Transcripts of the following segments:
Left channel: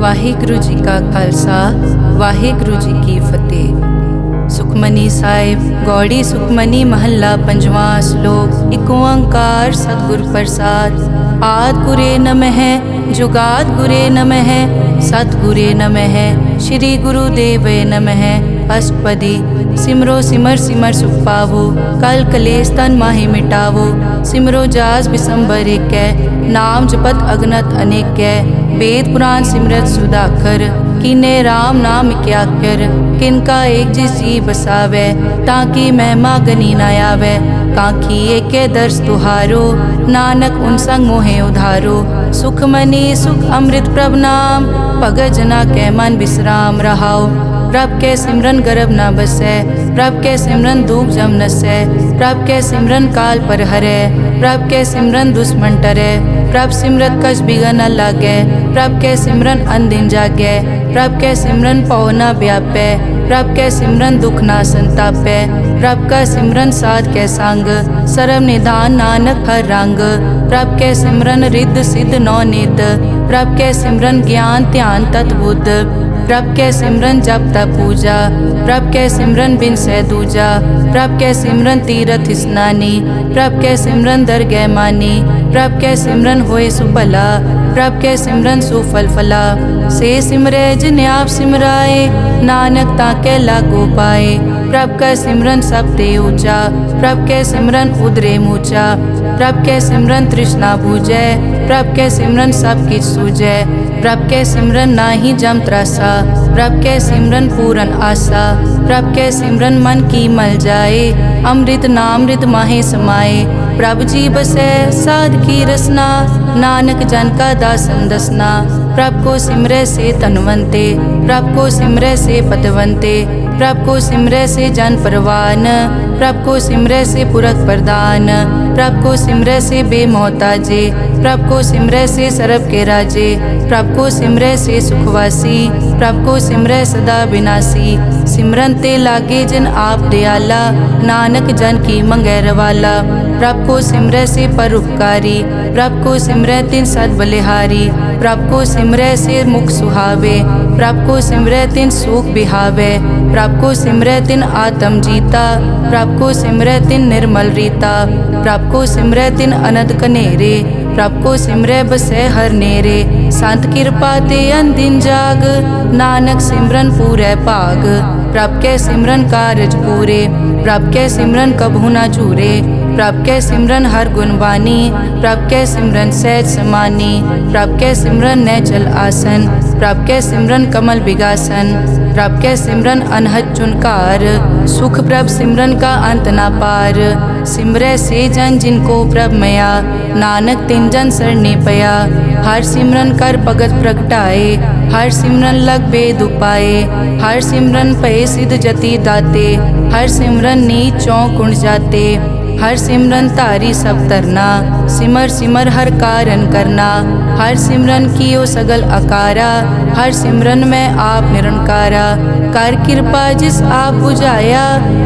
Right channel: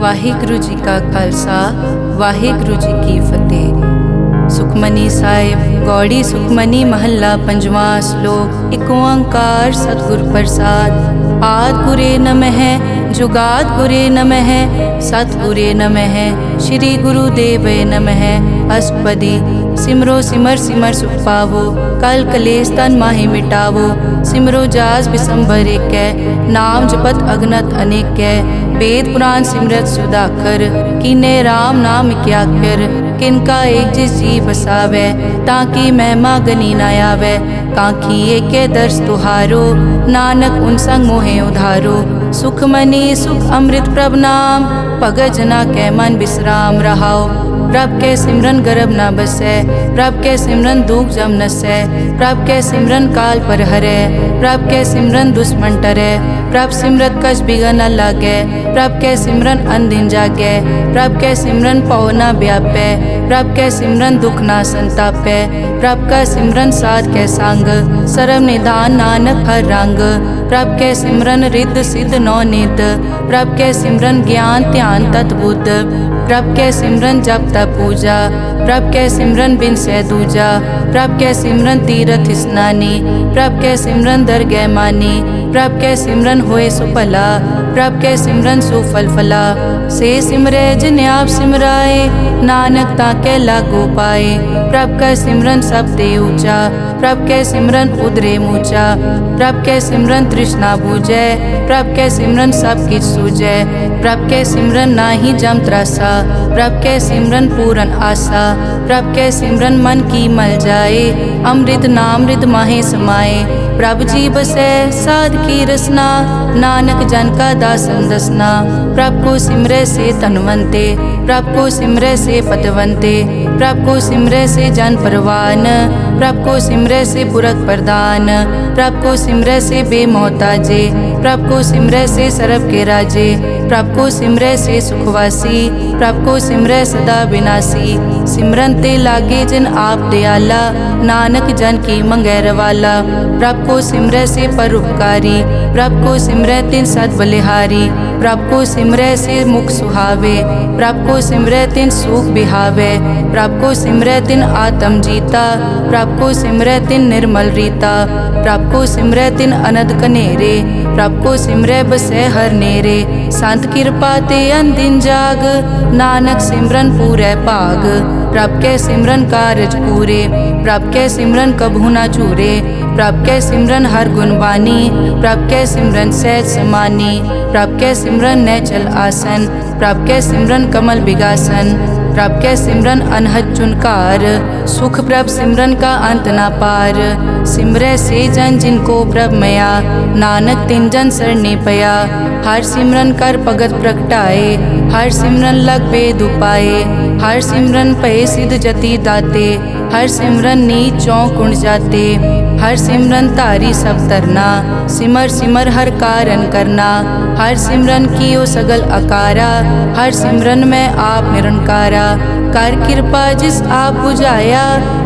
ਵਾਹਿਗੁਰੂ ਜੀ ਕਾ ਖਾਲਸਾ ਵਾਹਿਗੁਰੂ ਜੀ ਕੀ ਫਤਿਹ। ਸੁਖਮਨੀ ਸਾਹਿਬ ਗੌੜੀ ਸੁਖਮਨੀ ਮਹੱਲਾ ਪੰਜਵਾਂ ਸ਼ਲੋਕ। ਇੱਕ ਓੰਕਾਰ ਸਤਿਗੁਰ ਪ੍ਰਸਾਦ। ਆਦਿ ਗੁਰੇ ਨਮਹਿ ਜੁਗਾਦ ਗੁਰੇ ਨਮਹਿ ਸਤਿਗੁਰੇ ਨਮਹਿ ਸ਼੍ਰੀ ਗੁਰੂ ਦੇਵੇ ਨਮਹਿ। ਅਸ਼ਟਪਦੀ। ਸਿਮਰੋ ਸਿਮਰ ਸਿਮਰ ਸੁਖ ਪਾਵੋ ਕਲ ਕਲੇਸ਼ ਤਨ ਮਾਹਿ ਮਿਟਾਵੋ। ਸਿਮਰੋ ਜਾਸ ਬਿਸੰਬਰ ਏਕੈ ਨਾਮ ਜਪਤ ਅਗਨਤ ਅਨੇਕੈ। वेद पुराण सिमरत सुधाकर कीने राम नाम क्याकर। किनका एक जिस जी बसावै ताकि महिमा गनी न आवै। कांखी एके दर्श तुहारो नानक उन संग मोहे उधारो। सुख मनी सुख अमृत प्रभ नाम भगत जना कै मन विश्राम रहाओ। प्रभ के सिमरन गर्भ न बसै प्रभ के सिमरन दुख जम नसै। प्रभ के सिमरन काल पर हरै प्रभ के सिमरन दुश्मन टरै। प्रभ सिमरत कछ बिगन न लागै प्रभ के सिमरन अनदिन जागै। प्रभ के सिमरन पौ न व्यापै प्रभ के सिमरन दुख न संतापै। प्रभ का सिमरन साध के संग सर्व निधान नानक हर रंग। प्रभ के सिमरन रिद्ध सिद्ध नौ निध प्रभ के सिमरन ज्ञान ध्यान तत् बुद्ध। प्रभ के सिमरन जप तप पूजा प्रभ के सिमरन बिन सै दूजा। प्रभ के सिमरन तीरथ स्नानी प्रभ के सिमरन दरगह मानी। प्रभ के सिमरन होए सुफला प्रभ के सिमरन सुफल फला। से सिमरै जिन आप सिमराए नानक ताके लागो पाए। प्रभ का सिमरन सब ते ऊंचा प्रभ के सिमरन उदरे मूचा। प्रभ के सिमरन तृष्णा बूझै प्रभ के सिमरन सब किछ सूझै। प्रभ के सिमरन नाही जम त्रासा प्रभ के सिमरन पूरन आसा। प्रभ के सिमरन मन की मल जाए अमृत नामृत माहे समाए। प्रभ जी बसै साध की रसना नानक जन का दासन दसना। प्रभ को सिमरै से तनवंते प्रभ को सिमरै से पतवंते। प्रभ को सिमरै से जन परवान प्रभ को सिमरै से पुरख प्रदान। प्रभ को सिमरै से बेमोहताजे प्रभ को सिमरै से सरब के राजे। प्रभ को सिमरै से सुखवासी प्रभ को सिमरै सदा विनाशी। सिमरन ते लागे जिन आप दयाला नानक जन की मंगै रवाला। प्रभ को सिमरै से परोपकारी प्रभ को सिमरै तिन सद बलिहारी। प्रभ को सिमरै से मुख सुहावे प्रभ को सिमरै तिन सुख बिहावे। प्रभ को सिमरै तिन आत्म जीता प्रभ को सिमरै तिन निर्मल रीता। प्रभ को सिमरै तिन अनद कनेरे प्रभ को सिमरै बसै हर नेरे। संत कृपा ते अनदिन जाग नानक सिमरन पूरै भाग। प्रभ के सिमरन कारज पूरे प्रभ के सिमरन कभू न चूरे। प्रभ के सिमरन हर गुण बानी प्रभ के सिमरन सहज समानी। प्रभ के सिमरन नैचल आसन प्रभ के सिमरन कमल बिगासन। प्रभ के सिमरन अनहद चुनकार सुख प्रभ सिमरन का अंत ना पार। सिमरै से जन जिनको प्रभ मया नानक तिन जन सरने पया। हर सिमरन कर भगत प्रगटाए हर सिमरन लग बेद उपाए। हर सिमरन पए सिद्ध जति दाते हर सिमरन नीच चौं कुंड जाते। हर सिमरन तारी सब तरना सिमर सिमर हर कारण करना। हर सिमरन कियो सगल अकारा हर सिमरन में आप निरंकारा। कर कृपा जिस आप बुझाया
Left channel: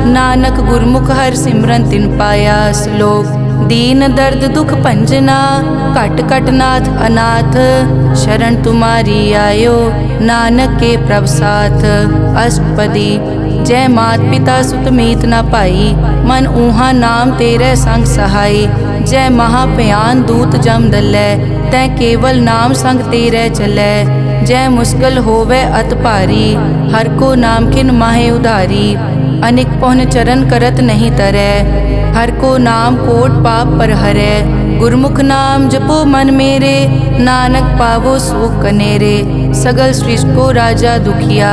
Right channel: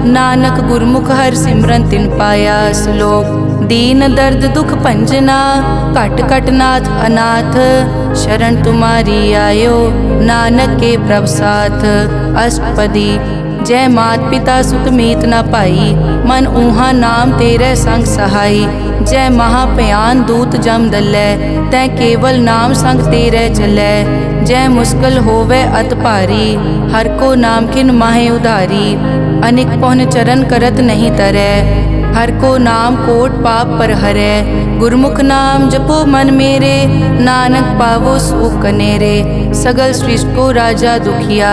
नानक गुरमुख हर सिमरन तिन पाया। श्लोक। दीन दर्द दुख भंजना घट घट नाथ अनाथ शरण तुम्हारी आयो नानक के प्रभ साथ। अष्टपदी। जय मात पिता सुत मीत न पाई मन ऊहा नाम तेरे संग सहाई। जय महाभयान दूत जम दलै तै केवल नाम संग तेरे चलै। जय मुश्किल होवे अत भारी हर को नाम किन माहे उधारी। अनिक पौन चरण करत नहीं तरै हर को नाम कोट पाप पर हरै। गुरमुख नाम जपो मन मेरे नानक पावो सुख कनेरे। सगल सृष्टि को राजा दुखिया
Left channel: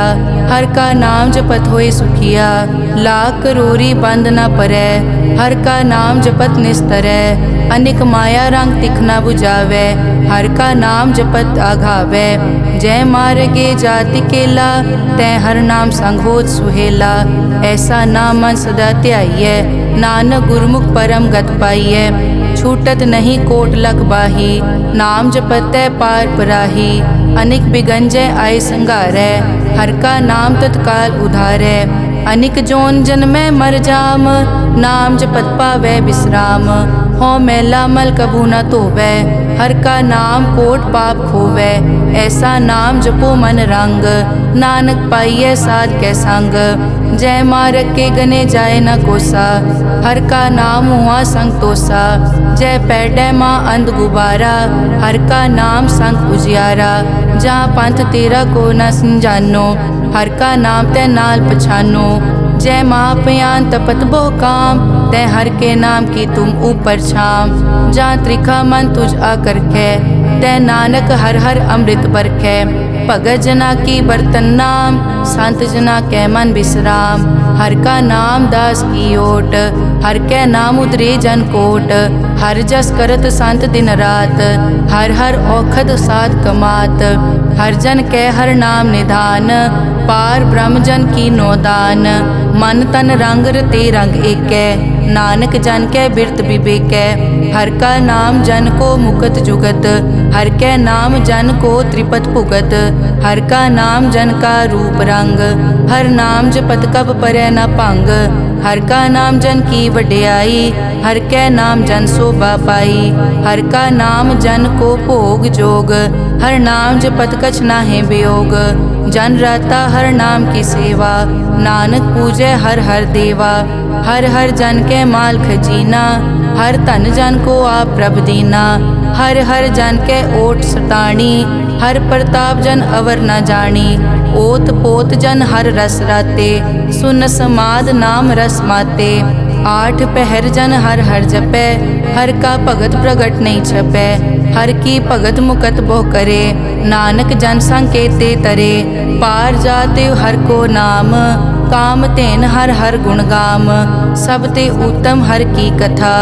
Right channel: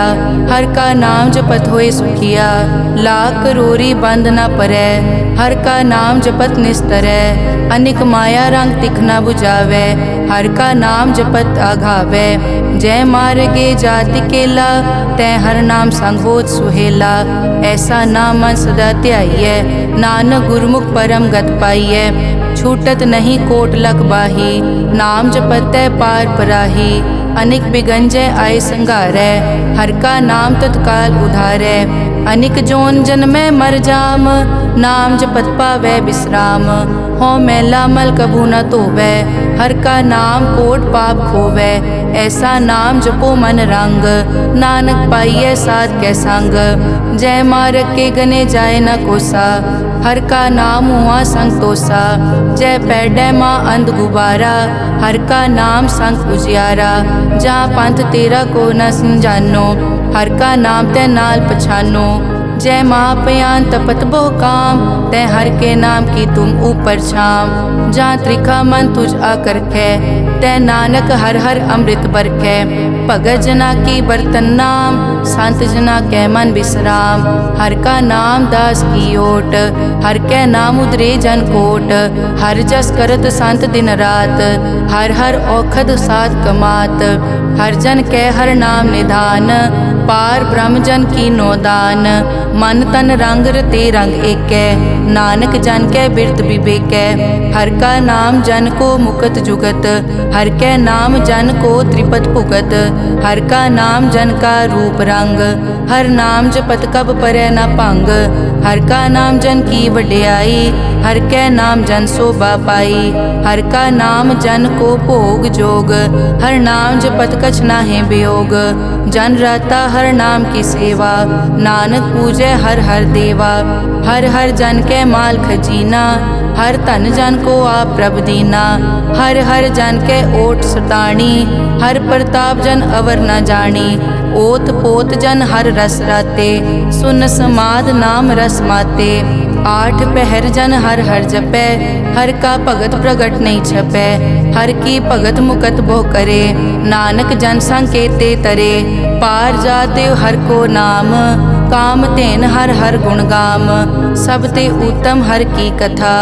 हर का नाम जपत होए सुखिया। लाख करोरी बंद न परै हर का नाम जपत निस्तरै। अनिक माया रंग तिखना बुझावै हर का नाम जपत आघावै। जय मार्गे जाति केला तै हर नाम संग होत सुहेला। ऐसा नाम मन सदा ध्याइयै नानक गुरमुख परम गत पाइयै। छूटत नहीं कोट लख बाही नाम जपतै पार पराही। अनिक बिगंजय आय संघारै हर का नाम तत्काल उधारै। अनिक जोन जन्मै मर जाम नाम जपत पावै विश्राम। हों मैला मल कभू न धोवै। हर का नाम कोट पाप खोवै। ऐसा नाम जपो मन रंग, नानक पाइयै साध कै संग। जय मारग के गने जाए न कोसा, हर का नाम हुआ संग तोसा। जय पैडै माँ अंध गुबारा, हर का नाम संग उजियारा। जहाँ पंथ तेरा को न समझानो, हर का नाम तै नाल पछानो। जय महापयान तपत बहु काम, तै हर के नाम की तुम ऊपर छाम। जहाँ त्रिखा मन तुझ आकर कै, तै नानक हर हर अमृत बरखै। भगत जना की बर्तन नाम, संत जना कै मन विश्राम। हर का नाम दास की ओट, हर कै नाम उदरे जन कोट। हर जस करत संत दिन रात, हर हर औखद साध कमात। हर जन कै हर नाम निधान, पार ब्रह्म जन की नोदान। मन तन रंग रते रंग एकै, नानक जन कै बिरत विवेकै। हर का नाम जन को मुकत जुगत, हर कै नाम जन को त्रिपत भुगत। हर का नाम जन का रूप रंग, हर नाम जपत कब परै न भंग। हर का नाम जन की वड्याई, हर कै नाम जन शोभा पाई। हर का नाम जन को भोग जोग, हर नाम जपत कछ नाहि वियोग। जन राता हर नाम की सेवा, नानक पूजै हर हर देवा। हर हर जन कै माल खजीना, हर धन जन को आप प्रभ दीना। हर हर जन कै ओट सताणी, हर प्रताप जन अवर न जानी। ओत पोत जन हर रस राते, सुन समाद नाम रस माते। आठ पहर जन हर हर जपै, हर का भगत प्रगट नहीं छपै। हर की भगत मुकत बहु करे, नानक जन संकेते तरे। पार जाते हर को नाम, काम तेन हर हर गुण गाम। सब ते उत्तम हर की कथा,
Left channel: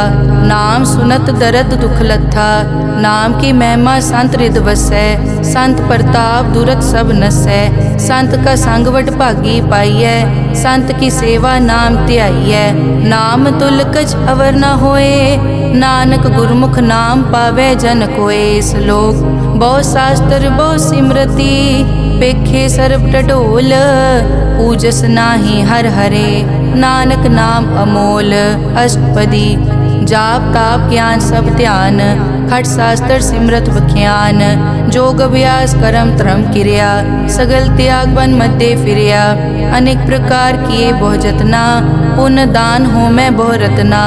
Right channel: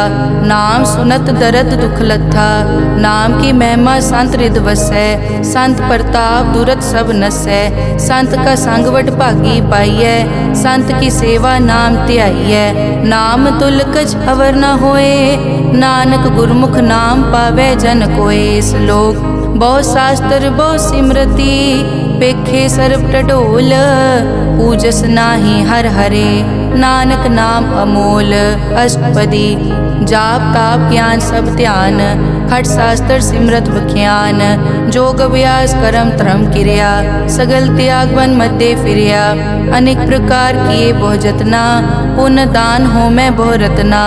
नाम सुनत दरद दुख लथा। नाम की महिमा संत रिद वसै, संत प्रताप दुरत सब नसै। संत का संग वड भागी पाइयै, संत की सेवा नाम ध्याइयै। नाम तुल कछ अवर न होए, नानक गुरमुख नाम पावै जन कोए। श्लोक बहु शास्त्र बहु सिमरति, पेखे सर्ब टटोल। पूजस नाही हर हरे, नानक नाम अमोल। अष्टपदी जाप ताप ज्ञान सब ध्यान, खट शास्त्र सिमरत बख्यान। जोग अभ्यास करम धर्म क्रिया, सगल त्याग बन मध्य फिरिया। अनेक प्रकार किए बहु जतना, पुण्य दान हो मैं बहु रतना।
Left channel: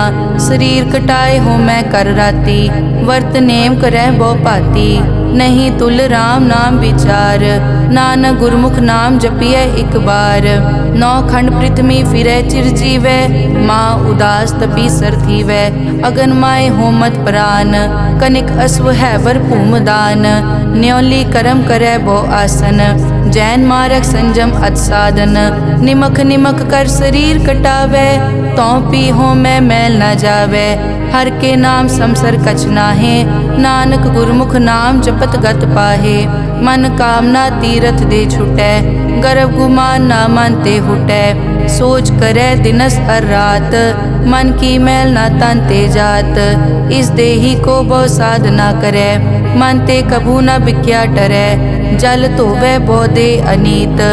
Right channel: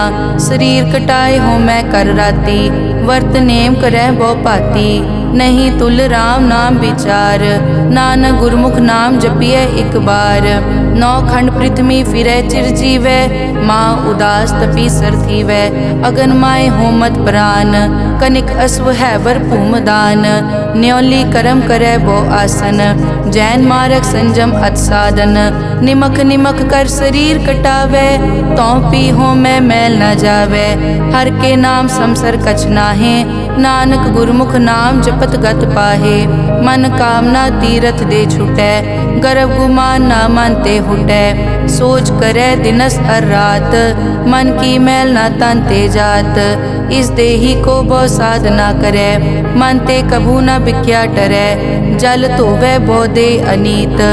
शरीर कटाए हो मैं कर राती, वर्त नेम करह बहु पाती। नहीं तुल राम नाम विचार, नानक गुरमुख नाम जपिए एक बार। नौ खंड पृथ्वी फिरै चिर जीवै, माँ उदास तपी सर थीवै। अगन माय होमत प्राण, कनिक अश्व हैवर भूम दान। न्योली करम करै बहु आसन, जैन मारक संजम अत साधन। निमक निमक कर शरीर कटावै, तौ पी हो मैं मैल न जावै। हर के नाम समसर कछ नाहे, नानक गुरमुख नाम जपत गत पाहे। मन कामना तीरथ दे छुटै, गर्भ गुमान ना मन ते हुटै। सोच करे दिनस अर रात, मन की मैल ना तन ते जात। इस देही को बहु साधना करे, मन ते कभू न बिख्या टरै। जल धोवै बहु दे अनीत,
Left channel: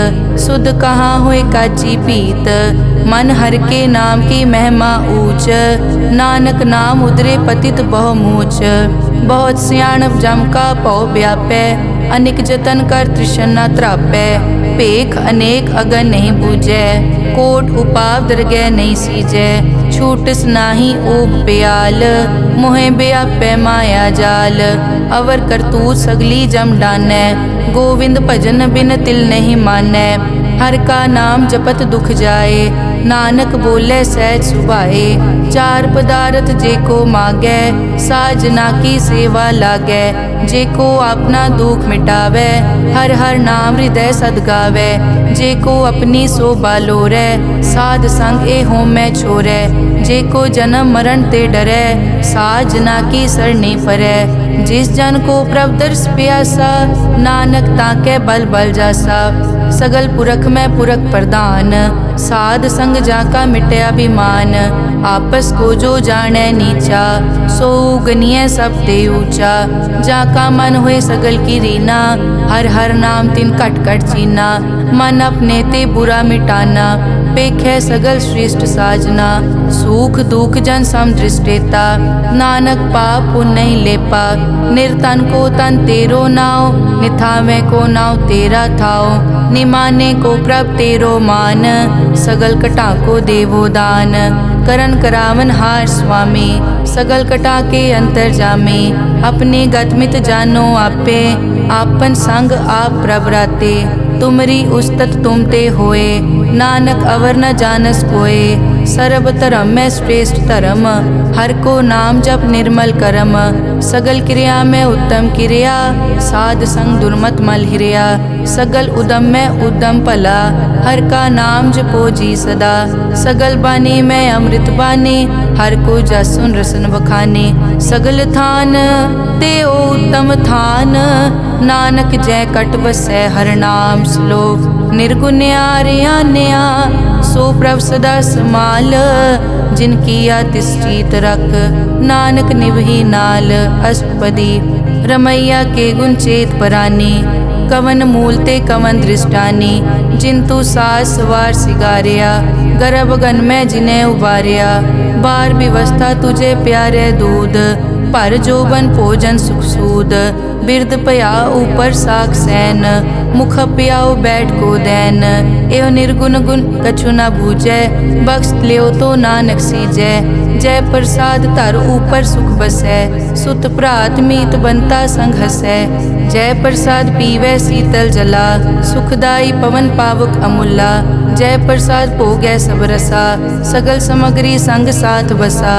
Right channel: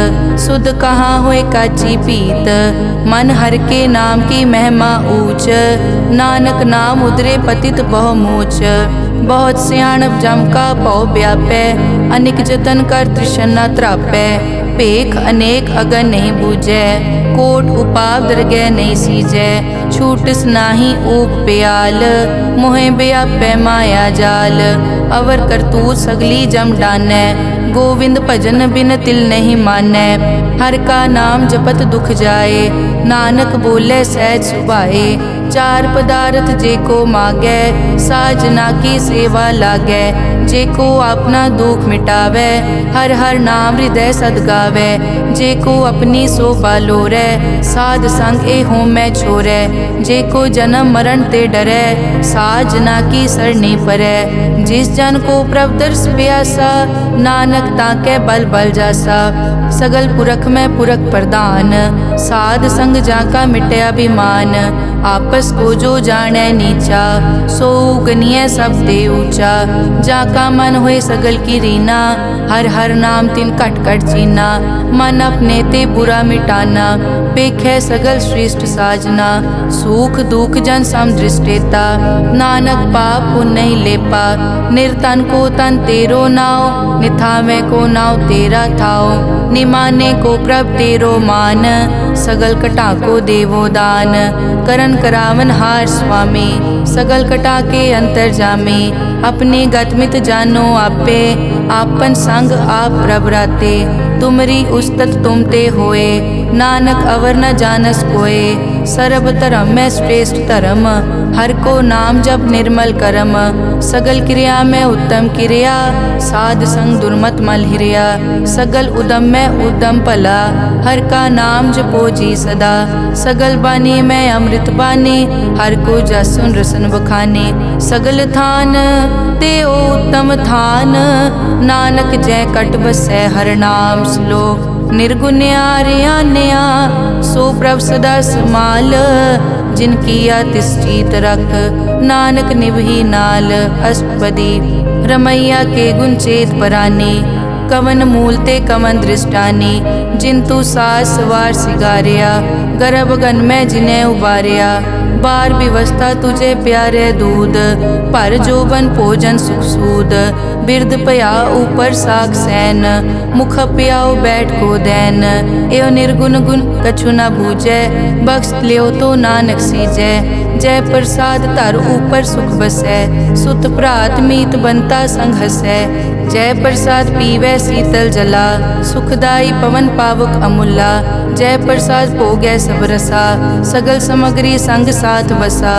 सुध कहाँ होए काची पीत। मन हर के नाम की महिमा ऊंच, नानक नाम उदरे पतित बहु मूच। बहुत सियाणप जम का पौ व्यापै, अनेक जतन कर तृष्णा त्रापै। पेख अनेक अगन नहीं बूझै, कोट उपाव दरगह नहीं सीजै। छूटस नाही ऊब प्याल, मोहे व्यापै माया जाल। अवर करतूत सगली जम डानै, गोविंद भजन बिन तिल नहीं मानै। हर का नाम जपत दुख जाए, नानक बोले सहज सुभाए। चार पदार्थ जे को मागै, साजना की सेवा लागै। जे को अपना दुख मिटावै, हर हर नाम हृदय सद गावै। जे को अपनी शोभा लोरै, साध संग ए होमै छोरै। जे को जन्म मरण ते डरै, साजना की सरनी परै। जिस जन को प्रभ दर्श प्यासा, नानक ताकै बल बल जासा। सगल पुरख में पुरख प्रधान, साध संग जाका मिटया अभिमान। आपस को जो जाने नीचा, सो गनिय सब ते ऊंचा। जाका मन होए सगल की रीना, हर हर नाम तिन कट कट चीना। मन अपने ते बुरा मिटाना, पेखै सगल श्रेष्ठ साजना, सुख दुख जन सम दृष्टेता। नानक पाप पुण्य नहीं लेपा, निर्तन को तन तेरो नाव। निथावे को नाव तेरा थाओ, निमाने को प्रभ तेरो मान। सगल कटा को देवो दान, करन करावन हार स्वामी। सगल कटा के अंतर जामे, अपने गतमित जानो आपे। आपन संग आप प्रभ राते, तुमरी उस्तत तुम ते होए। नानक अवर न जानस कोए, सर्ब धर्म में श्रेष्ठ धर्म। हर को नाम जप निर्मल करम, सगल क्रिया में उत्तम क्रिया। साध संग दुर्मत मल हिरिया, सगल उदम में उद्दम भला। हर का नाम जपो जी सदा, सगल बानी में अमृत बानी। हर को जसुन रसन बखाने, सगल थान देओ उत्तम थान। नानक जय कट बसै हर नाम श्लोक। निर्गुण्या रियान्या सो प्रभ सदा समाल। जिनकी तिस चीत रख, नानक निभही नाल। अष्टपदी रमैया के गुण चेत परानी, कवन मूलते कवन दृष्टानी। जिंतु सास सवार सिगारिया, गर्भ गन में जिन्हें उबारिया। बार व्यवस्था तुझे प्यारे दूध, पर जोबन भोजन सुख सूद। बिरद पया ऊपर साख सैन, मुख प्याओ बैठ को दैन। एव निर्गुण गुण कछु न बूझै, बख्श लियो तो नानक सीजै। जय प्रसाद धर ऊपर सुख बसै, सुत भ्रात मीत बनता संग हसै। जय प्रसाद पीवै शीतल जला, सुखदाई पवन पावक अमूला। जय प्रसाद भोगै सब रसा, सगल समग्री संग साथ बसा।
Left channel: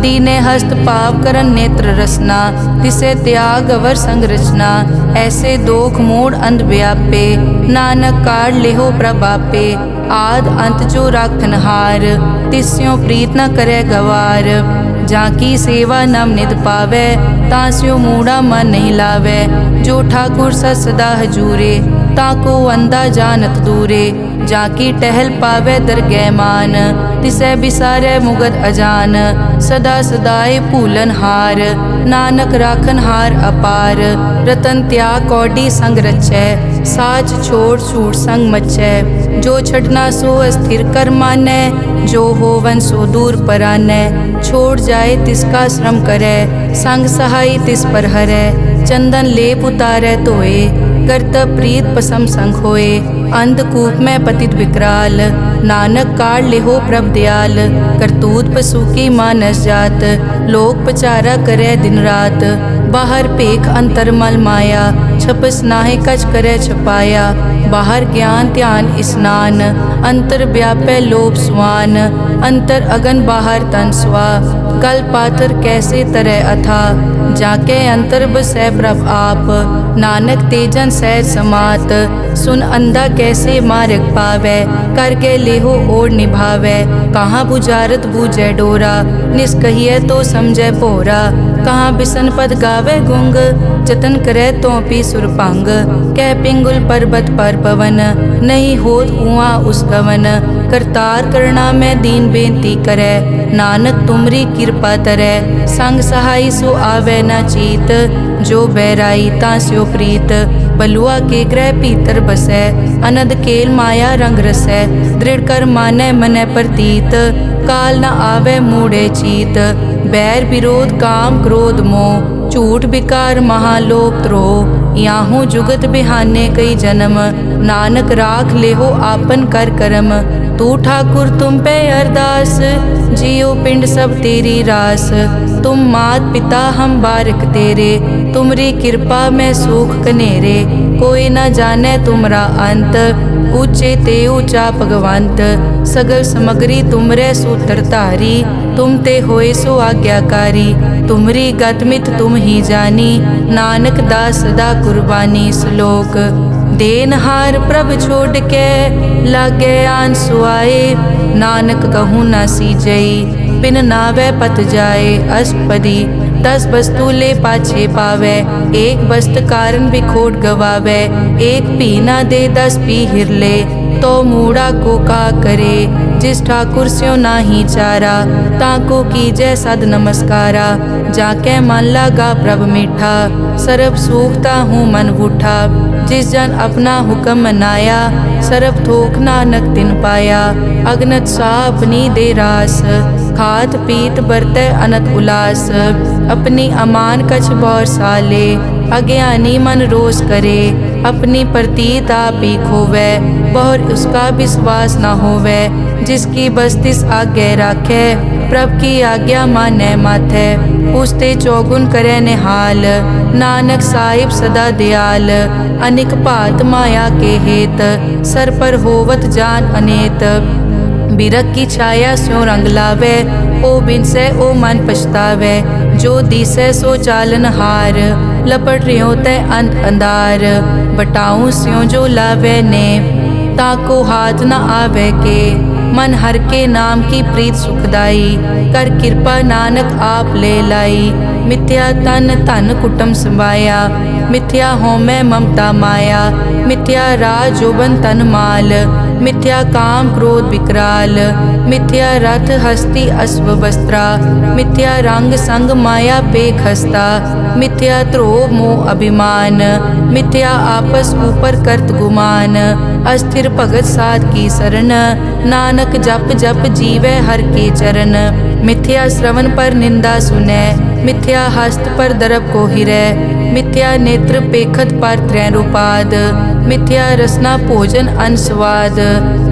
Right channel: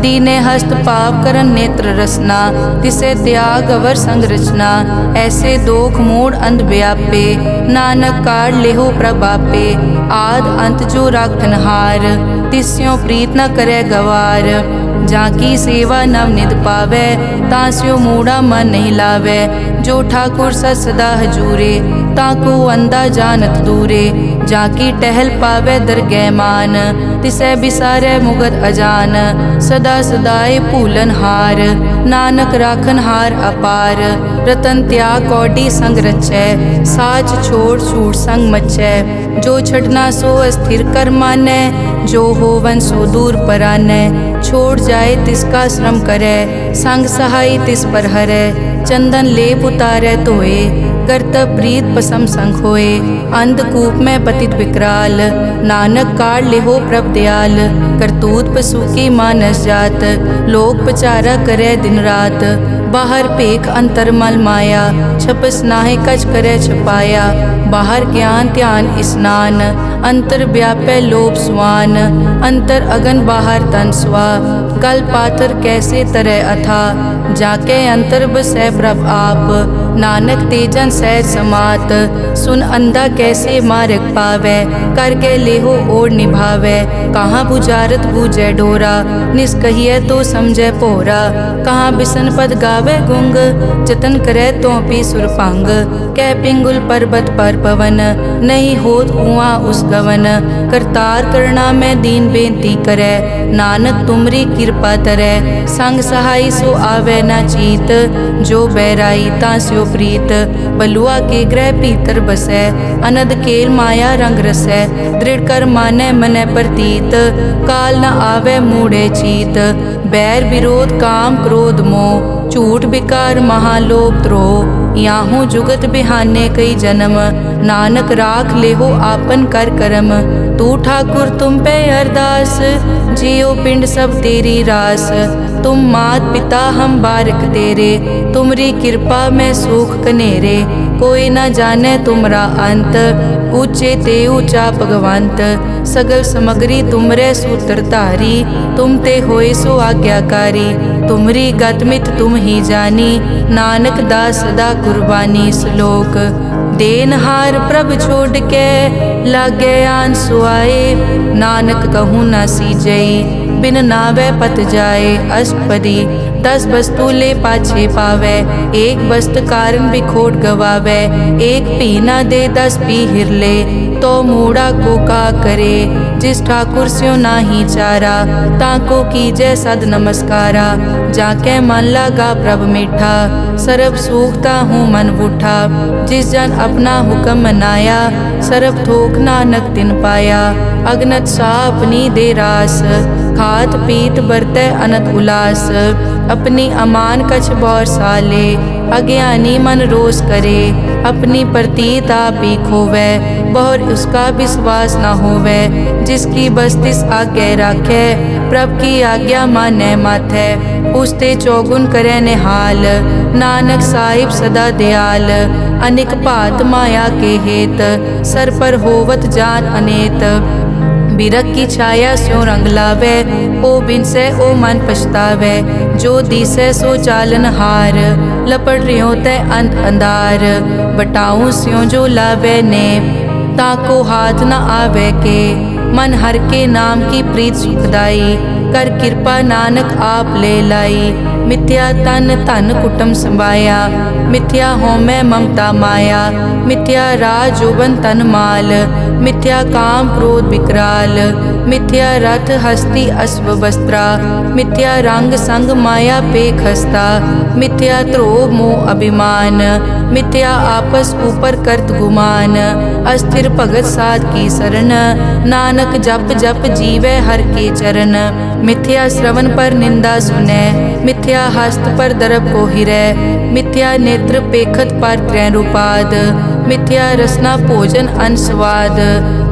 दीने हस्त पाव करन नेत्र रसना, तिसे त्याग अवर संग रचना। ऐसे दोख मूढ़ अंध व्यापे, नानक काढ़ लेहो प्रभापे। आद अंत जो राखन हार, तिस्यों प्रीत न करे गवार। जाकी सेवा नव निध पावै, तास्यो मूढ़ा मन नहीं लावै। जो ठाकुर सत सदा हजूरे, ताको अंधा जानत दूरे। जाकी टहल पावै दरगह मान, तिसै बिसारै मुगद अजान। सदा सदाए भूलन हार, नानक राखन हार अपार। रतन त्याग कौडी संग रचै, साच छोड़ छूट संग मचै। जो छड़ना सो अस्थिर कर मानै, जो होवन सो दूर परानै। छोड़ जाए तिसका श्रम करै, संग सहाय तिस पर हरै। चंदन लेप उतारै धोए, गर्त प्रीत पसम संग होए। अंधकूप में पतित विकराल, नानक काढ़ लेहो प्रभ दयाल। करतूत पशु की मानस जात, लोक पचारा करे दिन रात। बाहर पेख अंतर मल माया, छपस नाहे कछ करे छपाया। बाहर ज्ञान ध्यान स्नान, अंतर व्यापै लोभ स्वान। अंतर अगन बाहर तन स्वा, गल पाथर कैसे तरह अथा। जाके अंतर बसै प्रभ आप, नानक तेजन सहज समात। सुन अंधा कैसे मार्ग पावै, कर गए लेहो और निभावै। कहाँ बुझारत बूझै डोरा, निष्कहिए तो समझै पोरा। कहाँ बिसन पद गावे गुंग, जतन करे तो पी सुरभंग। कह पिंगुल पर्वत पर पवन, नहीं होत उआ उस गवन। करतार करना में दीन बेनती करे, नानक तुमरी कृपा तरै। संग सहाय सो आवे न चीत, जो बैराई तास्यो प्रीत। बलुआ के ग्रह भीतर बसै, अनद केल माया रंग रसै। दृढ़ कर मानै मनै प्रतीत, काल न आवे मूढ़े चीत। बैर विरोध काम क्रोध मोह, झूठ विकार महालोभ द्रोह। याहू जुगत बिहाने कई जन्म, नानक राख लेहो आपन कर करम। तू ठाकुर तुम पे अरदास, जियो पिंड सब तेरी रास। तुम मात पिता हम बारक तेरे, तुमरी कृपा में सुख कनेरे। कोई न जाने तुमरा अंत, ऊंचे ते ऊंचा भगवंत। सगल समग्री तुमरे सूत्रधारी, तुम ते होए सो आज्ञाकारी। तुमरी गतमित तुम ही जानी, नानक दास सदा कुर्बानी। श्लोक देनहार प्रभ छोड़ के, लागे आन सुआए। नानक कहूँ न सीजई, बिन नावे पत जाए। अष्टपदी 10 वस्तु ले पाछे पावे, एक वस्त कारण बिखोट गवावे। एक पी ना दे 10 पी हिरले, तो मूढ़ा को का करे। जिस ठाकुर स्यों नाही चारा, ताको कीजै सद नमस्कारा, जाके मन लागा प्रभ मीठा, सरब सूखता हूँ मन बूठा। जिस जन अपना हुक्म मनाया, सरब थोक नानक तिन पाया। अगनत सा अपनी दे रास, खात पीत बरतै अनत उलास। अपनी अमान कछ बौर साले, अज्ञानी मन रोस करे। अपनी प्रतीत आप ही खोवै, बहुर उसका विश्वास न होवै। जिसकी बस्तिस आज्ञा राखै, प्रभ की आज्ञा मानै माथै। उसते चौगुन करे निहाल, नानक साहिब सदा दयाल। अनिक भात माया के हेत, सर पर होवत जान अनेत। बिरख की छाया स्यों रंग लावे, ओ बिनसे ओ मन पछतावे। जो दिसै सो चालन हार, लपट रियो तै अंत अंधार। बटाऊं स्यों जो लावे ने, ताको हाथ न आवे के। मन हर के नाम की प्रीत सुखदाई, कर कृपा नानक आप ले लाई। मिथ्या तन धन कुटुम संभाया, मिथ्या होमै ममता माया। मिथ्या राज जोबन तन माल, मिथ्या काम क्रोध विकराल। मिथ्या रथ हस्ती अश्व वस्त्रा, मिथ्या रंग संग माया पे खस्ता। मिथ्या ध्रोह मोह अभिमान, मिथ्या आपस ऊपर करत गुमान। अस्थिर भगत साध की शरण, नानक जप जप जीवै हर के चरण। मिथ्या श्रवण पर निंदा सुनै, मिथ्या हस्त पर दरब को हिरै। मिथ्या नेत्र पेखत पर त्रैरूपाद, मिथ्या रसना भोजन अन स्वाद।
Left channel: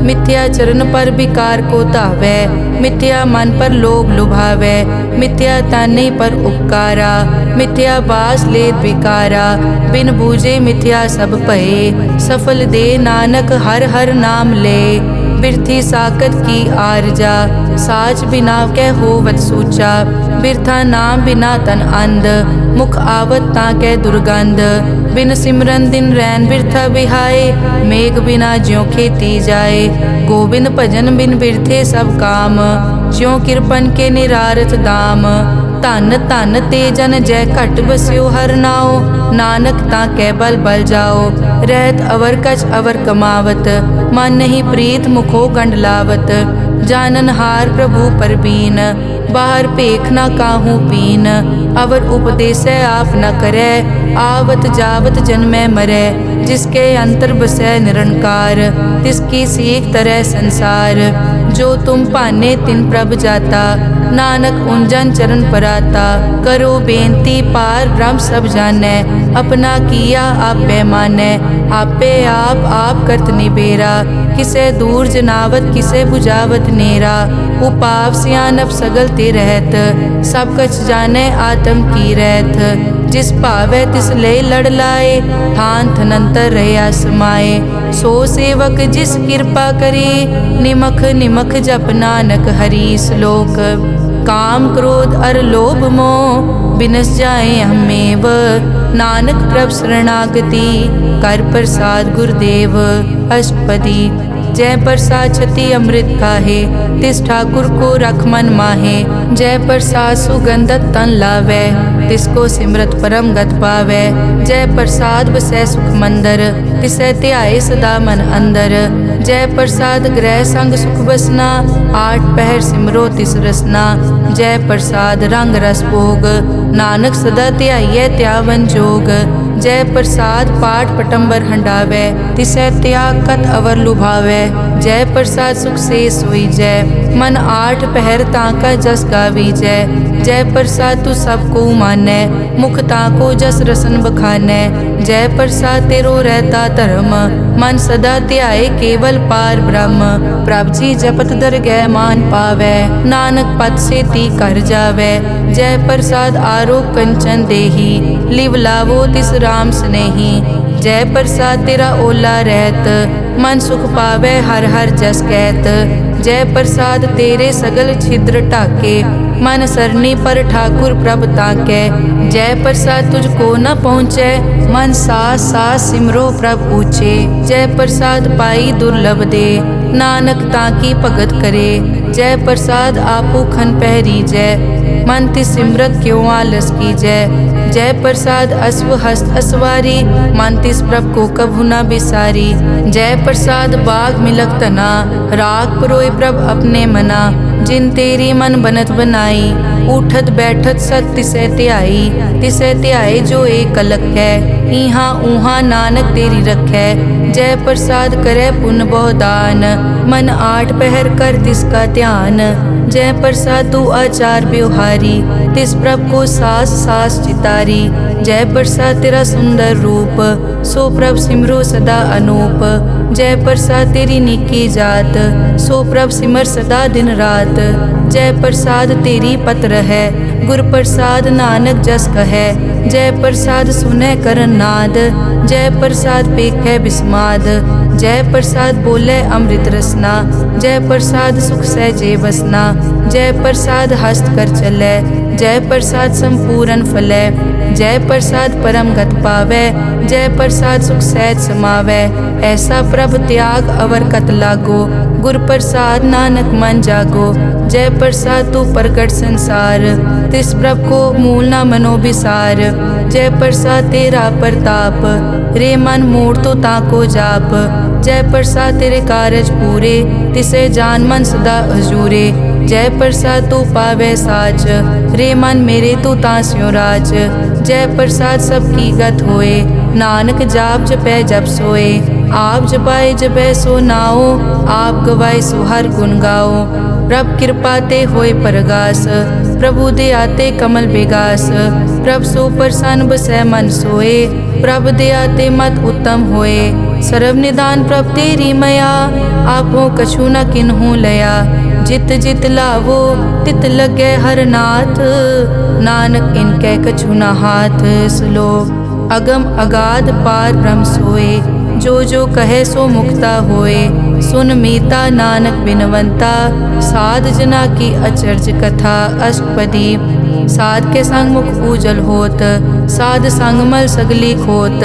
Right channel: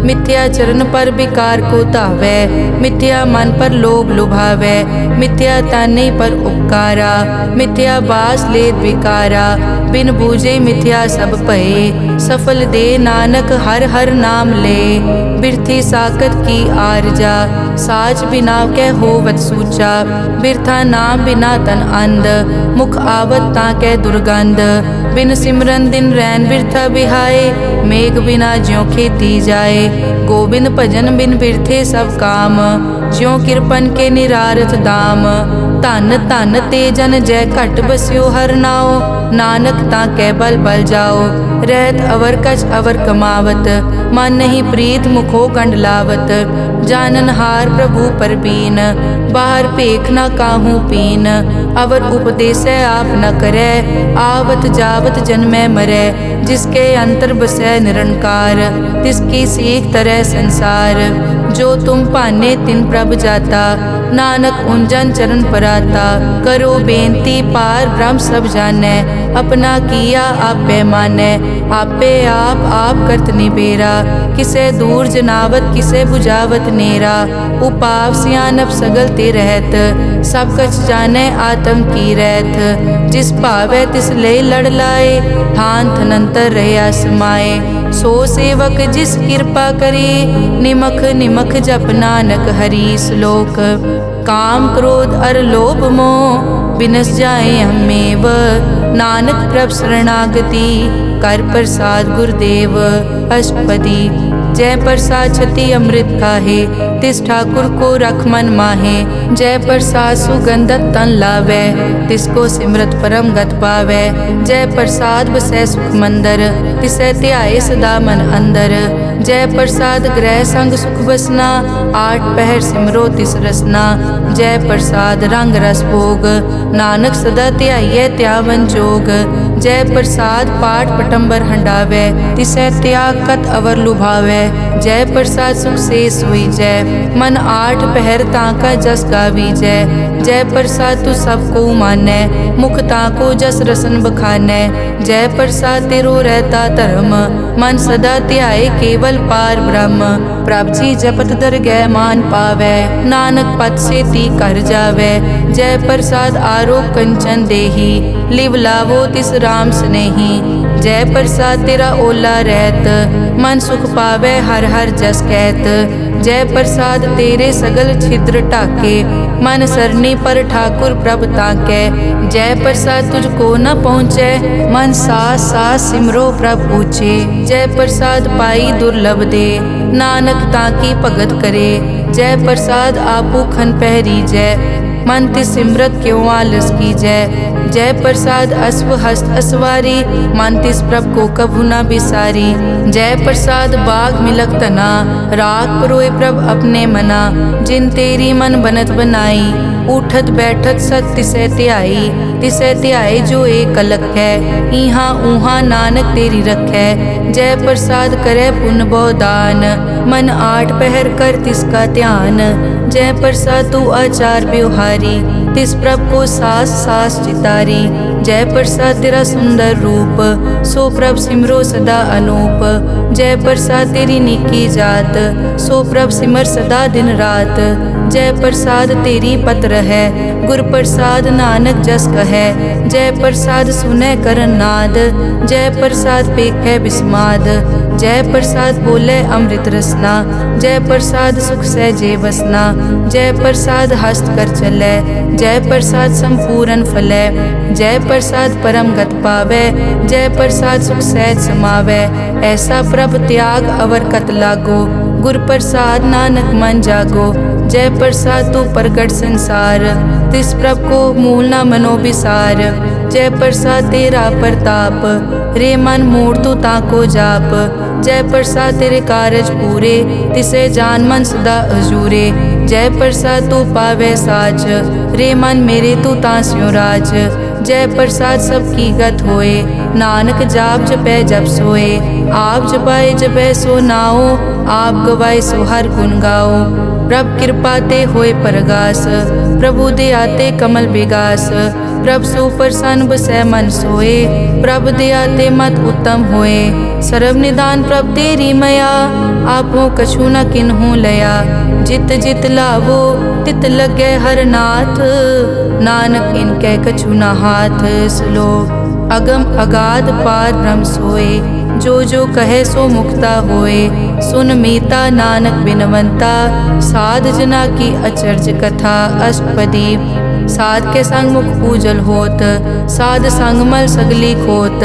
मिथ्या चरण पर विकार को धावै, मिथ्या मन पर लोभ लुभावै। मिथ्या ताने पर उपकारा, मिथ्या बास लेत विकारा। बिन बूझे मिथ्या सब भये, सफल दे नानक हर हर नाम ले। बिरथी साकत की आरजा, साच बिना कै होवत सूचा। बिरथा नाम बिना तन अंध, मुख आवत ताकै दुर्गंध। बिन सिमरन दिन रैन बिरथा बिहाए, मेघ बिना ज्यों खेती जाए। गोबिंद भजन बिन बिरथे सब काम, ज्यों किरपन के निरारथ दाम। धन धन ते जन जय घट बस्यो हर नाओ, नानक ताकै बल बल जाओ। रहत अवर कछ अवर कमावत, मन नहीं प्रीत मुखो गंड लावत। जानन हार प्रभु परबीन, बाहर पेख न काहू पीन। अवर उपदेसै आप न करै, आवत जावत जन्मै मरै। जिसके अंतर बसै निरंकार, तिसकी सीख तरह संसार। जो तुम पाने तिन प्रभ जाता, नानक उंजन चरण पराता। करो बेनती पार ब्रह्म सब जानै, अपना किया आपे मानै। आपे आप करत निबेरा, किसे दूर जनावत किसे बुझावत नेरा। उपाव सियानप सगल ते रहत, सब कछ जानै आत्म की रहत। जिस भावै तिस ले लड़ लाए, थान थनंतर रहया समाए। सो सेवक जिस कृपा करी, निमख निमख जप नानक हरि श्लोक। काम क्रोध अर लोभ मोह, बिनस जाए हमेव। नानक प्रभ शरणागति, कर प्रसाद गुरुदेव। अष्टपदी जय प्रसाद छति अमृत खाहे, तिस ठाकुर को रख मन माहे। जय प्रसाद सुगंधत तन लावै, तिसको सिमरत परम गत पावै। जय प्रसाद बसै सुख मंदर, तिसै ध्याए सदा मन अंदर। जय प्रसाद ग्रह संग सुख बसना, आठ पहर सिमरो तिस रसना। जय प्रसाद रंग रस भोग, नानक सदा ध्याइयै त्यावन जोग। जय प्रसाद पाठ पटंबर हंडावै, तिसै त्याग कत अवर लुभावै। जय प्रसाद सुख से सोई जय, मन आठ पहर ताका जस गावी जय। जय प्रसाद तू सबको मानै, मुख ताको जस रसन बखानै। जय प्रसाद तेरो रहता धर्म, मन सदा ध्याए केवल पार ब्रह्म। प्रभ जी जपत दरगह मान पावै, नानक पद से ती कर जावै। जय प्रसाद आरोग कंचन देही, लिव लावो तिस राम स्नेही। जय प्रसाद तेरा ओला रहत, मन सुख पावै हर हर जस कहत। जय प्रसाद तेरे सगल छिद्र ढाके, मन सरनी पर ठाकुर प्रभ ताकै। जय प्रसाद तुझको न पहुँचै, मन सास सास सिमरो प्रभ ऊँचे। जय प्रसाद पाई दुर्लभ दे, नानक ताकी भगत करे। जय प्रसाद आपू खन पहरी जय, मन तिस सिमरत क्यों आलस की जय। जय प्रसाद अश्व हस्त असवारी, मन तिस प्रभ को कभु न बिसारी। जय प्रसाद बाग मिलक तना, राग परोए प्रभ अपने मना। जिन तेरी मन बनत बनाई, उठत बैठत सत तिसै ध्याई। तिसै ध्याए जो एक अलख है, इहाँ ऊहाँ नानक तेरी रखै। जय प्रसाद करे पुन बहु दान, मन आठ पहर कर तिसका ध्यान। जय प्रसाद तू आचार व्यवहारी, तिस प्रभ को सास सास चितारी। जय प्रसाद तेरा सुंदर रूप, सो प्रभ सिमरो सदा अनूप। जय प्रसाद तेरी निकी जात, सो प्रभ सिमर सदा दिन रात। जय प्रसाद तेरी पत्र है, गुर प्रसाद नानक जस कहे। जय प्रसाद सुनै करन नाद, जय प्रसाद पेखै बिस्माद। जय प्रसाद बोले अमृत रसना, जय प्रसाद सुख सहजे बसना। जय प्रसाद हस्त कर चलै, जय प्रसाद संपूर्ण फलै। जय प्रसाद परम गत पावै, जय प्रसाद सुख सहज समावै। ऐसा प्रभ त्याग अवर कत लागो, गुर प्रसाद नानक मन जागो। जय प्रसाद तू प्रगट संसार, तिस प्रभ को मूल न मनो बिसार। जय प्रसाद तेरा प्रताप, रे मन मूड तो ताको जाप। जय प्रसाद तेरे कारज पूरे, तिसे जान मन सदा हजूरे। जय प्रसाद तू पावे साच, रे मन मेरे तू तांस्यो राज। जय प्रसाद सबकी गत होए, नानक जाप जपै जप सोए। आप जपाए जपै सो नाओ, आप गवाए सो हर गुण गाओ। प्रभ कृपा ते होए परगास, प्रभु दे आते कमल बेगास। प्रभ सो प्रसन्न बसै मन सोए, प्रभ दे आते मत उत्तम होए। सर्व निदान प्रभ तेरी मया, आपो कछु न किन्हु लया। जित जित लावो तित लगे हर नाथ, नानक इनके कछु न हाथ। श्लोक अगम अगाध पार ब्रह्म सोए, जो जो कहे सो मुक्ता होए। सुन मीता नानक बिनवंता, साध जना की अचर्ज कथा। अष्टपदी साध के संग मुख उजल होत, साध संग मल सगली खोत।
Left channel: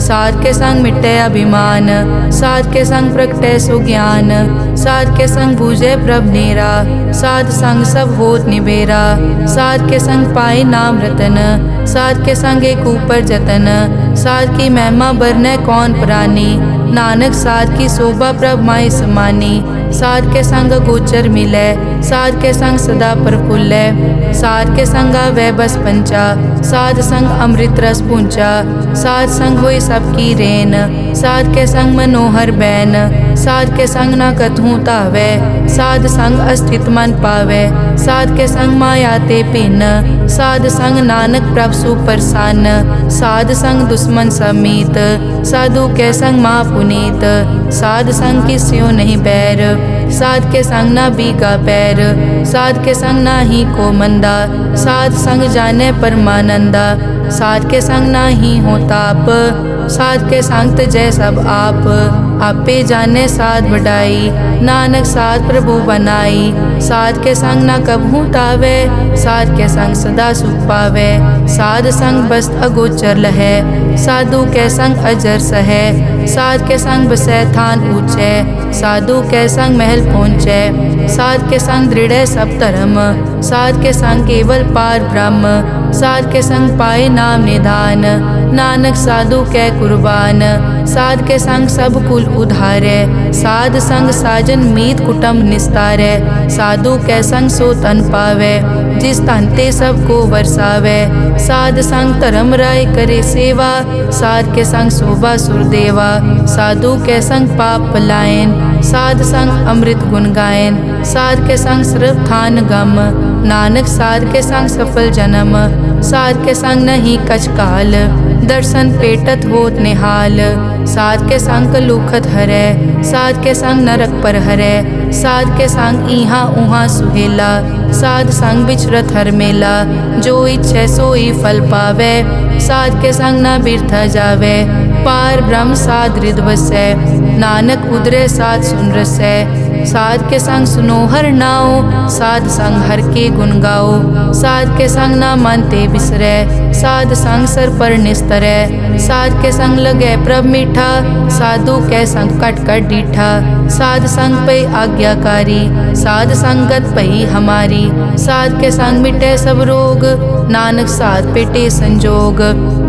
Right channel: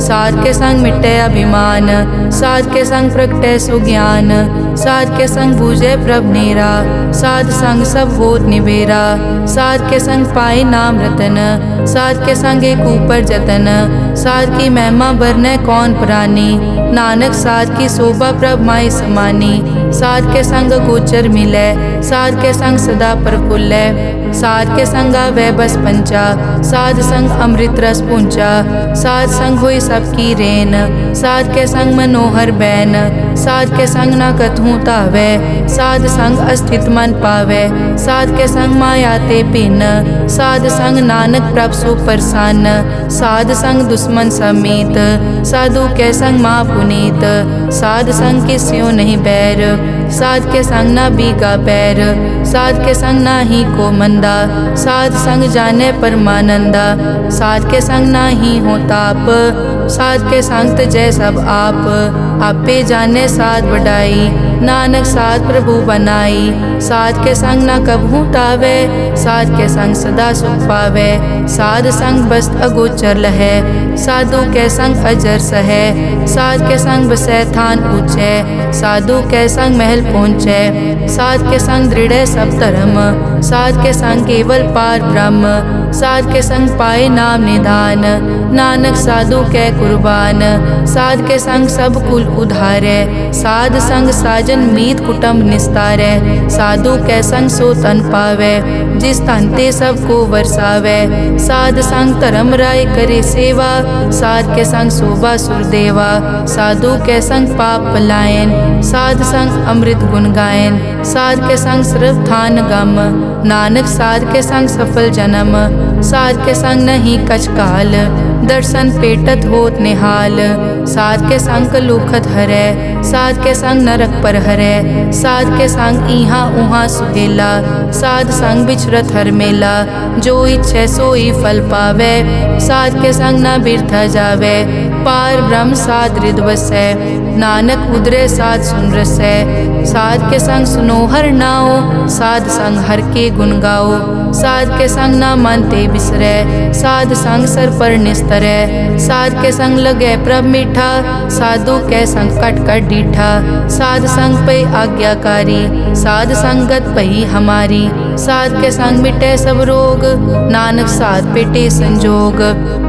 साध के संग मिटे अभिमान, साध के संग प्रगटे सो ज्ञान। साध के संग बूझे प्रभ नेरा, साध संग सब होत निबेरा। साध के संग पाए नाम रतन, साध के संग एक ऊपर जतन। साध की महिमा बरने कौन प्राणी, नानक साध की शोभा प्रभ माय समानी। साध के संग गोचर मिलै, साध के संग सदा प्रफुल्लै। साध के संग आवे बस पंचा, साध संग अमृत रस पूंचा। साध संग होई सबकी रेन, साध के संग मनोहर बैन। साध के संग न कथूं तावै, साध संग अस्थित मन पावै। साध के संग माया ते भिन्न, साध संग नानक प्रभ सुप्रसन्न। साध संग दुश्मन समीत, साधु के संग माँ पुनीत। साध संग किस्यो नहीं बैर, साध के संग ना बीगा पैर। साध के संग ना ही को मंदा, साध संग जाने परमानंदा। साध के संग ना ही हो ताप, साध के संग तजै सब आप। आपे जाने साध बढ़ाई, नानक साध प्रभु बनाई। साध के संग ना कबहू तावै, साध के संग सदा सुख पावै। साध संग बस्त अगोचर लहै, साधु के संग अजर सहै। साध के संग बसै थान ऊंचै, साधु के संग महल पहुँचै। साध के संग दृढ़ सब धर्म, साध के संग केवल पार ब्रह्म। साध के संग पाए नाम निधान, नानक साधु कै कुर्बान। साध के संग सब कुल उधारै, साध संग साजन मीत कुटुंब निस्तारै। साधु कै संग सो तन पावै, जिस तन ते सब को वरसावै। साध संग धर्म राय करे सेवा, साध के संग शोभा सुरदेवा। साधु के संग पाप पलायन, साध संग अमृत गुण गायन। साध के संग सर्व थान गम, नानक साध के संग सफल जन्म। साध के संग नहीं कछ काल, दर्शन पेटत होत निहाल। साध के संग लूखत हरै, साध के संग नरक पर हरै। साध के संग इहाँ उहाँ सुहेला, साध संग बिछरत हर मेला। जो इच्छै सोई फल पावै, साध के संग न बिरथा जावै। पार ब्रह्म साध रिद वसै। नानक उदरे साध सुन रसै। साध के संग सुनो हर नाओ, साध संग हर के गुण गाओ। साध के संग ना मन ते बिसरै, साध संग सर पर निस्तरै। साध के संग लगै प्रभ मीठा, साधु के संग कट कट डीठा। साध संग पे आज्ञाकारी, साध संगत पई हमारी। साध के संग मिटे सब रोग, नानक साध पेटे संजोग।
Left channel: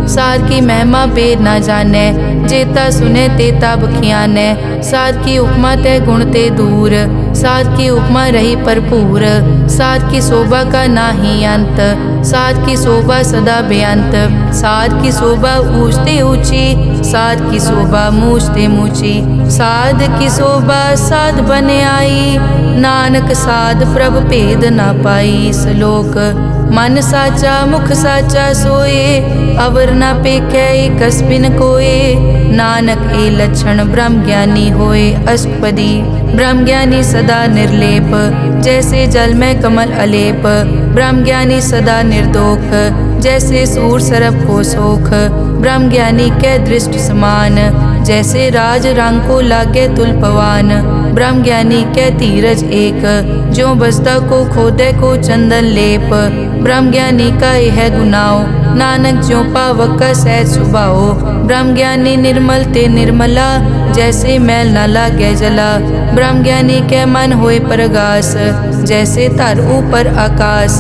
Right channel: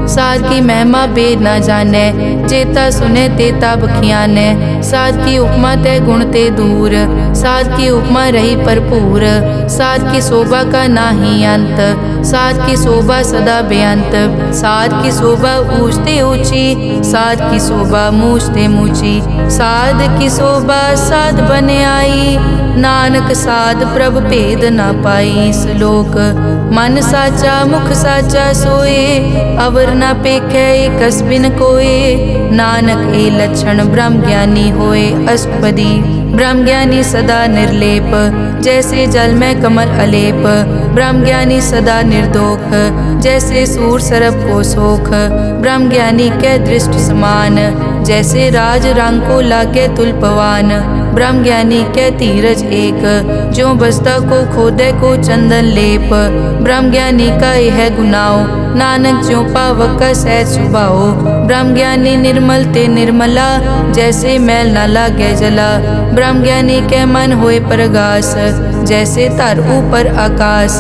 साध की महिमा बेद ना जाने, जेता सुने तेता बखियाने। साध की उपमा ते गुण ते दूर, साध की उपमा रही भरपूर। साध की शोभा का नाही अंत, साध की शोभा सदा बेअंत। साध की शोभा ऊंचते ऊंची, साध की शोभा मूछते मूची। साध की शोभा साध बने आई, नानक साध प्रभ भेद ना पाई। श्लोक मन साचा मुख साचा सोए, अवर ना पेखै एकस बिन कोए। नानक ए लक्षण ब्रह्म ज्ञानी होए। अष्टपदी ब्रह्म ज्ञानी सदा निर्लेप, जैसे जल में कमल अलेप। ब्रह्म ज्ञानी सदा निर्दोख, जैसे सूर सरप को सोख। ब्रह्म ज्ञानी के दृष्ट समान, जैसे राज रंग को लागे तुलपवान। ब्रह्म ज्ञानी के धीरज एक, जो बसता को खोदे को चंदन लेप। ब्रह्म ज्ञानी का यह गुनाओ, नानक ज्यों पावक का सहज सुभाओ। ब्रह्म ज्ञानी निर्मल ते निर्मला, जैसे मैल न लागे जला। ब्रह्म ज्ञानी के मन होए प्रगास, जैसे तर ऊपर आकाश।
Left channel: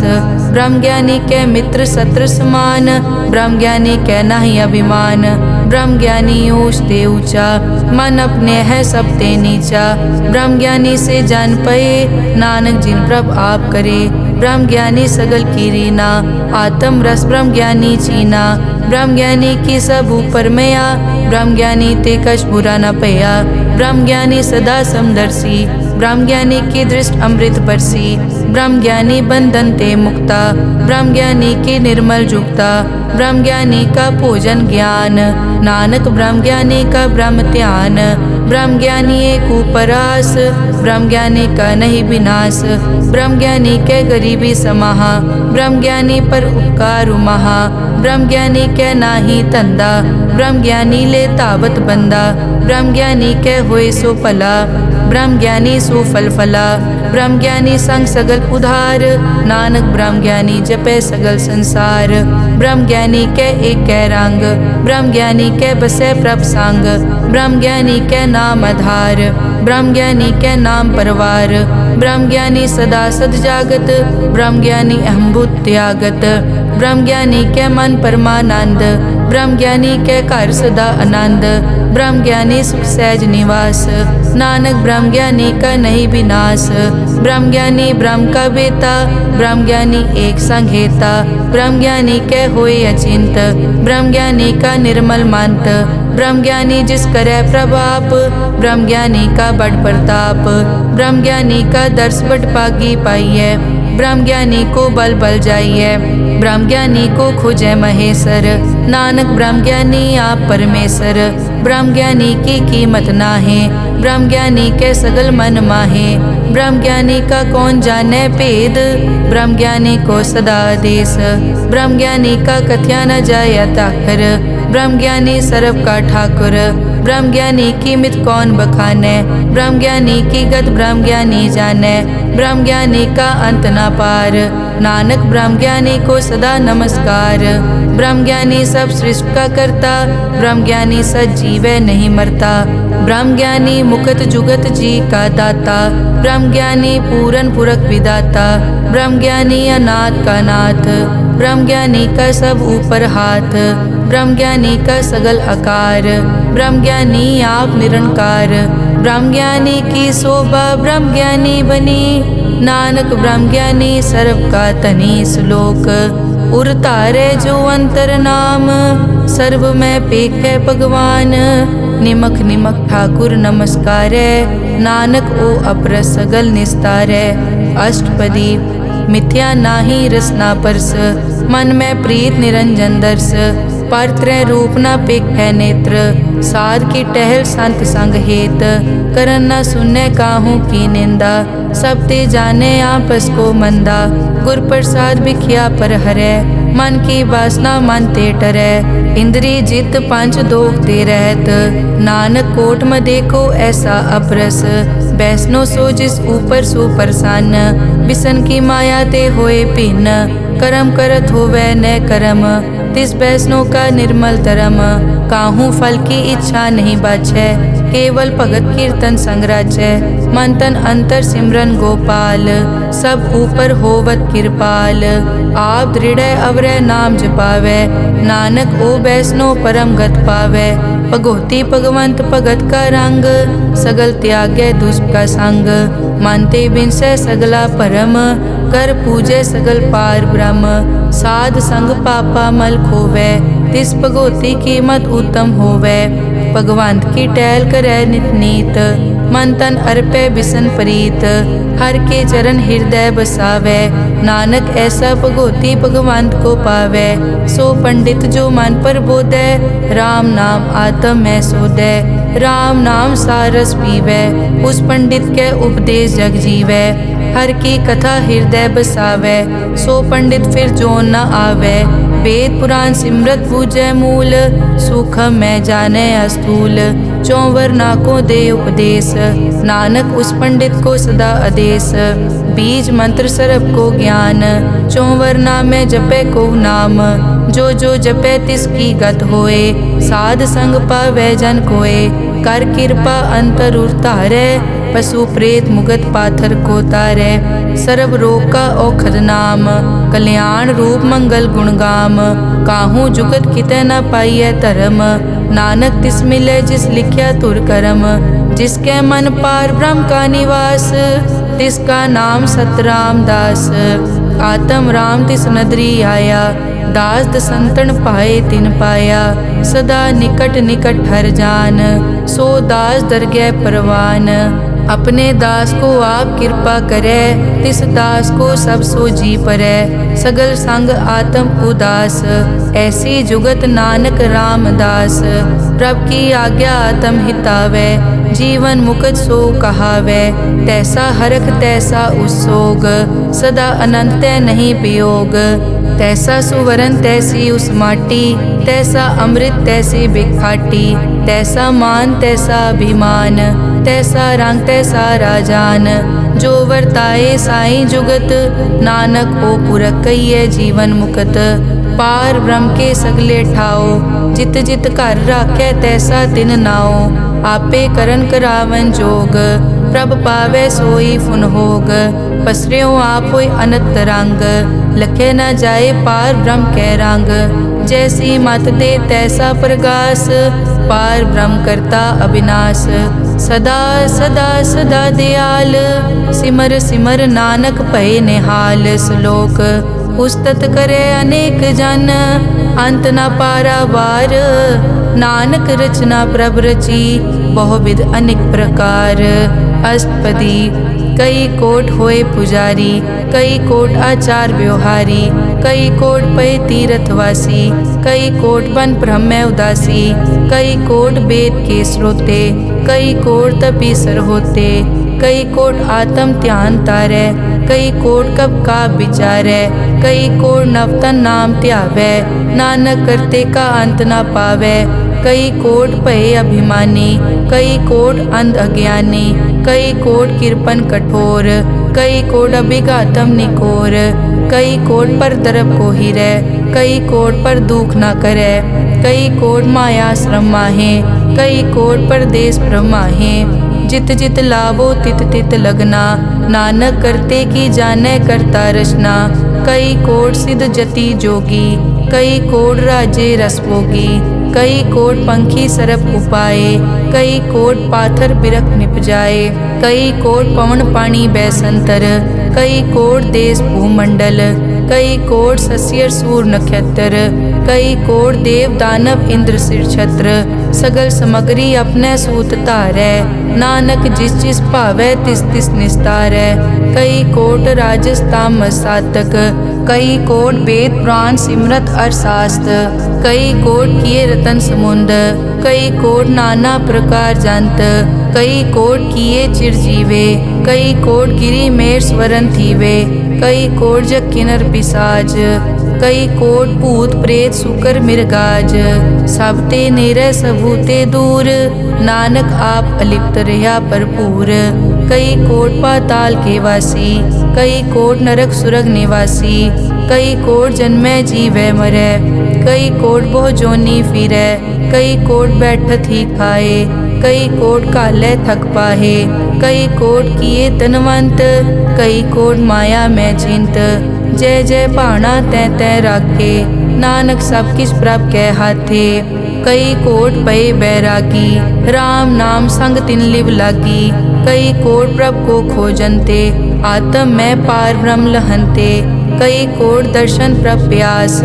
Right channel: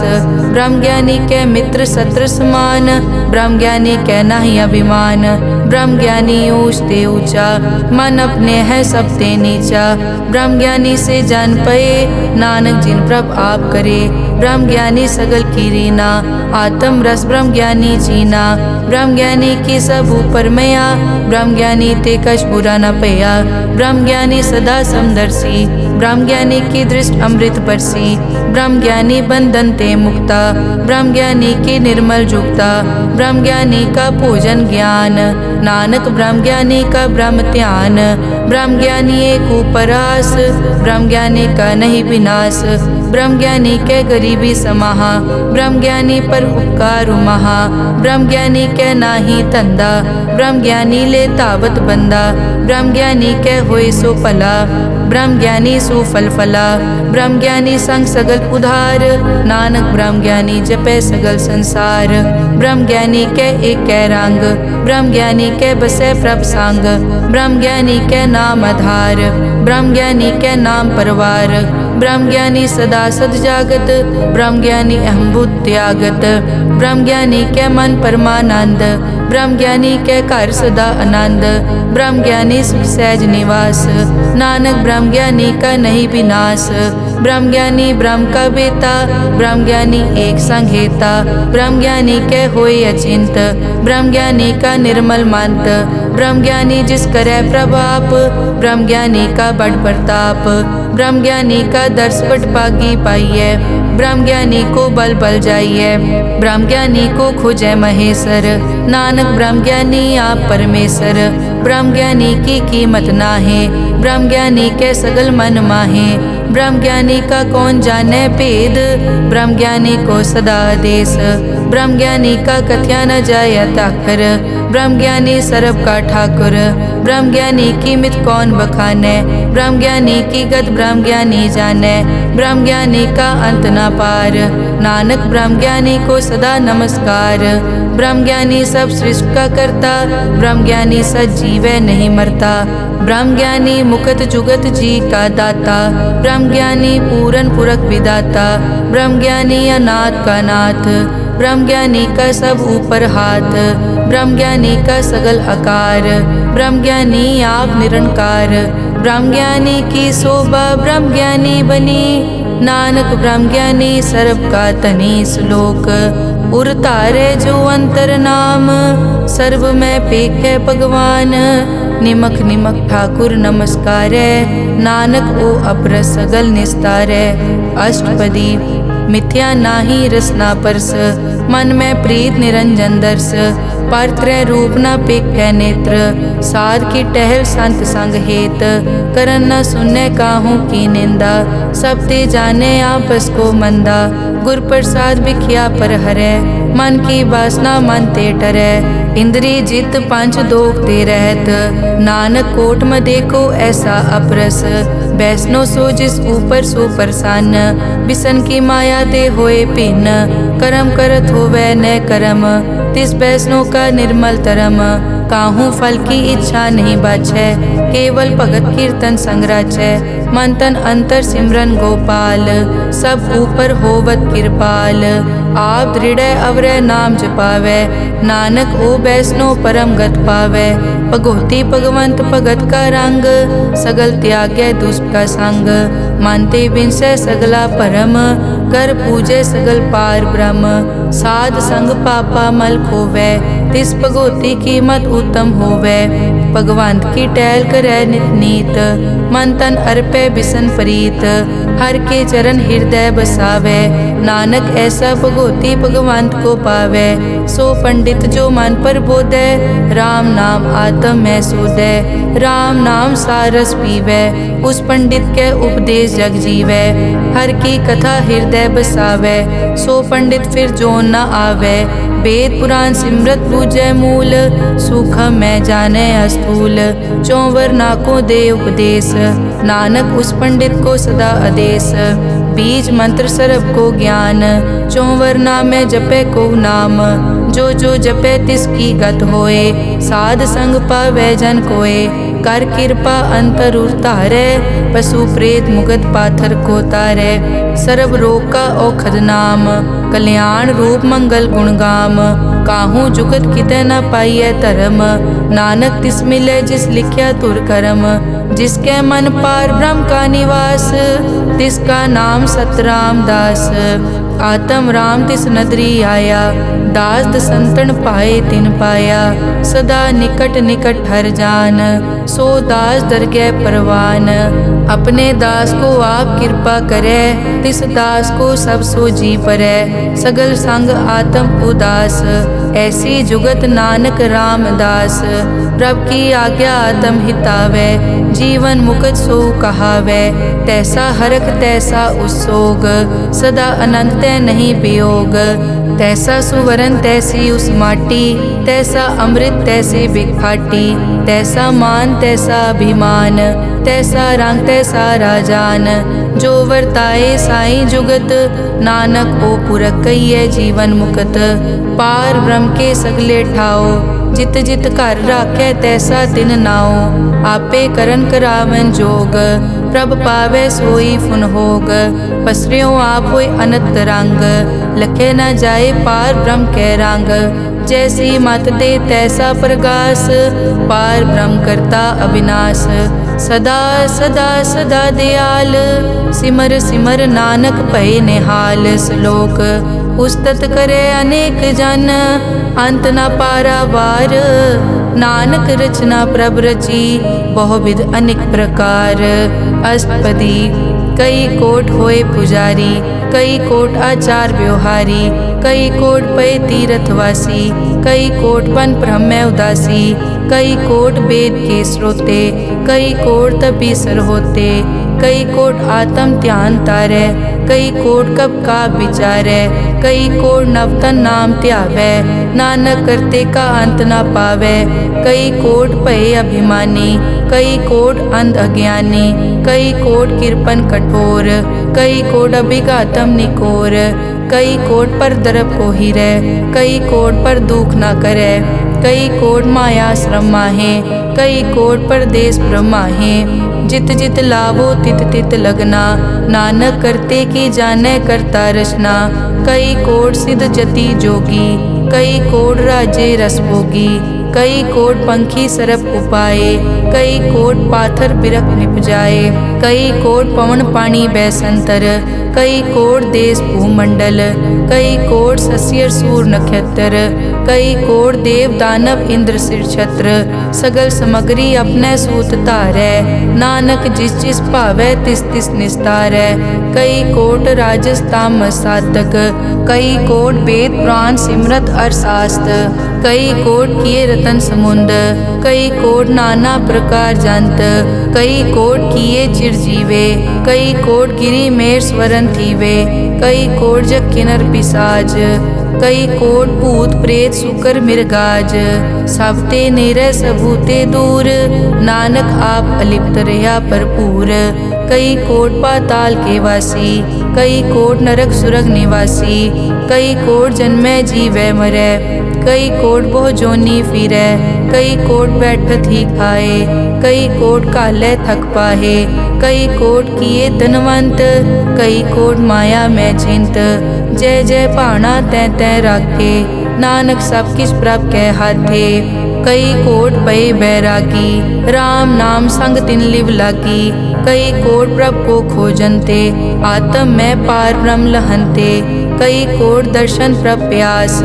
ब्रह्म ज्ञानी के मित्र शत्रु समान, ब्रह्म ज्ञानी के नाही अभिमान। ब्रह्म ज्ञानी ऊंच ते ऊंचा, मन अपने है सब ते नीचा। ब्रह्म ज्ञानी से जान पए, नानक जिन प्रभ आप करे। ब्रह्म ज्ञानी सगल की रीना, आत्म रस ब्रह्म ज्ञानी चीना। ब्रह्म ज्ञानी की सब ऊपर मया, ब्रह्म ज्ञानी ते कछ बुरा न पया। ब्रह्म ज्ञानी सदा समदर्शी, ब्रह्म ज्ञानी की दृष्ट अमृत बरसी। ब्रह्म ज्ञानी बंधन ते मुक्ता, ब्रह्म ज्ञानी की निर्मल जुक्ता। ब्रह्म ज्ञानी का पूजन ज्ञान, नानक ब्रह्म ज्ञानी का ब्रह्म ध्यान। ब्रह्म ज्ञानी एक उपरास, ब्रह्म ज्ञानी का नहीं विनाश। ब्रह्म ज्ञानी के गरीबी समाहा, ब्रह्म ज्ञानी पर उपकार महा। ब्रह्म ज्ञानी के नाही धंधा, ब्रह्म ज्ञानी ले तावत बंदा। ब्रह्म ज्ञानी के होए सो भला, ब्रह्म ज्ञानी सो फल फला। ब्रह्म ज्ञानी संग सगल उधार, नानक ब्रह्म ज्ञानी जपे सगल संसार। ब्रह्म ज्ञानी के एक कै रंग, ब्रह्म ज्ञानी के बसे प्रभ संग। ब्रह्म ज्ञानी के नाम आधार, ब्रह्म ज्ञानी के नाम परवार। ब्रह्म ज्ञानी सदा सद जागत, ब्रह्म ज्ञानी अहम बुद्धि त्यागत। ब्रह्म ज्ञानी के मन परमानंद, ब्रह्म ज्ञानी के घर सदा आनंद। ब्रह्म ज्ञानी सुख सहज निवास, नानक ब्रह्म ज्ञानी का नहीं विनाश। ब्रह्म ज्ञानी ब्रह्म का बेता, ब्रह्म ज्ञानी एक संग हेता। ब्रह्म ज्ञानी के होए अचिंत, ब्रह्म ज्ञानी का निर्मल मंत। ब्रह्म ज्ञानी जिस करे प्रभाप, ब्रह्म ज्ञानी का बड़ प्रताप। ब्रह्म ज्ञानी का दर्श बड़ पागी पाइये, ब्रह्म ज्ञानी को बल बल जाइए। ब्रह्म ज्ञानी को खोजे महेश्वर, नानक ब्रह्म ज्ञानी आप परमेश्वर। ब्रह्म ज्ञानी की कीमत नाहे, ब्रह्म ज्ञानी के सगल मन माहे। ब्रह्म ज्ञानी का कौन जाने भेद, ब्रह्म ज्ञानी को सदा आदेश। ब्रह्म ज्ञानी का कथ्या न जाय ताकर, ब्रह्म ज्ञानी सर्व का ठाकुर। ब्रह्म ज्ञानी की मित कौन बखाने, ब्रह्म ज्ञानी की गत ब्रह्म ज्ञानी जाने। ब्रह्म ज्ञानी का अंत न पार, नानक ब्रह्म ज्ञानी को सदा नमस्कार। ब्रह्म ज्ञानी सब सृष्टि का करता, ब्रह्म ज्ञानी सजीव नहीं मरता। ब्रह्म ज्ञानी मुकत जुगत जी का दाता, ब्रह्म ज्ञानी पूरन पुरख विदाता। ब्रह्म ज्ञानी अनाथ का नाथ, ब्रह्म ज्ञानी का सब ऊपर हाथ। ब्रह्म ज्ञानी का सगल आकार, ब्रह्म ज्ञानी आप निरंकार। ब्रह्म ज्ञानी की शोभा ब्रह्म ज्ञानी बनी, नानक ब्रह्म ज्ञानी सर्व का तनी। श्लोक उर तारे जो अंतर नाम, सर्व में पेखे भगवान। निमक निमक ठाकुर नमस्कारे, नानक ओ अपर सगल निस्तारे। अष्टपदी मिथ्या नाही रसना परस, मन में प्रीत निरंजन दर्श। पर त्रय रूप न पेखे नेत्र, साध की टहल संत संग हेत। करन न सुनने काहू की निंदा, सब ते जाने आपस को मंदा। गुर प्रसाद बिखिया पर हरै, मन की वासना मन ते टरै। इंद्री जित पंच दोख ते रहत, नानक कोट में देखो ऐसा अपरस। बैसनो सो जिस ऊपर सो प्रसन्न, बिसन की माया ते होए भिन्न। कर्म करत होवै न कर्म, तिस बैसनो का निर्मल तरम। काहू फल की इच्छा नहीं बाछै, केवल भगत कीर्तन संग राचै। मन तन अंतर सिमरन गोपाल, सब ऊपर होवत कृपाल। आप दृढ़ अवरै नाम जपावै, नानक ओ बैसनो परम गत पावै। भगोती भगवंत भगत का रंग, सगल त्यागै दुष्ट का संग। मानते बिनसै सगला परम, कर पूजै सगल पार ब्रह्म। साध संग पापा मल खोवै, तिस भगोती की मत उत्तम होवै। भगवंत की टहल करै नित नीत, मन तन अर्पै बिसन प्रीत। हर के चरण हृदय बसावै, नानक ऐसा भगोती भगवंत को पावै। सो पंडित जो मन पर बोधै, राम नाम आत्म में सोधै। राम नाम सारस पीवै, उस पंडित के उपदेश जग जीवै। हर की कथा हृदय बसावै, सो पंडित फिर जोन न आवै। वेद पुराण सिमरत बूझै मूल, सूखम में जाने अस्थूल। चौवर नाकों दे उपदेश, नानक उस पंडित को सदा आदेश। बीज मंत्र सरब को ज्ञान, चौवर नामे जपे को नाम। जो जो जपे तिसकी गत होए, साध संग पावै जन कोए। कर कृपा अंतर उतारै, पशु प्रेत मुगत पाथर को तारै। सर्व रोग का औखद नाम, कल्याण रूप मंगल गुणगाम। काहू जुगत कितै न पाइयै धर्म, नानक तिस मिलै जिस लिख्या तुर करम। जिसके मन पार ब्रह्म का निवास, तिसका नाम सतराम दास। आत्म राम तिस नदरी आया, दास दसंतन पाए तिन पाया। सदा निकट निकट हर जान, सो दास दरगह परवान। अपने दास को आप कृपा करे, तिस दास को सब सो जी परै। सगल संग आत्म उदास, ऐसी जुगत नानक रामदास। प्रभ की आज्ञा आत्म हितावै, जीवन मुकत सो कहावै। तैसा हरख तैसा उस्सोग, सदा अनंत तै नहीं वियोग। तैसा सुवरन तैसी उस माटी, तैसा अमृत तैसी बिखाटी। तैसा मान तैसा अभिमान, तैसा रंग तैसा राजान। जो वर्ताए साईं जुगत, नानक ओ पुरख कहिए जीवन मुकत। पार ब्रह्म के सगले ठाओ, जित जित घर राखै तैसा तिन नाओ। आपे करन करावन जोग, प्रभ पावै सोई फुन होग। पसरियों आप होय अनंत रंग, लखे न जाए पार ब्रह्म कै रंग। जैसी मत दे तैसा प्रगास, पार ब्रह्म करता अविनाश। सदा सदा सदा दयाल, सिमर सिमर नानक भय निहाल। श्लोक उस्तत करे अनेक जन, अंत न पारावार। नानक रचना प्रभ रची, बहुविध अनेक प्रकार। अष्टपदी कई कोट होए पुजारी, कई कोट आचार व्यवहारी। कई कोट पय तीर्थवासी, कई कोट बन ब्रह्म उदासी। कई कोट वेद के स्रोते, कई कोट तपीसर होते। कई कोट आत्म ध्यान तारै, कई कोट कब का विचारै। कई कोट नवतन नाम ध्यावै, नानक करते का अंत न पावै। कई कोट भय अभिमानी, कई कोट अंध अज्ञानी। कई कोट कृपन कठोर, कई कोट अभिघातम निकोर। कई कोट पर दरब को हिरै, कई कोट पर दुख न करै। कई कोट माया श्रम माहे, कई कोट परदेश ब्रह्माहे। जित जित लावो तित तित लगना, नानक करते की जानै करता रचना। कई कोट सिद्ध जति जोगी, कई कोट राजे रस भोगी। कई कोट पंखी सरप उपाए, कई कोट पाथर बिरख निप जाए। कई कोट पवन पानी बैसंतर, कई कोट देश भूमंडल। कई कोट सस्यर सूर नक्षत्र, कई कोट देव दानव इंद्र सिर छत्र। सगल समग्री अपने सूत धारै, नानक जिस जिस भावै तिस तिस निस्तारै। कई कोट राजस तामस साधक, कई कोट वेद पुराण सिमरत अरशास्त्र। कई कोट किए रतन समुंद, कई कोट नाना प्रकार जंत। कई कोट किए चिरजीवे, कई कोट गिरी मेर स्वरन थीवे। कई कोट जग किन्नर पिसाज, कई कोट भूत प्रेत सुकर मिर्गाज, सब ते नेरे सबूते दूर, नानक आप अलिप्त रहा भरपूर। कई कोट पाताल के वासी, कई कोट नरक सुरग निवासी, कई कोट जन्मै जीवै मरै, कई कोट बहु जोनी फिरै, कई कोट बैठत ही खाए, कई कोट कालै थक पाहे, कई कोट किए तनवंत, कई कोट माया मैं चिंत। जय जय भाना तै तै राखे, नानक सब किछ प्रभ कै हाथे। कई कोट पए बैरागी, राम नाम संग तिन लिव लागी, कई कोट प्रभ को खोजनते, आत्म में पार ब्रह्म लहनते। कई कोट दर्शन प्रभ प्यास,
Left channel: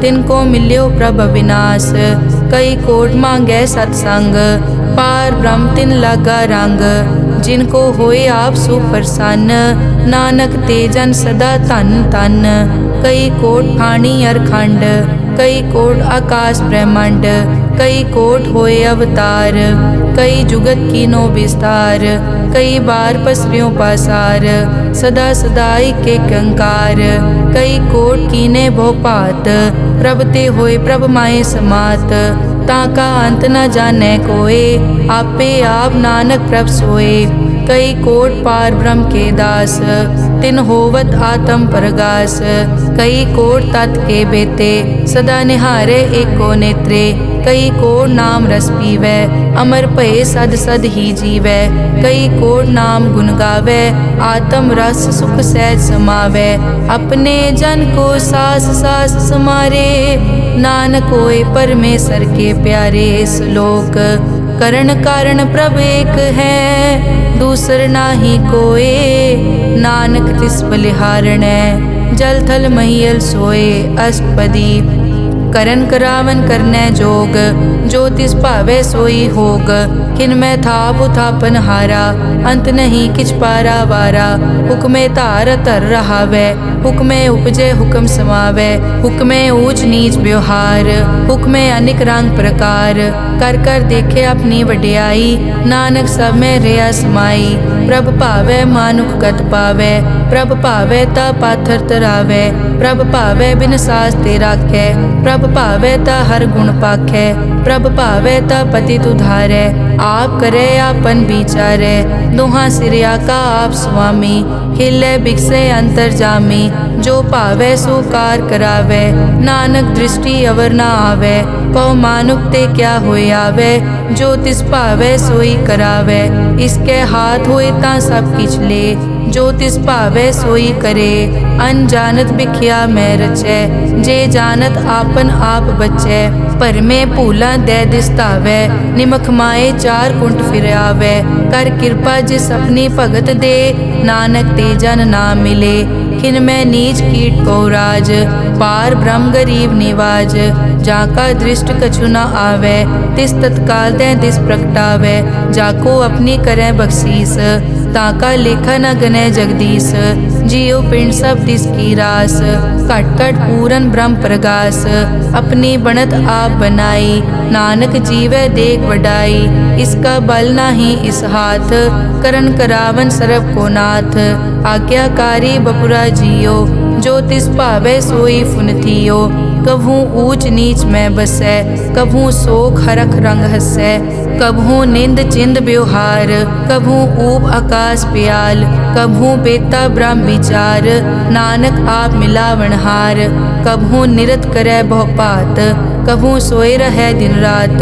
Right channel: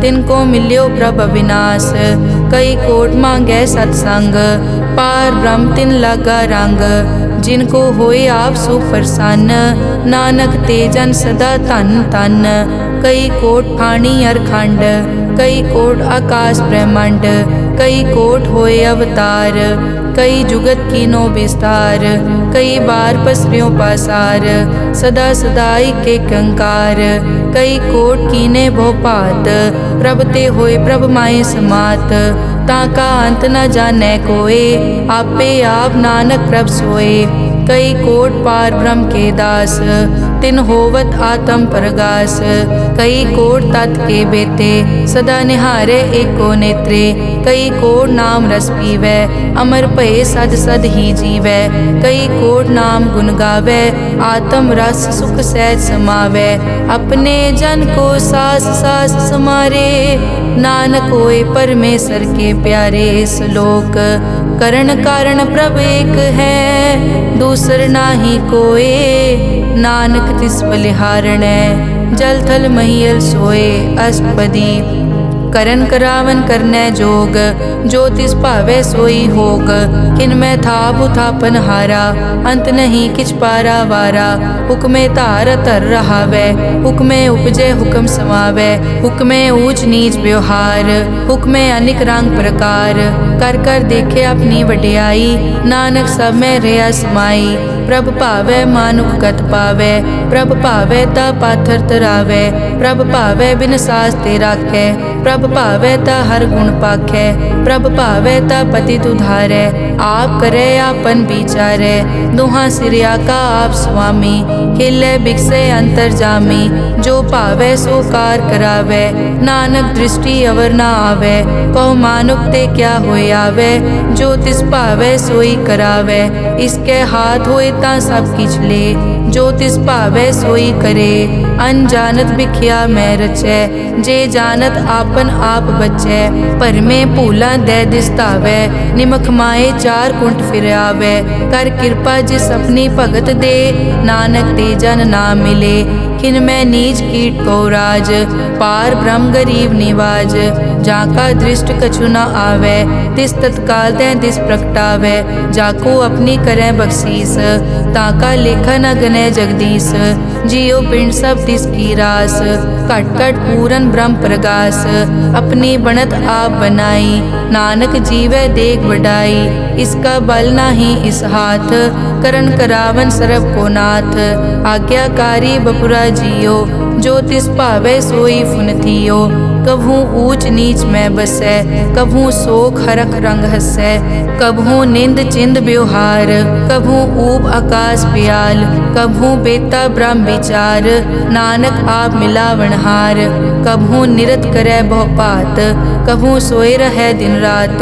तिनको मिल्यो प्रभ अविनाश, कई कोट मांगै सत्संग, पार ब्रह्म तिन लागा रंग। जिनको होए आप सुप्रसन्न, नानक ते जन सदा धन धन। कई कोट ठाणी अरखंड, कई कोट आकाश ब्रह्मांड, कई कोट होए अवतार, कई जुगत कीनो विस्तार। कई बार पसरियों पासार, सदा सदाई के कंकार, कई कोट कीने भोपात, प्रभ ते होए प्रभ माए समात। ताका अंत न जाने कोए, आपे आप नानक प्रभ सोए। कई कोट पार ब्रह्म के दास, तिन होवत आत्म परगास। कई कोट तत् के बेते, सदा निहारे एको नेत्रे। कई कोट नाम रस पीवै, अमर भये सद सद ही जीवै। कई कोट नाम गुण गावै, आत्म रस सुख सहज समावै। अपने जन को सास सास समारे, नानक होए परमेश्वर के प्यारे। श्लोक करण कारण प्रभ एक है, दूसर नाही कोए, नानक तिस बलिहारणै, जल थल महियल सोए। अष्टपदी करन करावन करनै जोग, जो तिस भावै सोई होग। किनमै थाप उथापन हारा, अंत नहीं किछ पारा वारा। हुक्मे धार धर रहावै, हुक्मे उपजै हुक्म समावै। हुक्मे ऊच नीच व्यवहार, हुक्मे अनिक रंग प्रकार। कर कर देखे अपनी वड्याई, नानक सब में रहा समाई। प्रभ भावै मानुख गत पावै, प्रभ भावै ता पाथर तरावै। प्रभ भावै बिन सास ते राखै, प्रभ भावै ता हर गुण पाखै। प्रभ भावै ता पतित उधारै, आप करे आपन विचारै। दोहां सिरिया का आप स्वामी, खिलै बिकसै अंतर जामी। जो भावै सो कार करावै, नानक दृष्टि अवर ना आवै। कहो मानुक ते क्या होए आवे, जो तिस भावै सोई करावै। इसके हाथ होए तां सब किछ ले, जो तिस भावै सोई करे। अनजानत बिख्या मैं रचै, जे जानत आपन आप बचै। भरमे भूला दै दिसतावै, निमख माए चार कुंट फिर आवै। कर कृपा जिस अपनी भगत दे, नानक ते जन ना मिले। खिन मैं नीच कीट को राज, पार ब्रह्म गरीब निवाज। जाका दृष्ट कछु न आवे, तिस तत्काल दै दिस प्रगटावै। जाको अपनी करै बख्शीस, ताका लेखा न गनै जगदीश। जियो पिंड सब तिस की रास, घट घट पूरन ब्रह्म प्रगास। अपनी बनत आप बनाई, नानक जीवै देख बढ़ाई। इसका बल नाही इस हाथ, करन करावन सरब को नाथ। आज्ञाकारी बपुरा जियो, जो तिस भावै सोई फुन थियो। कभू ऊच नीच में बसै, कभू शोक हरख रंग हसै। कभू निंद चिंद व्यवहार, कभू ऊब आकाश प्याल। कभू बेता ब्रह्म विचार, नानक आप मिलावनहार। कभू निरत करै बहुपात, कभू सोए रहै दिन रात।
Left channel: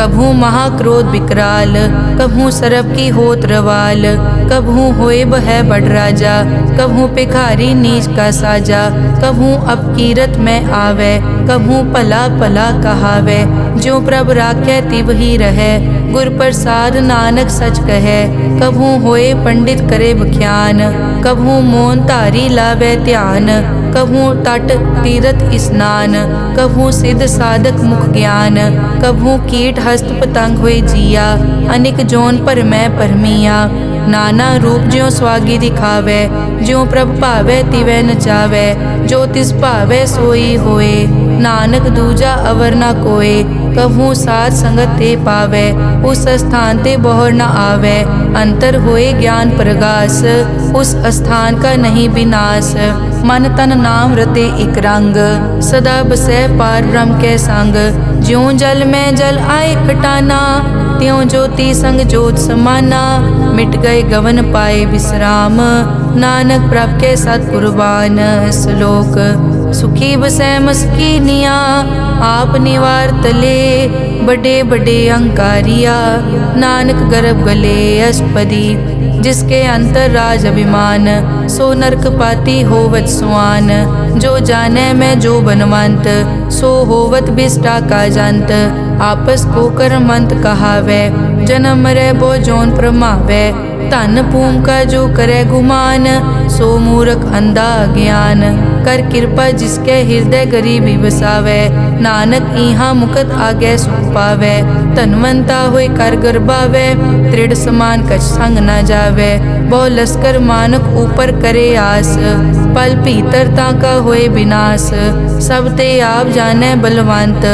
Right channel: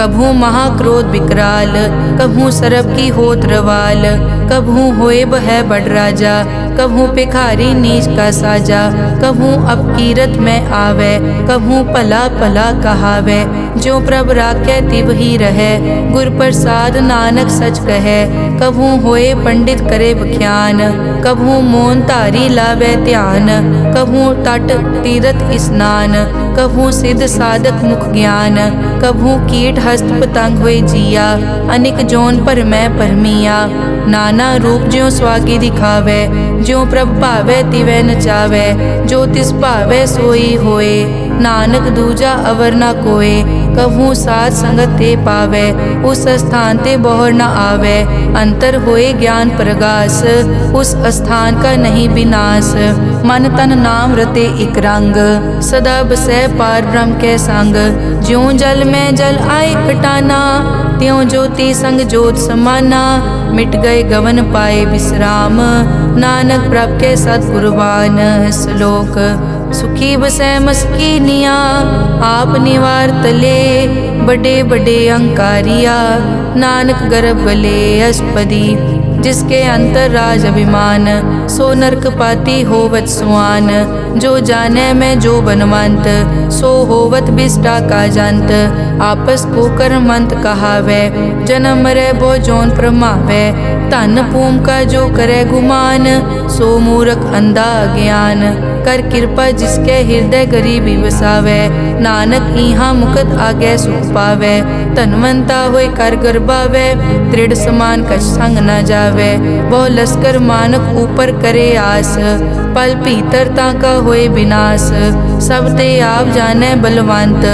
कभू महाक्रोध विकराल, कभू सरब की होत रवाल। कभू होए बह बड़ राजा, कभू भिखारी नीच का साजा। कभू अपकीरत में आवे, कभू भला भला कहावे। जो प्रभ राखै तिव ही रहै, गुर प्रसाद नानक सच कहै। कभू होए पंडित करे बख्यान, कभू मौन धारी लावे ध्यान। कभू तट तीरथ स्नान, कभू सिद्ध साधक मुख ज्ञान। कभू कीट हस्त पतंग होए जिया, अनिक जोन पर मैं परमिया। नाना रूप ज्यों स्वागी दिखावे, ज्यों प्रभ भावै तिवै नचावै। जो तिस भावै सोई होए, नानक दूजा अवर न कोए। कभू साथ संगत ते पावै, उस स्थान ते बोहर न आवै। अंतर होए ज्ञान प्रगास, उस स्थान का नहीं विनाश। मन तन नाम रते इक रंग, सदा बसै पार ब्रह्म के संग। ज्यों जल में जल आए खटाना, त्यों ज्योति संग जोत समाना। मिट गए गवन पाए विश्राम, नानक प्रभ के सतपुरबान। श्लोक सुखी बसै मस्कीनिया, आप निवार तले। बड़े बड़े अहंकारिया, नानक गर्भ गले अष्टपदी। जिसके अंतर राज अभिमान, सो नरक पाती होवत सुआन। जो जाने में जो बनवंत, सो होवत बिष्टा का जंत। आपस को कर्मंत कहावै, जन्म मरै बो जोन प्रमावै। धन भूम का जो करे गुमान, सो मूर्ख अंधा ज्ञान। कर कृपा जिसके हृदय गरीबी बसावै, नानक इहाँ मुकत आगे सुख पावै। धनवंता होए कर गर्बावै, दृढ़ समान कछ संग न जावै। बहु लश्कर मानक ऊपर करे आस, पल भीतर ताका होए विनाश। सब ते आप जाने बलवंत,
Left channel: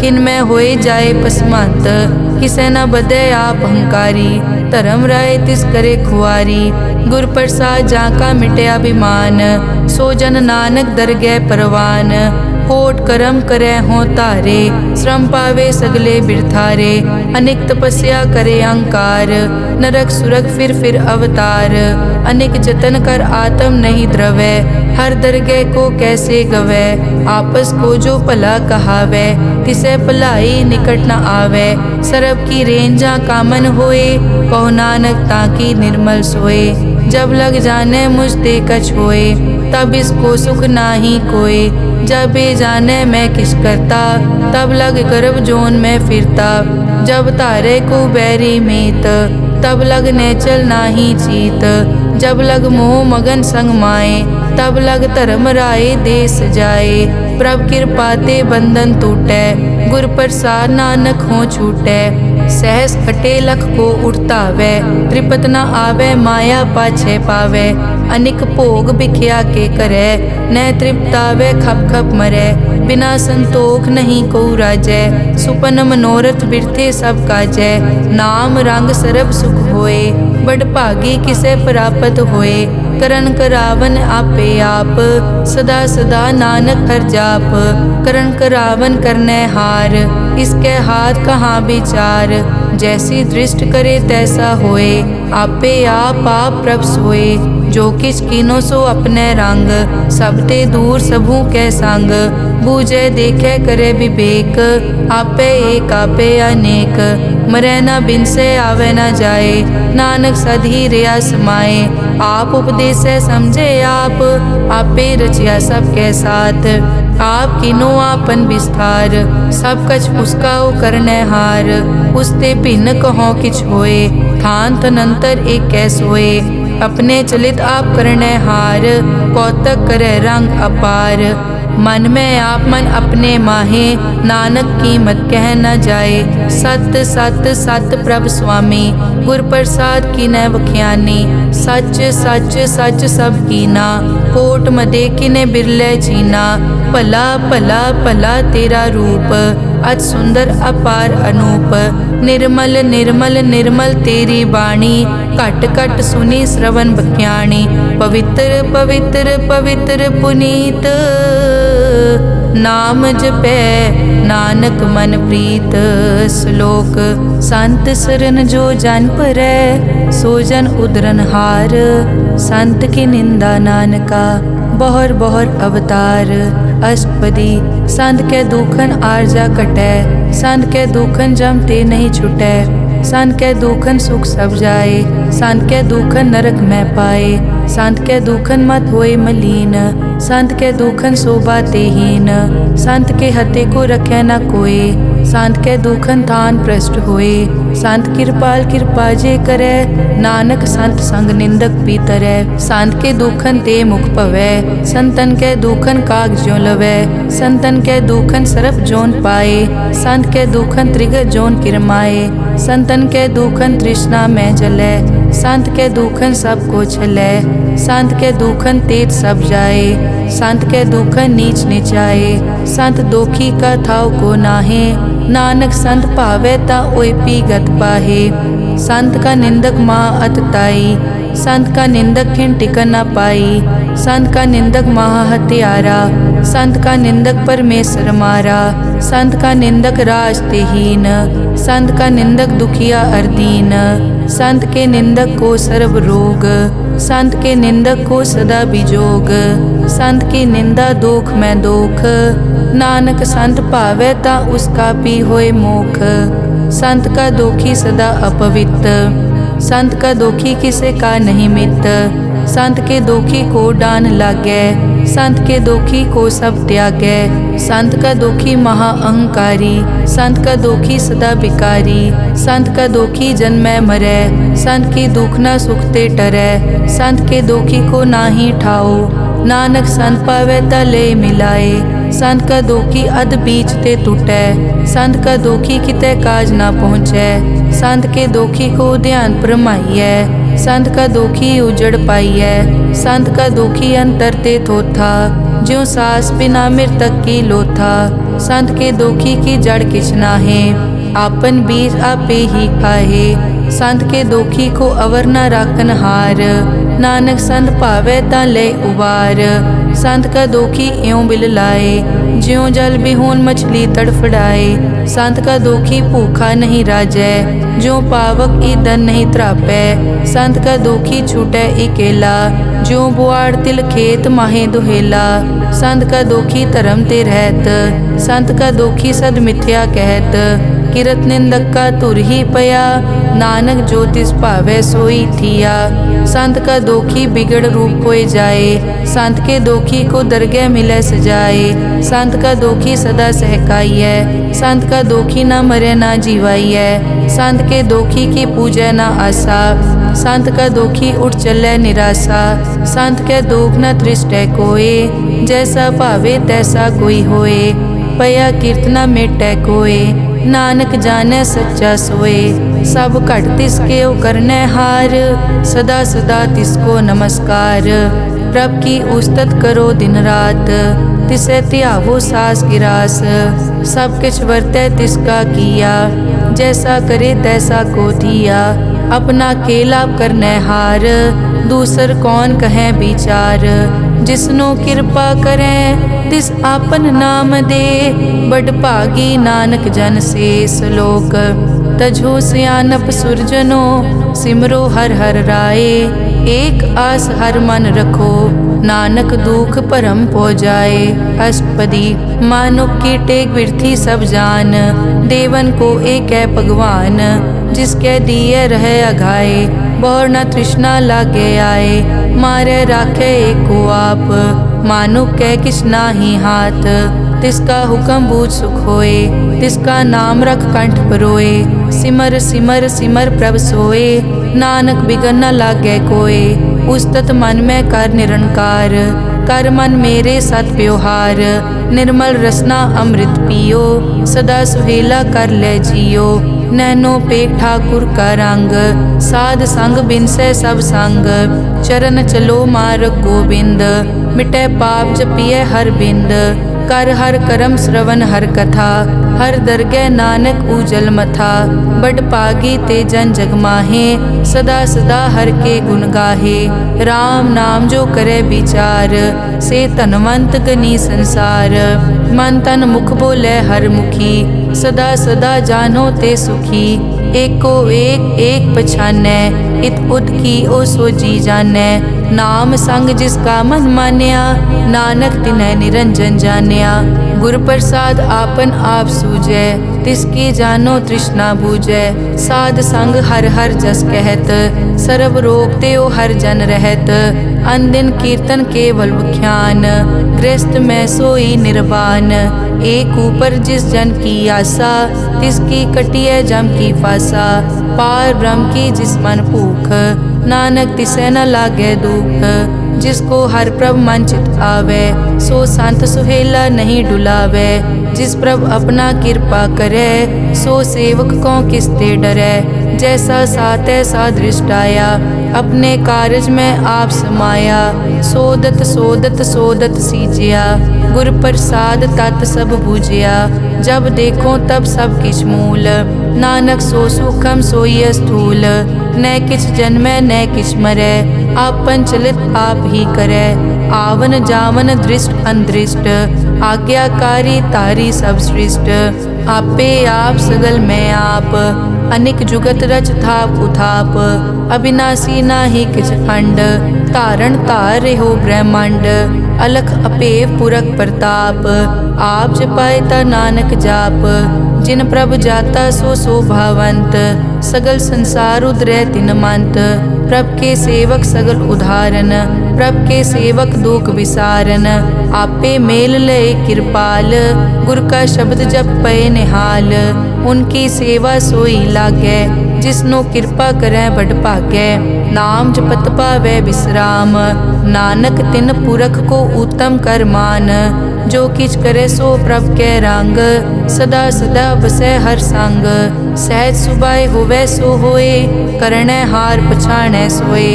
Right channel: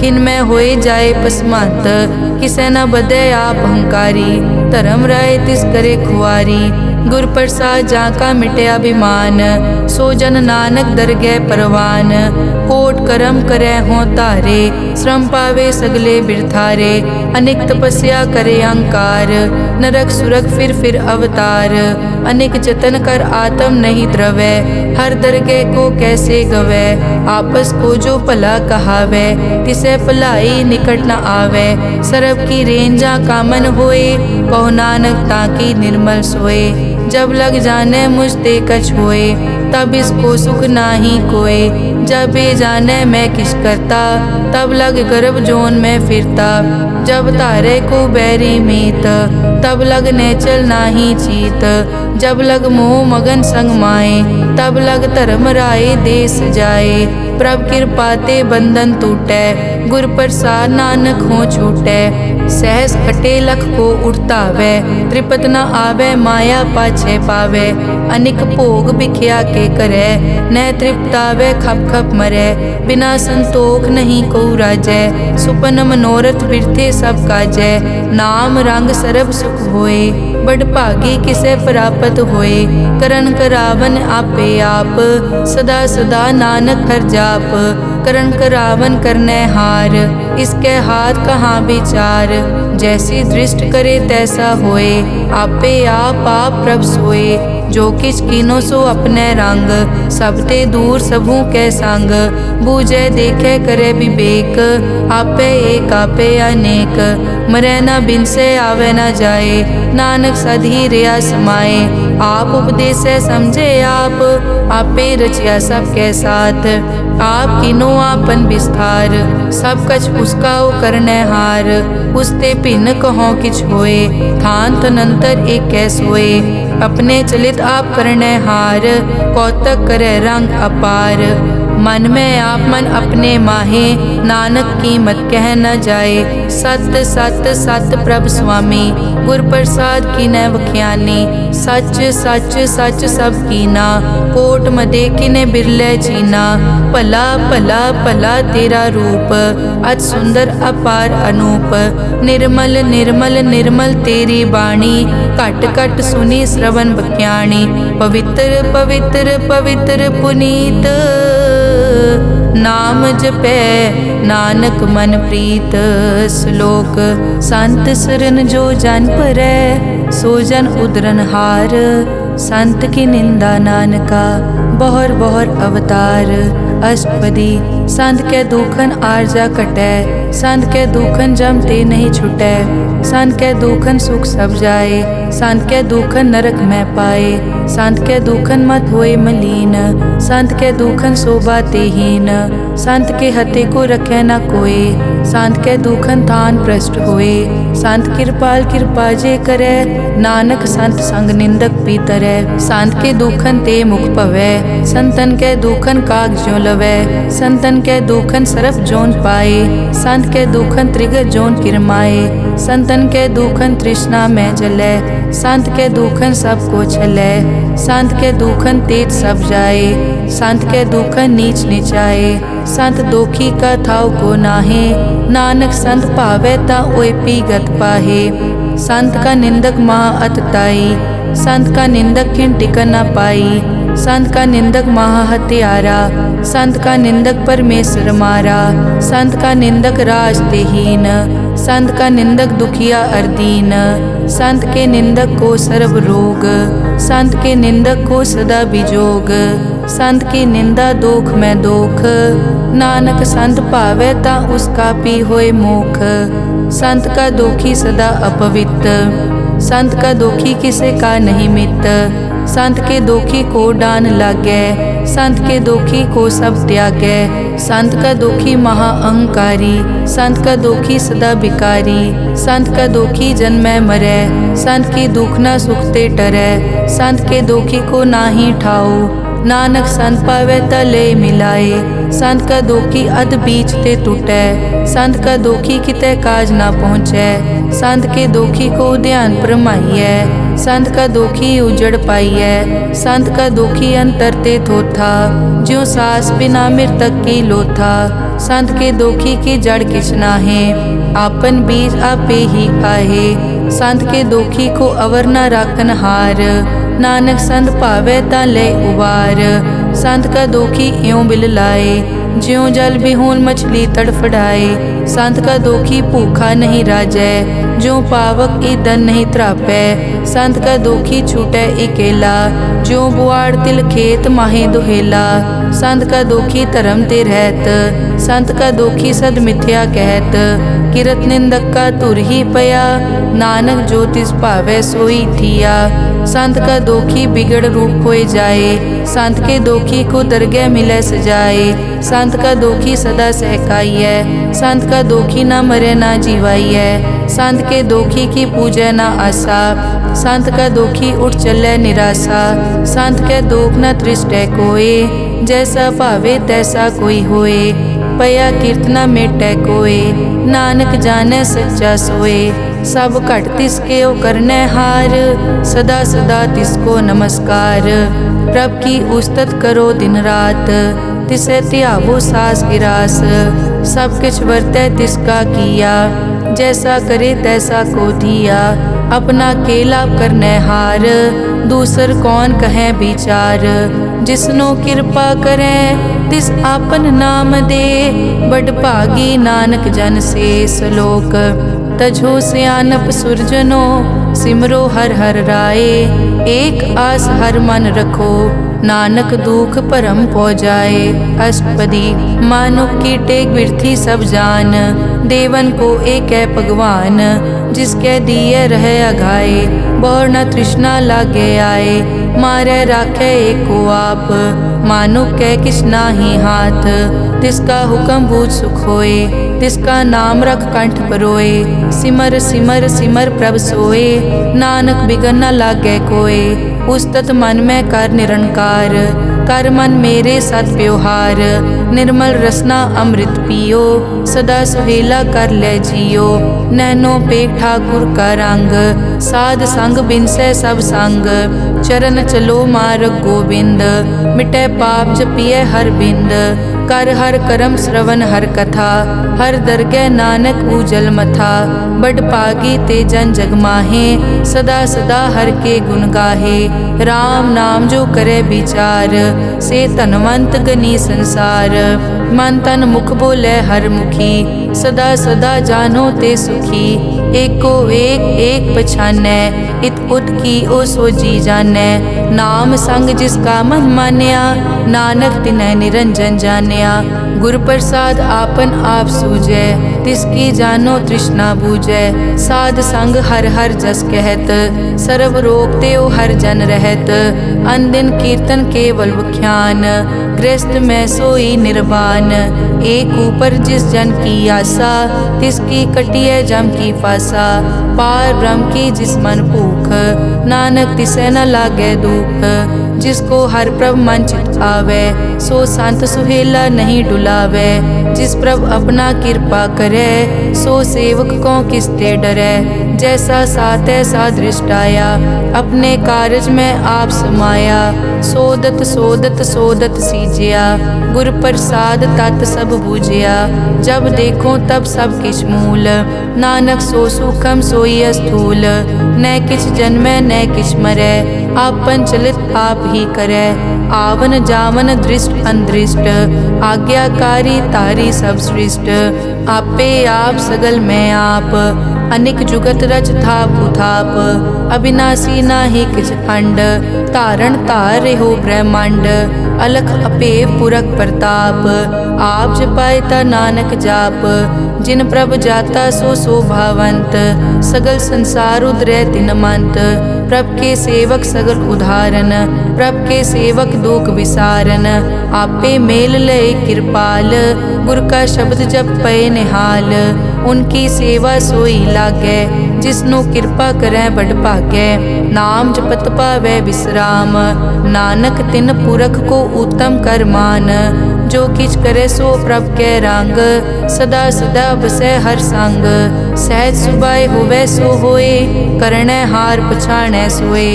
खिन में होए जाए पसमंत। किसे न बदे आप अहंकारी, धर्म राय तिस करे खुआरी। गुर प्रसाद जाका मिटे अभिमान, सो जन नानक दरगह परवान। कोट कर्म करे हों तारे, श्रम पावे सगले बिरथारे। अनेक तपस्या करे अहंकार, नरक सुरग फिर अवतार। अनेक जतन कर आत्म नहीं द्रवै, हर दरगह को कैसे गवै। आपस को जो भला कहावै, तिसे भलाई निकट न आवै। सरब की रेंजा कामन होए, कहो नानक ताकी निर्मल सोए। जब लग जाने मुझ ते कछ होए, तब इसको सुख नाही कोय। जब ये जाने मैं किस करता, तब लग गर्भ जोन में फिरता। जब तारे को बैरी मीत, तब लग नेचल नाही चीत। जब लग मोह मगन संग माए, तब लग धर्म राय देश जाए। प्रभ कृपा ते बंधन टूटै, गुर प्रसाद नानक हो छूटै। सहस खटे लख को उठतावै, त्रिपत न आवे माया पाछे पावे। अनिक भोग बिख्या के करे, न तृप्तावे खप खप मरै। बिना संतोख नहीं को राजै, सुपन मनोरथ बिरथे सब काजै। नाम रंग सरब सुख होए, बड़ भागी किसे प्राप्त होए। करन करावन आपे आप, सदा सदा नानक हर जाप। करन करावन करने हार, इसके हाथ कहाँ विचार। जैसी दृष्ट करे तैसा होए, आपे आप प्रभ सोए। जो किछ कीनो सो अपने रंग, सब ते दूर सबू के संग। बूझे देखे करे विवेक, आपे एक आपे अनेक। मरै न बिन से आवे न जाए, नानक सधी रिया समाए। आप उपदेशे समझे आप, आपे रचिया सबके साथ। आप किनो आपन विस्तार, सब कछ उसका ओ करने हार। उसते भिन्न कहो किछ होए, थान तनंतर एक कै सोए। अपने चलित आप करने हार, कौतक करे रंग अपार। मन में आप मन अपने माहे, नानक कीमत कह न जाए। सत सत सत प्रभ स्वामी, गुर प्रसाद की न वख्यानी। सच सच सच सब कीना, कोट मदे किने बिरले चीना। भला भला भला तेरा रूप, अति सुंदर अपार अनूप। निर्मल निर्मल निर्मल तेरी बाणी, घट घट सुनी श्रवण बख्याणी। पवित्र पवित्र पवित्र पुनीत, नाम जपै नानक मन प्रीत। श्लोक संत सरन जो जन परै, सो जन उदरन हार। संत की निंदा नानका, बहुर बहुर अवतार। अष्टपदी संत के दुखन आरजा कटै, संत के दुखन जम ते नहीं छुटै। संत के दुखन सुख सब जाए, संत के दुखन नरक में पाए। संत के दुखन मत होए मलीन, संत के दुखन शोभा तेहीन। संत के हते को रखे न कोय, संत के दुखन थान भ्रष्ट होए। संत कृपाल कृपा जे करे, नानक संत संग निंदक भी तरै। संत के दुखन ते मुख पवै, संतन के दुखन काग ज्यों लवै। संतन के दुखन सरप जोन पाए, संत के दुखन त्रिगत जोन किरमाए। संतन के दुखन तृष्णा में जलै, संत के दुखन सब को छलै। संत के दुखन तेज सब जाए, संत के दुखन नीच नीचाए। संत दोखी का थाव को नाहे, नानक संत भावै ता ओए पी गत पाहे। संत का निंदक महा अतताई, संत का निंदक खिन टिकन न पाई। संत का निंदक महा हत्यारा, संत का निंदक परमेश्वर मारा। संत का निंदक राज ते हीन, संत का निंदक दुखिया अरदीन। संत के निंदक को सर्व रोग, संत के निंदक को सदा विजोग। संत की निंदा दोख में दोख, नानक संत भावै ता उसका पी होए मोख। संत का दोखी सदा अपवित्र, संत का दोखी किसे का नहीं मित। संत के दोखी को डान लागै, संत के दोखी को सब त्यागै। संत का दोखी महा अहंकारी, संत का दोखी सदा बिकारी। संत का दोखी जन्मै मरै, संत की दुख न सुख ते टरै। संत के दोखी को नाही ठाओ, नानक संत पावै ता ले मिलाए। संत का दोखी अध बीच ते टूटै, संत का दोखी कितै काज ना पहुँचै। संत के दोखी को ध्यान परमाइयै, संत का दोखी उजड़ पाइयै। संत का दोखी अंतर ते थोथा, ज्यों सास बिना मृतक की लोथा। संत के दोखी की जड़ किछ नाहे, आपन बीज आपे ही खाहे। संत के दोखी को अवर न राखन हार, नानक संत भावै ता ले उबार। संत का दोखी इयों बिल लाए, ज्यों जल बिहून मछली तड़फड़ाए। संत का दोखी भूखा नहीं राजै, ज्यों पावक ईंधन नहीं त्रापै। संत का दोखी छूटै इकेला, ज्यों बुआड़ तिल खेत माहे दुहेला। संत का दोखी धर्म ते रहत, संत का दोखी सद मिथ्या कहत। किरत निंदक का तुर ही पया, नानक जो तिस भावै सोई थिया। संत का दोखी बिगड़ रूप होए जाए, संत के दोखी को दरगह मिलै सजाए। संत का दोखी सदा सहकाइयै, संत का दोखी ना मरे ना जीवाइयै। संत के दोखी की पूजै ना आसा, संत का दोखी उठ चलै निराशा। संत के दोख न तृष्टै कोय, जैसा भावे तैसा कोई होए। पया कीर्तना मेटै कोय, नानक जानै सच्चा सोए। सब घट तिसके ओ करनै हार, सदा सदा तिसको नमस्कार। प्रभ की उस्तत करो दिन रात, तिसे त्यावो सास गिरास। सब किछ वरतै तिसका किया, जैसा करे तैसा को दिया। अपना केला करनै हार, दूसर कौन कहे विचार। जिसनो कृपा करै तिस आपन नाम दे, बड़ भागी नानक जन से सलोक। तजो सियानप सुरजनो, सिमरो हर हर राए। एक आस हर मन रखो, नानक दुख भरम पौ जाए। अष्टपदी मानुक की टेक बिरथी सब जान, देवन को एक है भगवान। जिसके दिए रहे अघाए, बहुर न तृष्णा लागे आए। मारे राखे एको आप, मानुक कै किछ नाही हाथ। तिसका हुक्म बूझ सुख होए, तिसका नाम रख कंठ परोए। सिमर सिमर सिमर प्रभ सोए, नानक बिगन न लागै कोय। उस्तत मन में कर निरंकार, कर मन मेरे सत प्योहार। निर्मल रसना अमृत पियो, सदा सुहेला कर ले जियो। नैनो पेख ठाकुर का रंग, साध संग बिनसै सब संग। चरण चलो मार्ग गोविंद, मिटै पाप जपिए हर बिंद। कर हर करम श्रवण हर कथा, हर दरगह नानक उजल मथा। बड़ पागी ते जन जग माहे, सदा सदा हर के गुण गाहे। राम नाम जो करे विचार, से धनवंत गनी संसार। मन तन मुख बोले हर मुखी, सदा सदा जानो ते सुखी। एको एक एक पछानै, इत उत की ओ सो जी जानै। नाम संग जिसका मन मान्या, नानक तिन्है निरंजन जान्या। गुर प्रसाद आपन आप सूझै, तिसकी जानो तृष्णा बूझै। साध संग हर हर जस कहत, सर्व रोग ते ओ हर जन रहत। अनदिन कीर्तन केवल बख्यान, गृहस्थ में सोई निर्वाण। एक ऊपर जिस जन की आशा, तिसकी कटिए जम की फासा। पार ब्रह्म की जिस मन भूख, नानक तिसे न लागे दुख। जिसको हर प्रभ मन चित आवे, सो संत सुहेला नहीं डुलावे। जिस प्रभ अपना कृपा करे, सो सेवक को किसते डरे। जैसा सात ऐसा दृष्ट आया, अपने कारज में आप समाया। सोदत सोदत सोदत सीजिया, गुर प्रसाद तत् सब बूझिया। जब देखो तब सब किछ मूल। नानक सो सूखम सोई स्थूल। न किछ जन्मै न किछ मरै, आपन चलित आप ही करै। आवन जावन दृष्ट अनदृष्ट, आज्ञाकारी तारी सब सृष्ट। आपे आप सगल मैं आप, अनिक जुगत रच थाप उथाप। अविनाशी नाहि किछ खंड, धारण धार रहो ब्रह्मांड। अलख अपेव पुरख प्रताप, आप जपाए ता नानक जाप। जिन प्रभ जाता सो शोभावंत, सगल संसार उदरै तिन मंत। प्रभ के सेवक सगल उदाहरण, प्रभ के सेवक दुख विसारन। आपे मेल लय कृपाल, गुर का शब्द जप पए निहाल। उनकी सेवा सोई लागै, जिसनो कृपा करै बड़ भागै। नाम जपत पावै विश्राम, नानक तिन पुरख को उत्तम कर मान। जो किछ करे सो प्रभ कै रंग, सदा सदा बसै हर संग। सहज सुभाए होवै सो होए, करनै हार पछाणै सोए।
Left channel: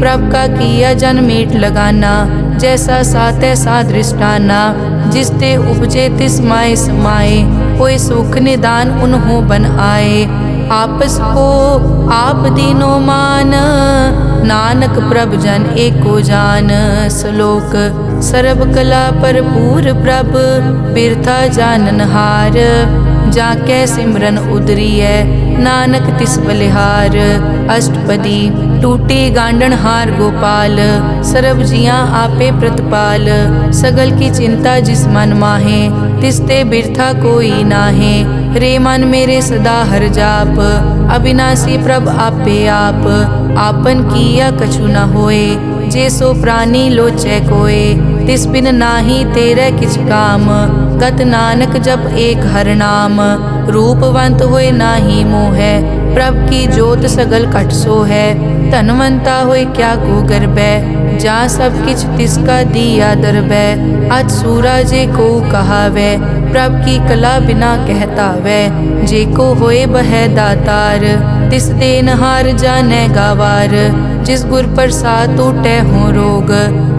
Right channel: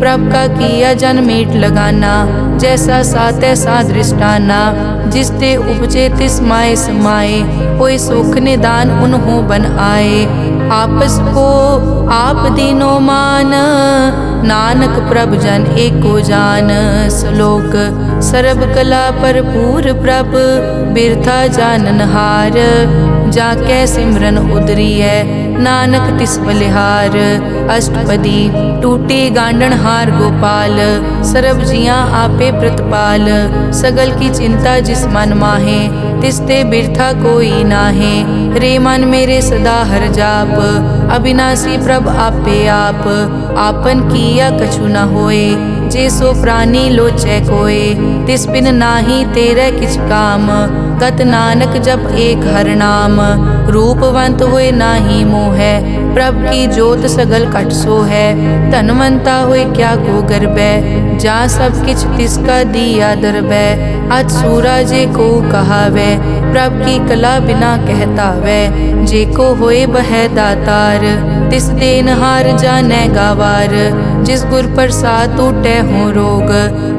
प्रभ का किया जन मीट लगाना, जैसा सा तैसा दृष्टाना। जिस ते उपजे तिस माए समाए, कोई सुख निदान उन्हों बन आए। आपस को आप दीनो मान, नानक प्रभ जन एको जान। श्लोक सर्ब कला भरपूर प्रभ, बिरथा जाननहार। जाकै सिमरन उदरियै, नानक तिस बलिहार। अष्टपदी टूटी गांडन हार गोपाल, सर्ब जियां आपे प्रतिपाल। सगल की चिंता जिस मन माहे, तिसते बिरथा कोई नाहे। रे मन मेरे सदा हर जाप, अविनाशी प्रभ आपे आप। आपन किया कछु न होए, जे सो प्राणी लोचै कोय। तिस बिन नाही तेरे किछ काम, गत नानक जप एक हर नाम। रूपवंत होए नाही मोहै, प्रभ की जोत सगल कट सो है। धनवंता होए क्या को गर्बै, जा सब किछ तिसका दिया दरबै। अज सूरा जे को कहावै, प्रभ की कला बिना कहतावै। जे को होए बह दातार, तिस देनहार जानै गावार। जिस गुर प्रसाद टूटै हो रोग,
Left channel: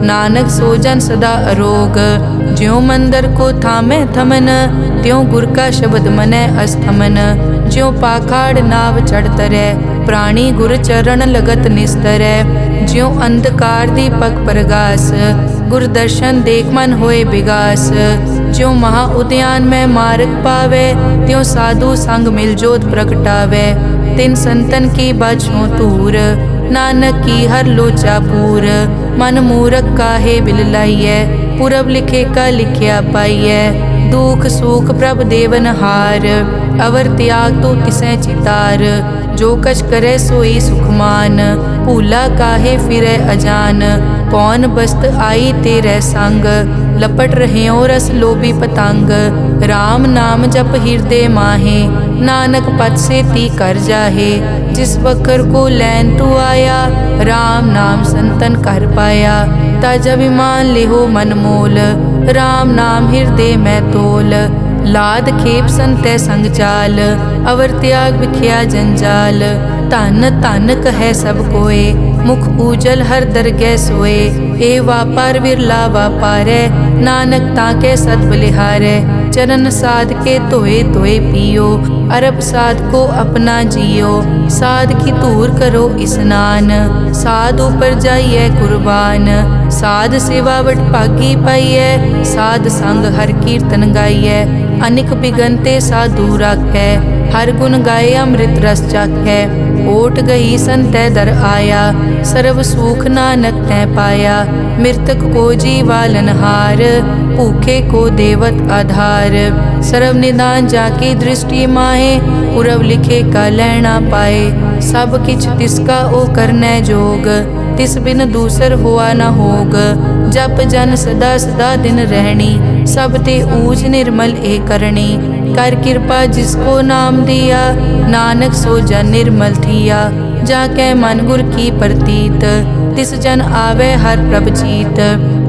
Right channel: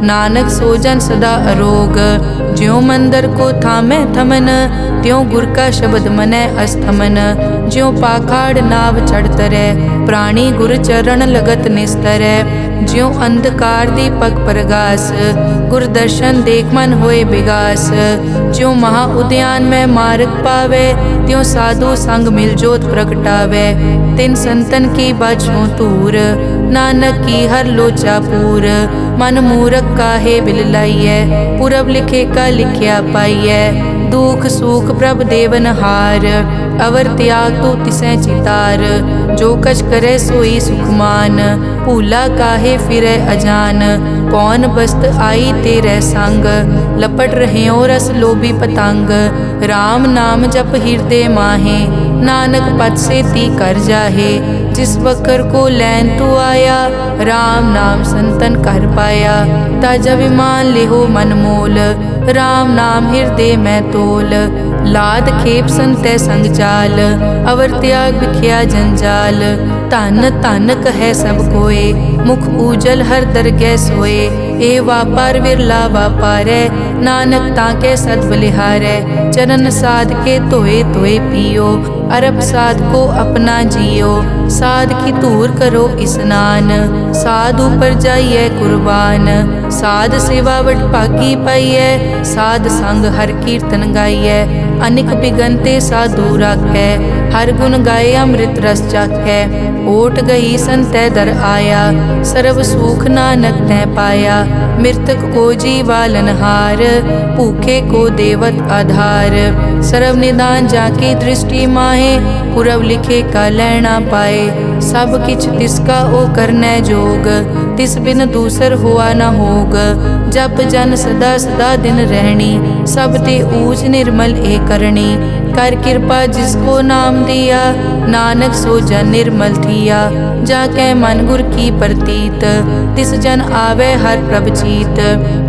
नानक सो जन सदा अरोग। ज्यों मंदिर को थामै थमन, त्यों गुर का शब्द मनै अस्थमन। ज्यों पाखाड़ नाव चढ़ तरै, प्राणी गुर चरण लगत निस्तरै। ज्यों अंधकार दीपक प्रगास, गुर दर्शन देख मन होए विगास। ज्यों महा उद्यान में मार्ग पावे, त्यों साधु संग मिल जोत प्रगटावे। तिन संतन की बाछों तूर, नानक की हर लोचा पूर। मन मूरख काहे बिल लाइयै, पुरब लिखे का लिखिया पाइयै। दुख सुख प्रभ देवन हार, अवर त्याग तो तिसै चितार। जो कछ करे सोई सुखमान, भूला काहे फिरै अजान। कौन बस्त आई तेरे संग, लपट रह्यो रस लोभी पतंग। राम नाम जप हृदय माहे, नानक पद से ती कर जाहे। जिस वकर को लैन तू आया, राम नाम संतन कर पाया। ताजा विमान लेहो मन मोल, राम नाम हृदय में तोल। लाद खेप संतै संग चाल, अवर त्याग बिख्या जंजाल। धन धन कहे सब कोय, मुख ऊजल हर दरगह सोए। ए वापार विरला वापारै, नानक ताके सद बलिहारै। चरण साध के धोए धोए पियो, अरब साध को अपना जियो। साध की धूर करो स्नान, साध ऊपर जाइए कुर्बान। साध सेवा वट भागी पाइयै, साध संग हर कीर्तन गाइयै। अनिक बिगनते साधु राखै, हर गुण गाए अमृत रस चाखै। ओट गई संतै दर आया, सर्व सुख नानक तै पाया। मृतक को जीवालन हार, भूखे को देवत आधार। सर्व निदान जाकी दृष्टि माहे, पुरब लिखे का लैना पाए। सब किछ तिसका ओ करनै जोग, तिस बिन दूसर हुआ न होग। जप जन सदा सदा दिन रहनी, सब ते ऊज निर्मल ए करनी। कर कृपा जिसको नाम दिया, नानक सो जन निर्मल थिया। जाकै मन गुर की प्रतीत, तिस जन आवे हर प्रभ चीत।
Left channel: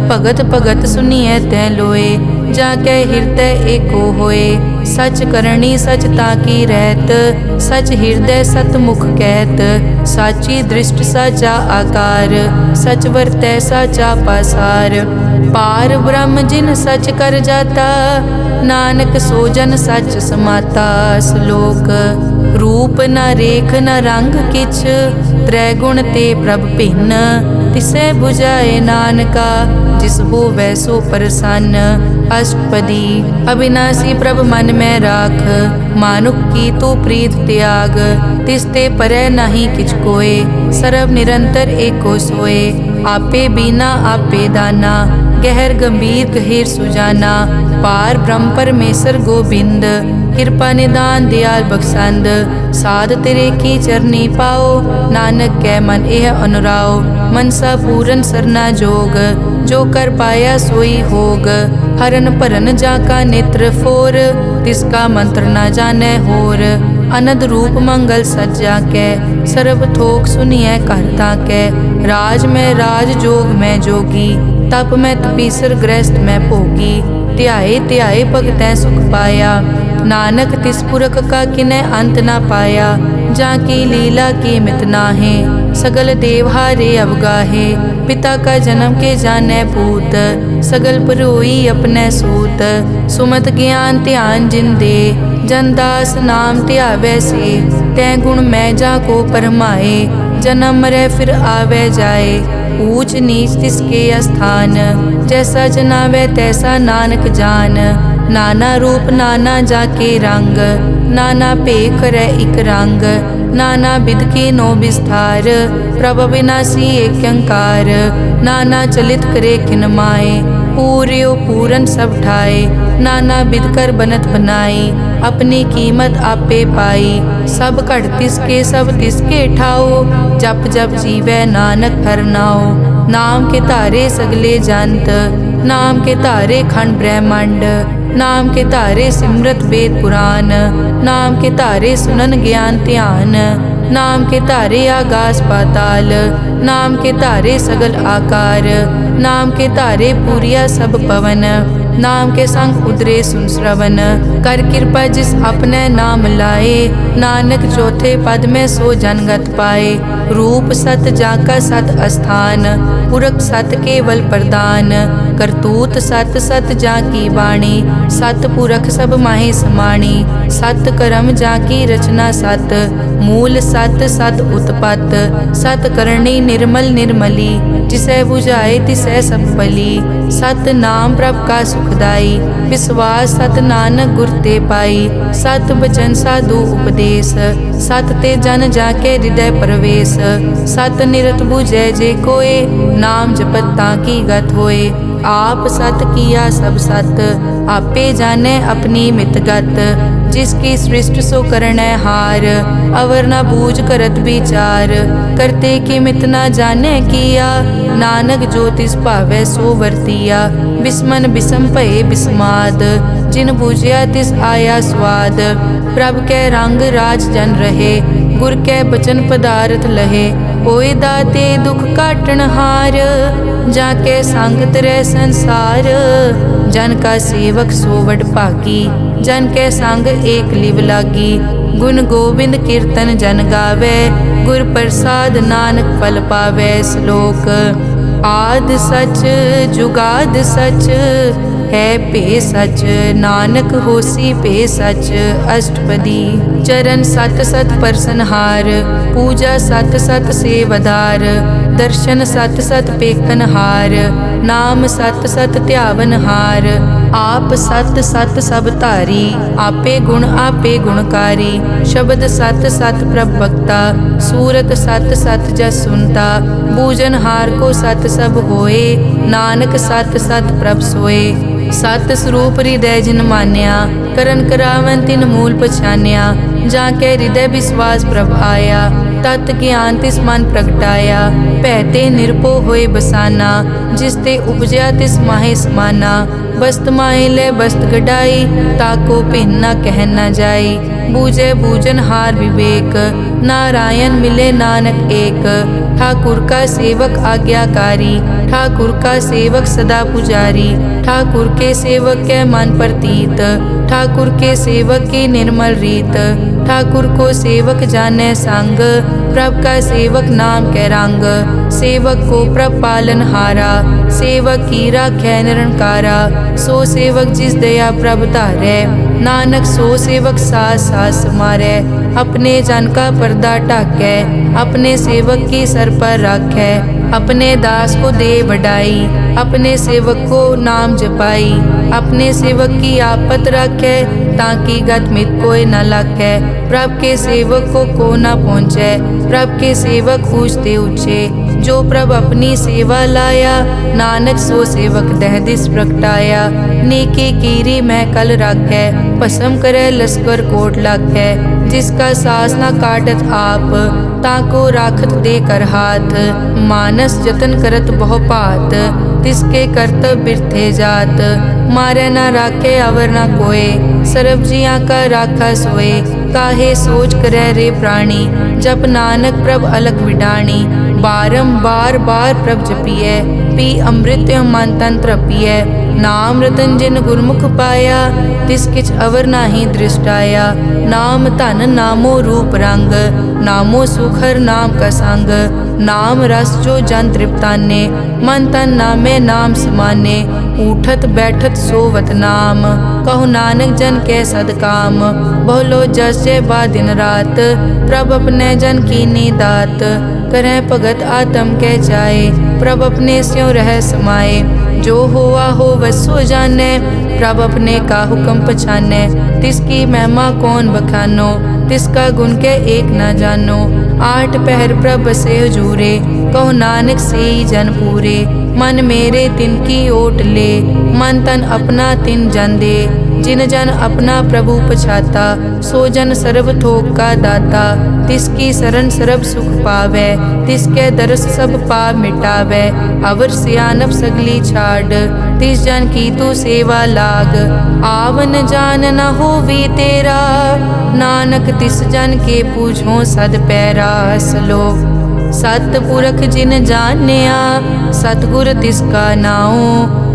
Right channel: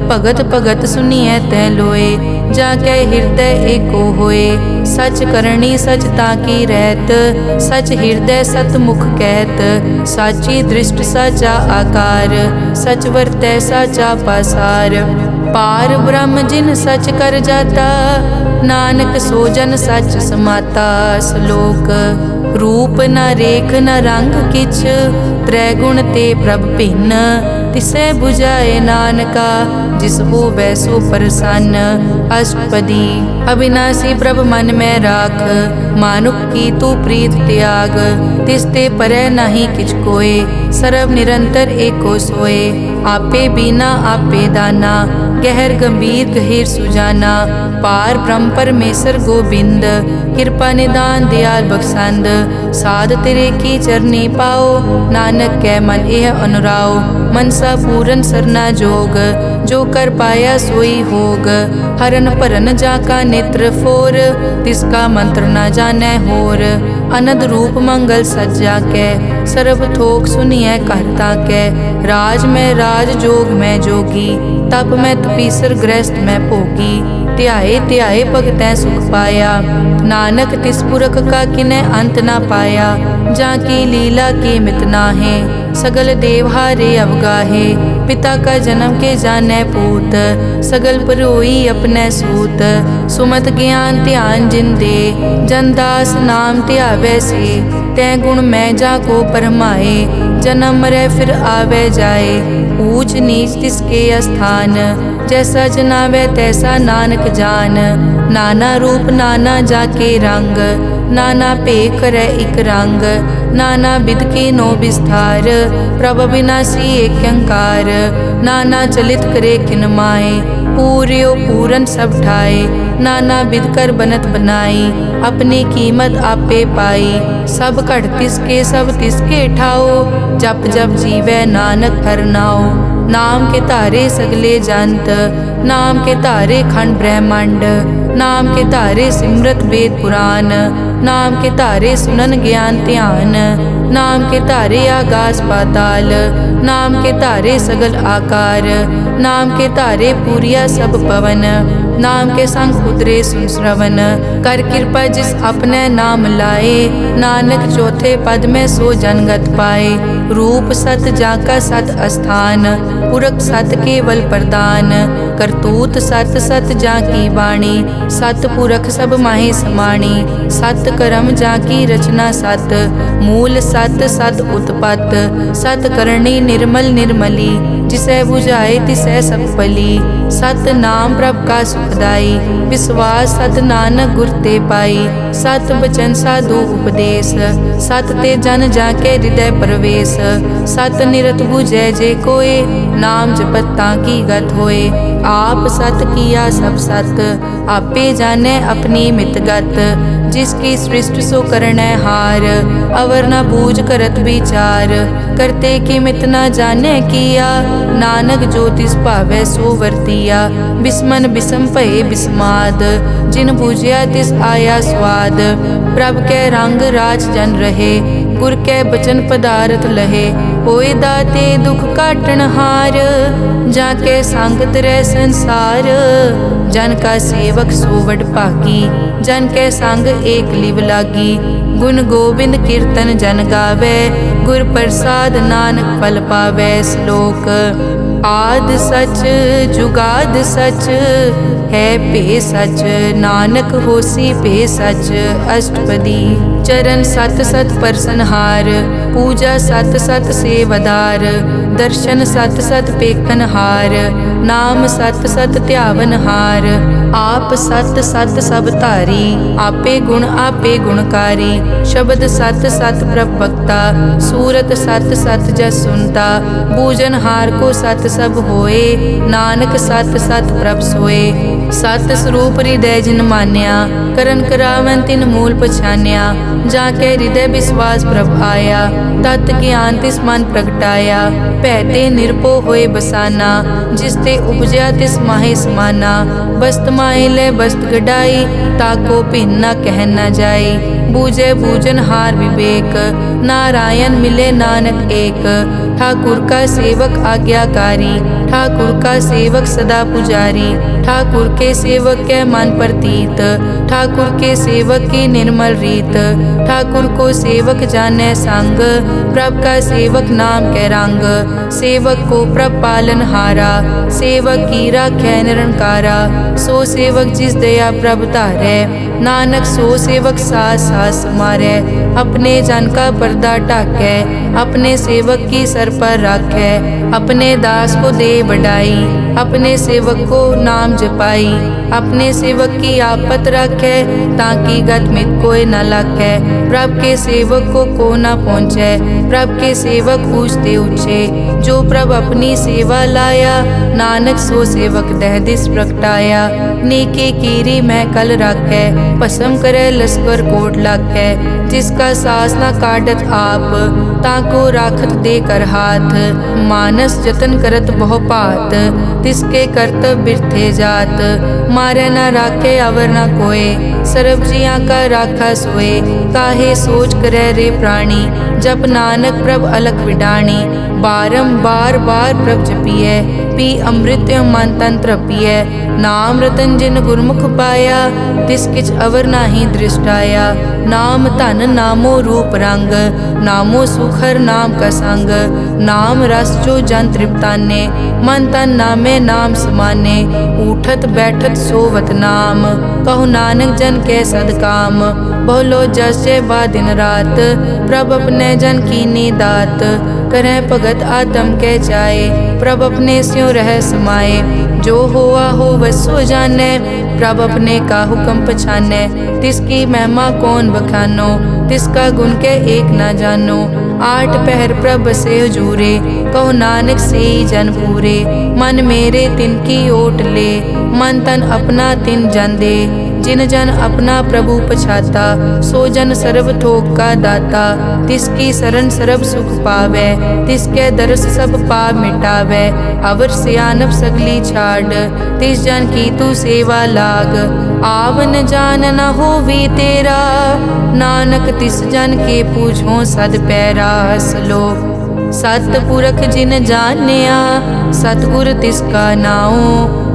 भगत भगत सुनिए तै लोए, जाकै हृदय एको होए। सच करनी सच ताकी रहत, सच हृदय सत मुख कहत। साची दृष्ट साचा आकार, सच वर्तै साचा पासार। पार ब्रह्म जिन सच कर जाता, नानक सो जन सच समाता। श्लोक रूप न रेख न रंग किछ, त्रैगुण ते प्रभ भिन्न। तिसै बुझाए नानका, जिस हो वैसो प्रसन्न। अष्टपदी अविनाशी प्रभ मन में राख, मानुख की तू प्रीत त्याग। तिसते परै नहीं किछ कोय, सर्व निरंतर एको सोए। आपे बीना आपे दाना, गहर गंभीर गहीर सुजाना। पार ब्रह्म परमेश्वर गोबिंद, कृपा निदान दयाल बख्शंद। साध तेरे की चरनी पाओ, नानक कै मन एह अनुराओ। मनसा पूरन सरना जोग, जो कर पाया सोई होग। हरन भरन जाका नेत्र फोर, तिसका मंत्र न जानै होर। अनद रूप मंगल सज्जा कै, सर्व थोक सुनिए करता कै। राज में राज जोग में जोगी, तप में तपीसर गृहस्थ में भोगी। ध्याए ध्याए भगतै सुख पाया, नानक तिस पुरख का किनै अंत ना पाया। जाकी लीला की मित नाहे, सगल देवहारे अवगाहे। पिता का जन्म के जानै पूत, सगल परोई अपने सूत। सुमत ज्ञान ध्यान जिन दे, जनदास नाम ध्यावै से। तै गुण मैं जाको परमाए, जन्म मरै फिर आवे जाए। ऊंच नीच तिसके अस्थान, जैसा जनावे तैसा नानक जान। नाना रूप नाना जाके रंग, नाना भेख करे इक रंग। नाना बिध के नो विस्तार, प्रभ विनाशी एक अंकार। नाना चलित करे किन माए, पूर्यो पूरन सब ठाए। नाना बिध कर बनत बनाई, अपनी कीमत आपे पाई। सब घट तिसके सब तिसके ठाओ, जप जप जीवै नानक हर नाओ। नाम के तारे सगले जंत, नाम के तारे खंड ब्रह्मांड। नाम के तारे सिमरत वेद पुराण, नाम के तारे सुनन ज्ञान ध्यान। नाम के तारे आकाश पाताल, नाम के तारे सगल आकार। नाम के तारे पूरिया सब पवन, नाम के संग उदरे सुन श्रवण। कर कृपा जिस अपने नाम लाए, नानक चौथे पद में सो जनगत पाए। रूप सत जाका सत अस्थान, पुरख सत केवल प्रदान। करतूत सत सत जाकी वाणी, सत पुरख सब माहे समाणी। सत कर्म जाकी रचना सत, मूल सत सत उत्पत। सत करणी निर्मल निर्मली, जिसे बुझाए तिसै सब पली। सत नाम प्रभ का सुखदाई, विश्वास सत नानक गुर ते पाई। सत बचन साधु उपदेश, सत ते जन जाके हृदय प्रवेश। सत निरत बुझै जे कोय, नाम जपत ताकी गत होए। आप सत किया सब सत, आपे जाने अपनी मितगत। जिसकी सृष्टि सो करनै हार, अवर न बूझ करत विचार। करते की मित न जाने किया, नानक जो तिस भावै सो वर्तिया। बिस्मन बिसम भये बिस्माद, जिन बूझिया तिस आया स्वाद। प्रभ कै रंग राज जन रहे, गुर कै बचन पदार्थ लहे। होए दाते दुख काटन हार, जाके संग तरै संसार। जन का सेवक सो वड भागी, जन कै संग एक लिव लागी। गुण गोबिंद कीर्तन जन गावे, गुर प्रसाद नानक फल पावे। श्लोक आद सच जुगाद सच, है पे सच नानक होसी पे सच। अष्टपदी चरण सत सत परसनहार, पूजा सत सत सेवदार। दर्शन सत सत पेखनहार, नाम सत सत ध्यावनहार। आप सत सत सब धारी, आपे गुण आपे गुणकारी। शब्द सत सत प्रभ भक्ता, सूरत सत सत जस सुनता। बूझनहार को सत सब होए, नानक सत सत प्रभ सोए। सत स्वरूप हृदय जिन मान्या, करन करावन तिन मूल पछान्या। जाके हृदय विश्वास प्रभ आया, तत् ज्ञान तिस मन प्रगटाया। भैते निरपो होए बसाना, जिसते उपजया तिस माहे समाना। बस्त माहे ले बस्त गडाई, ताको भिन्न न कह न जाई। बूझे बूझन हार विवेक, नारायण मिले नानक एक। ठाकुर का सेवक आज्ञाकारी, ठाकुर का सेवक सदा पुजारी। ठाकुर के सेवक के मन प्रतीत, ठाकुर के सेवक की निर्मल रीत। ठाकुर को सेवक जाने संग, प्रभ का सेवक नाम कै रंग। सेवक को प्रभ पालन हारा, सेवक की राखै निरंकारा। सो सेवक जिस दया प्रभ धारै, नानक सो सेवक सास सास समारै। अपने जन का पर्दा ढाकै, अपने सेवक की सर पर राखै। अपने दास को दे बढ़ाई, अपने सेवक को नाम जपाई। अपने सेवक की आपत राखै, ताकि गत मित कोई न लाखै। प्रभ के सेवक को न पहुँचै, प्रभ के सेवक ऊँचते ऊँचे। जो प्रभ अपनी सेवा लाया, नानक सो सेवक दह दिस प्रगटाया। नेके कीरी मह कल राखै, भस्म करे लश्कर कोट लाखै। जिसका सास न काटत आप, ताको राखत दे कर हाथ। मानस जतन करत बहु पात, तिसके करतब बिरथे जात। मारे न राखे अवर न कोय, सर्ब जियां का राखा सोए। काहे सोच करे रे प्राणी, जप नानक प्रभ अलख विडाणी। बारंबार बार प्रभ जपिए, पी अमृत मन तन तृपिए। नाम रतन जिन गुरमुख पाया, तिस किछ अवर नाही दृष्टाया। नाम धन नामो रूप रंग, नामो सुखर नाम का संग। नाम रस जो जन तृप्ताने, मन तन नामे नाम समाने। उठत बैठत सोवत नाम, कहु नानक जन के सदकाम। बहुलो जस जय बा दिन रात, प्रभ अपने जन की दात। करें भगत आत्म के चाए, प्रभ अपने स्यों रह समाए। जो होआ हो वसो जाने, प्रभ अपने का हुक्म पछाने। तिसकी महिमा कौन बखानो, तिसका गुण के एक न जानो। आठ पहर प्रभ से हजूरे, कहो नानक से ही जन पूरे। मन मेरे तिनकी ओट ले, मन तन अपना तिन जन दे। जिन जन अपना प्रभु पछाता, सो जन सर्व थोक का दाता। तिसकी शरण सर्व सुख पावे, तिसके दरस सब पाप मिटावे। अवर सियानप सगली छाड़, तिस जन की तू सेवा लाग। आवन जान न होवी तेरा, नानक तिस जन के पूछो सद पैरा। सलोक सतपुरख जिन जानिया, सतगुर तिसका नाओ।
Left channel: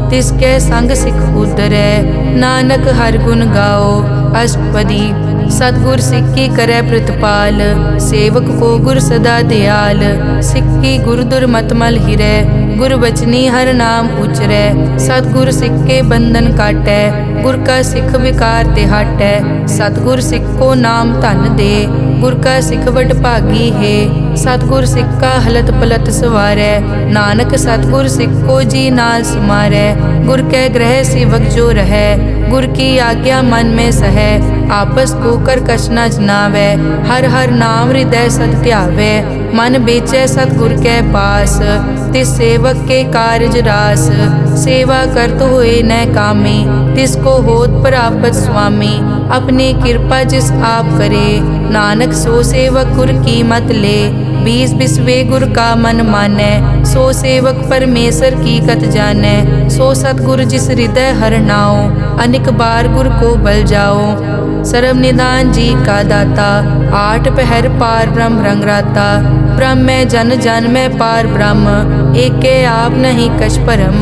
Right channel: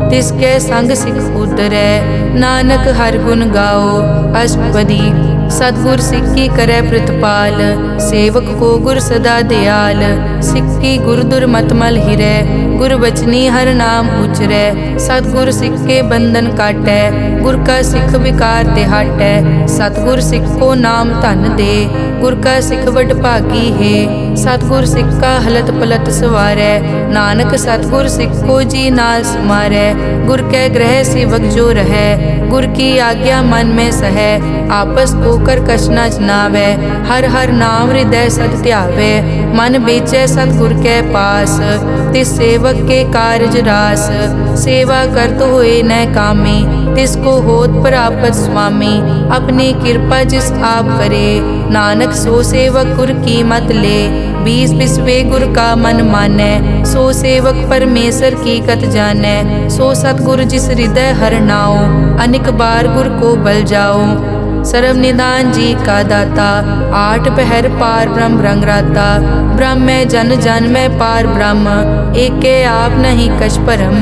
तिसके संग सिख उतरै, नानक हर गुण गाओ। अष्टपदी सतगुर सिक्की करे प्रतिपाल, सेवक को गुर सदा दयाल। सिक्की गुर दुर्मतमल हिरै, गुर बचनी हर नाम उचरै। सतगुर सिख के बंधन काटै, गुर का सिख विकार ते हटै। सतगुर सिख को नाम धन दे, गुर का सिख वड भागी है। सतगुर सिख का हलत पलत सवारै, नानक सतगुर सिख को जी नाल समारै। गुर के ग्रह सेवक जो रहै, गुर की आज्ञा मन में सहै। आपस को कर कछ न जनावै, हर हर नाम हृदय सद ध्यावै। मन बेचै सतगुर के पास, तिस सेवक के कारज रास। सेवा करत होए न कामी, तिसको होत प्रापत स्वामी। अपनी कृपा जिस आप करे, नानक सो सेवक गुर की मत ले। बीस बिसवे गुर का मन मानै, सो सेवक परमेश्वर की कत जानै। सो सतगुर जिस हृदय हर नाओ, अनिक बार गुर को बल जाओ। सर्व निदान जी का दाता, आठ पहर पार ब्रह्म रंगराता। ब्रह्म में जन जन में पार ब्रह्म, एके आप नहीं कछ परम।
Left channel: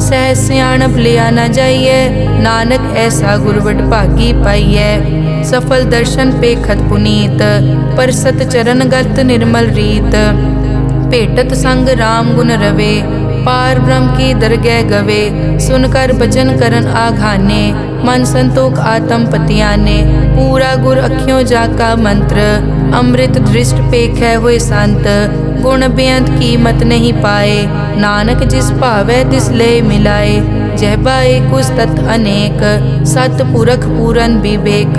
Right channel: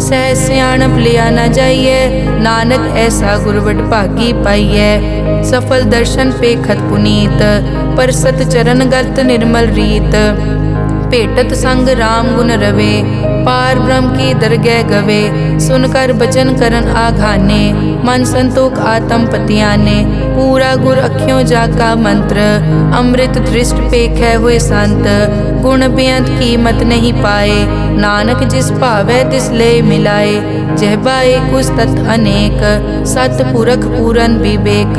सह सियाणप लिया न जाइए, नानक ऐसा गुरवट भागी पाइए। सफल दर्शन पेखत पुनीत, परसत चरण गत निर्मल रीत। भेटत संग राम गुण रवे, पार ब्रह्म की दरगह गवे। सुनकर बचन करन आघाने, मन संतोख आत्म पतियाने। पूरा गुर अखियों जाका मंत्र, अमृत दृष्ट पेखै हुए संत। गुण बेअंत कीमत नहीं पाए, नानक जिस भावै तिस ले मिलाए। जहबा एक उस तत् अनेक, सतपुरख पूरन विवेक।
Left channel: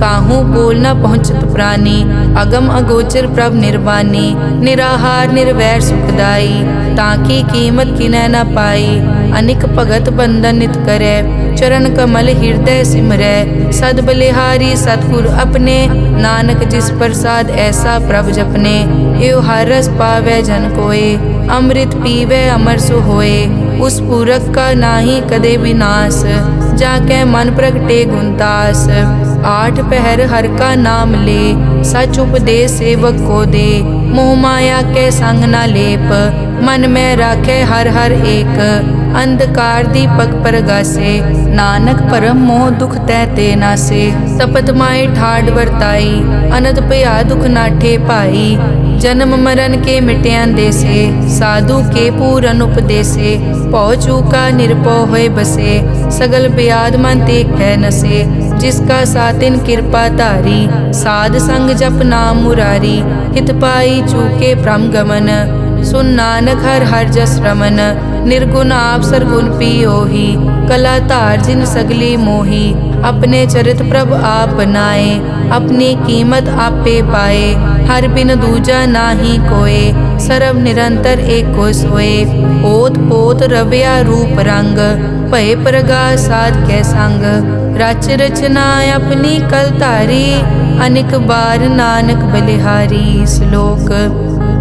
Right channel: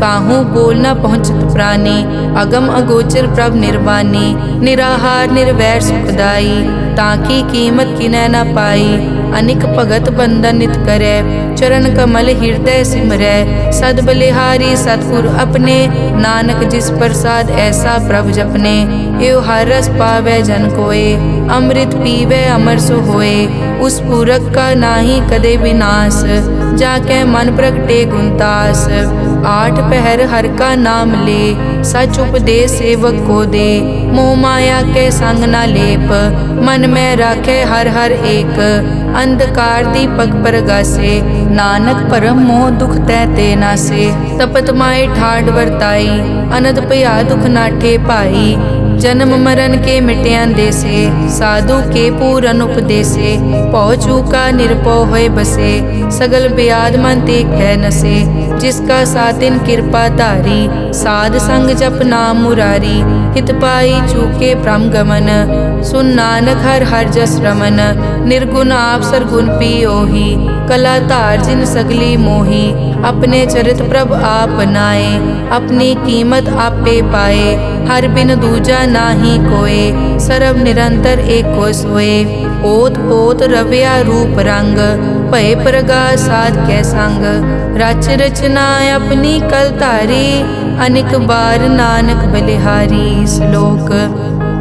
काहू बोल न पहुँचत प्राणी, अगम अगोचर प्रभ निर्वाणी। निराहार निर्वैर सुखदाई, ताकी कीमत किनै न पाई। अनिक भगत बंदन नित करै, चरण कमल हृदय सिमरै। सद बलिहारी सतगुर अपने, नानक जिस प्रसाद ऐसा प्रभ जपने। एव हर रस पावै जन कोय, अमृत पीवै अमर सो होए। उस पूरक का नाही कदे विनाश, जाके मन प्रगटे गुणतास। आठ पहर हर का नाम ले, सच उपदेश सेवक को दे। मोह माया के संग न लेप, मन में राखे हर हर एक। अंधकार दीपक परगासे, नानक परम मोह दुख तै ते नासे। तपत माए ठाड वरताई, अनद भया दुख नाठे पाई। जन्म मरण के मिट्यां देसे, साधु के पूरन उपदेसे। पौ चूका निरपौ होए बसे, सगल ब्याद मन ते कै नसे। जिसका सातिन कृपा धारी, साध संग जप नाम मुरारी। हित पाई चूके भ्रम गमन, सुन नानक हर हर जस रमन। निर्गुण आप सरगुण पियोही, कला धार जिन सगली मोही। अपने चरित प्रभ आप बनाए, अपनी कीमत आपे पाए। हर बिन दूजा नाहि कोय, सर्व निरंतर एको सोए। ओत पोत रव्या रूप रंग, भय प्रगास साध कै संग। रच रचना अपनी कल धारी, अनेक बार नानक बलिहारी। श्लोक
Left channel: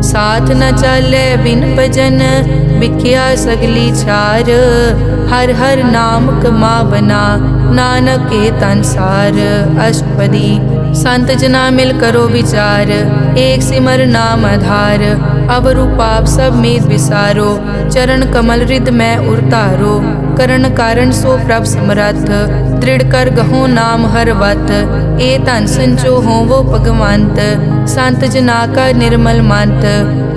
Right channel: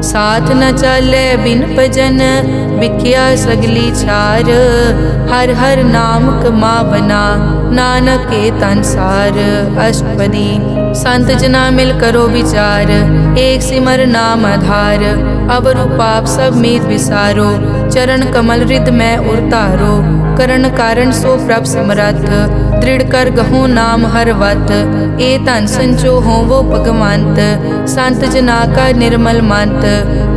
साथ न चाले बिन भजन, बिख्या सगली छार। हर हर नाम कमा बना, नानक के तनसार। अष्टपदी संत जना मिल करो विचार, एक सिमर नाम आधार। अवरु पाप सब मीत विसारो, चरण कमल हृद में उरतारो। करण कारण सो प्रभ समरथ, दृढ़ कर गहो नाम हर वत। ए धन संचो हो वो भगवंत, संत जना का निर्मल मंत।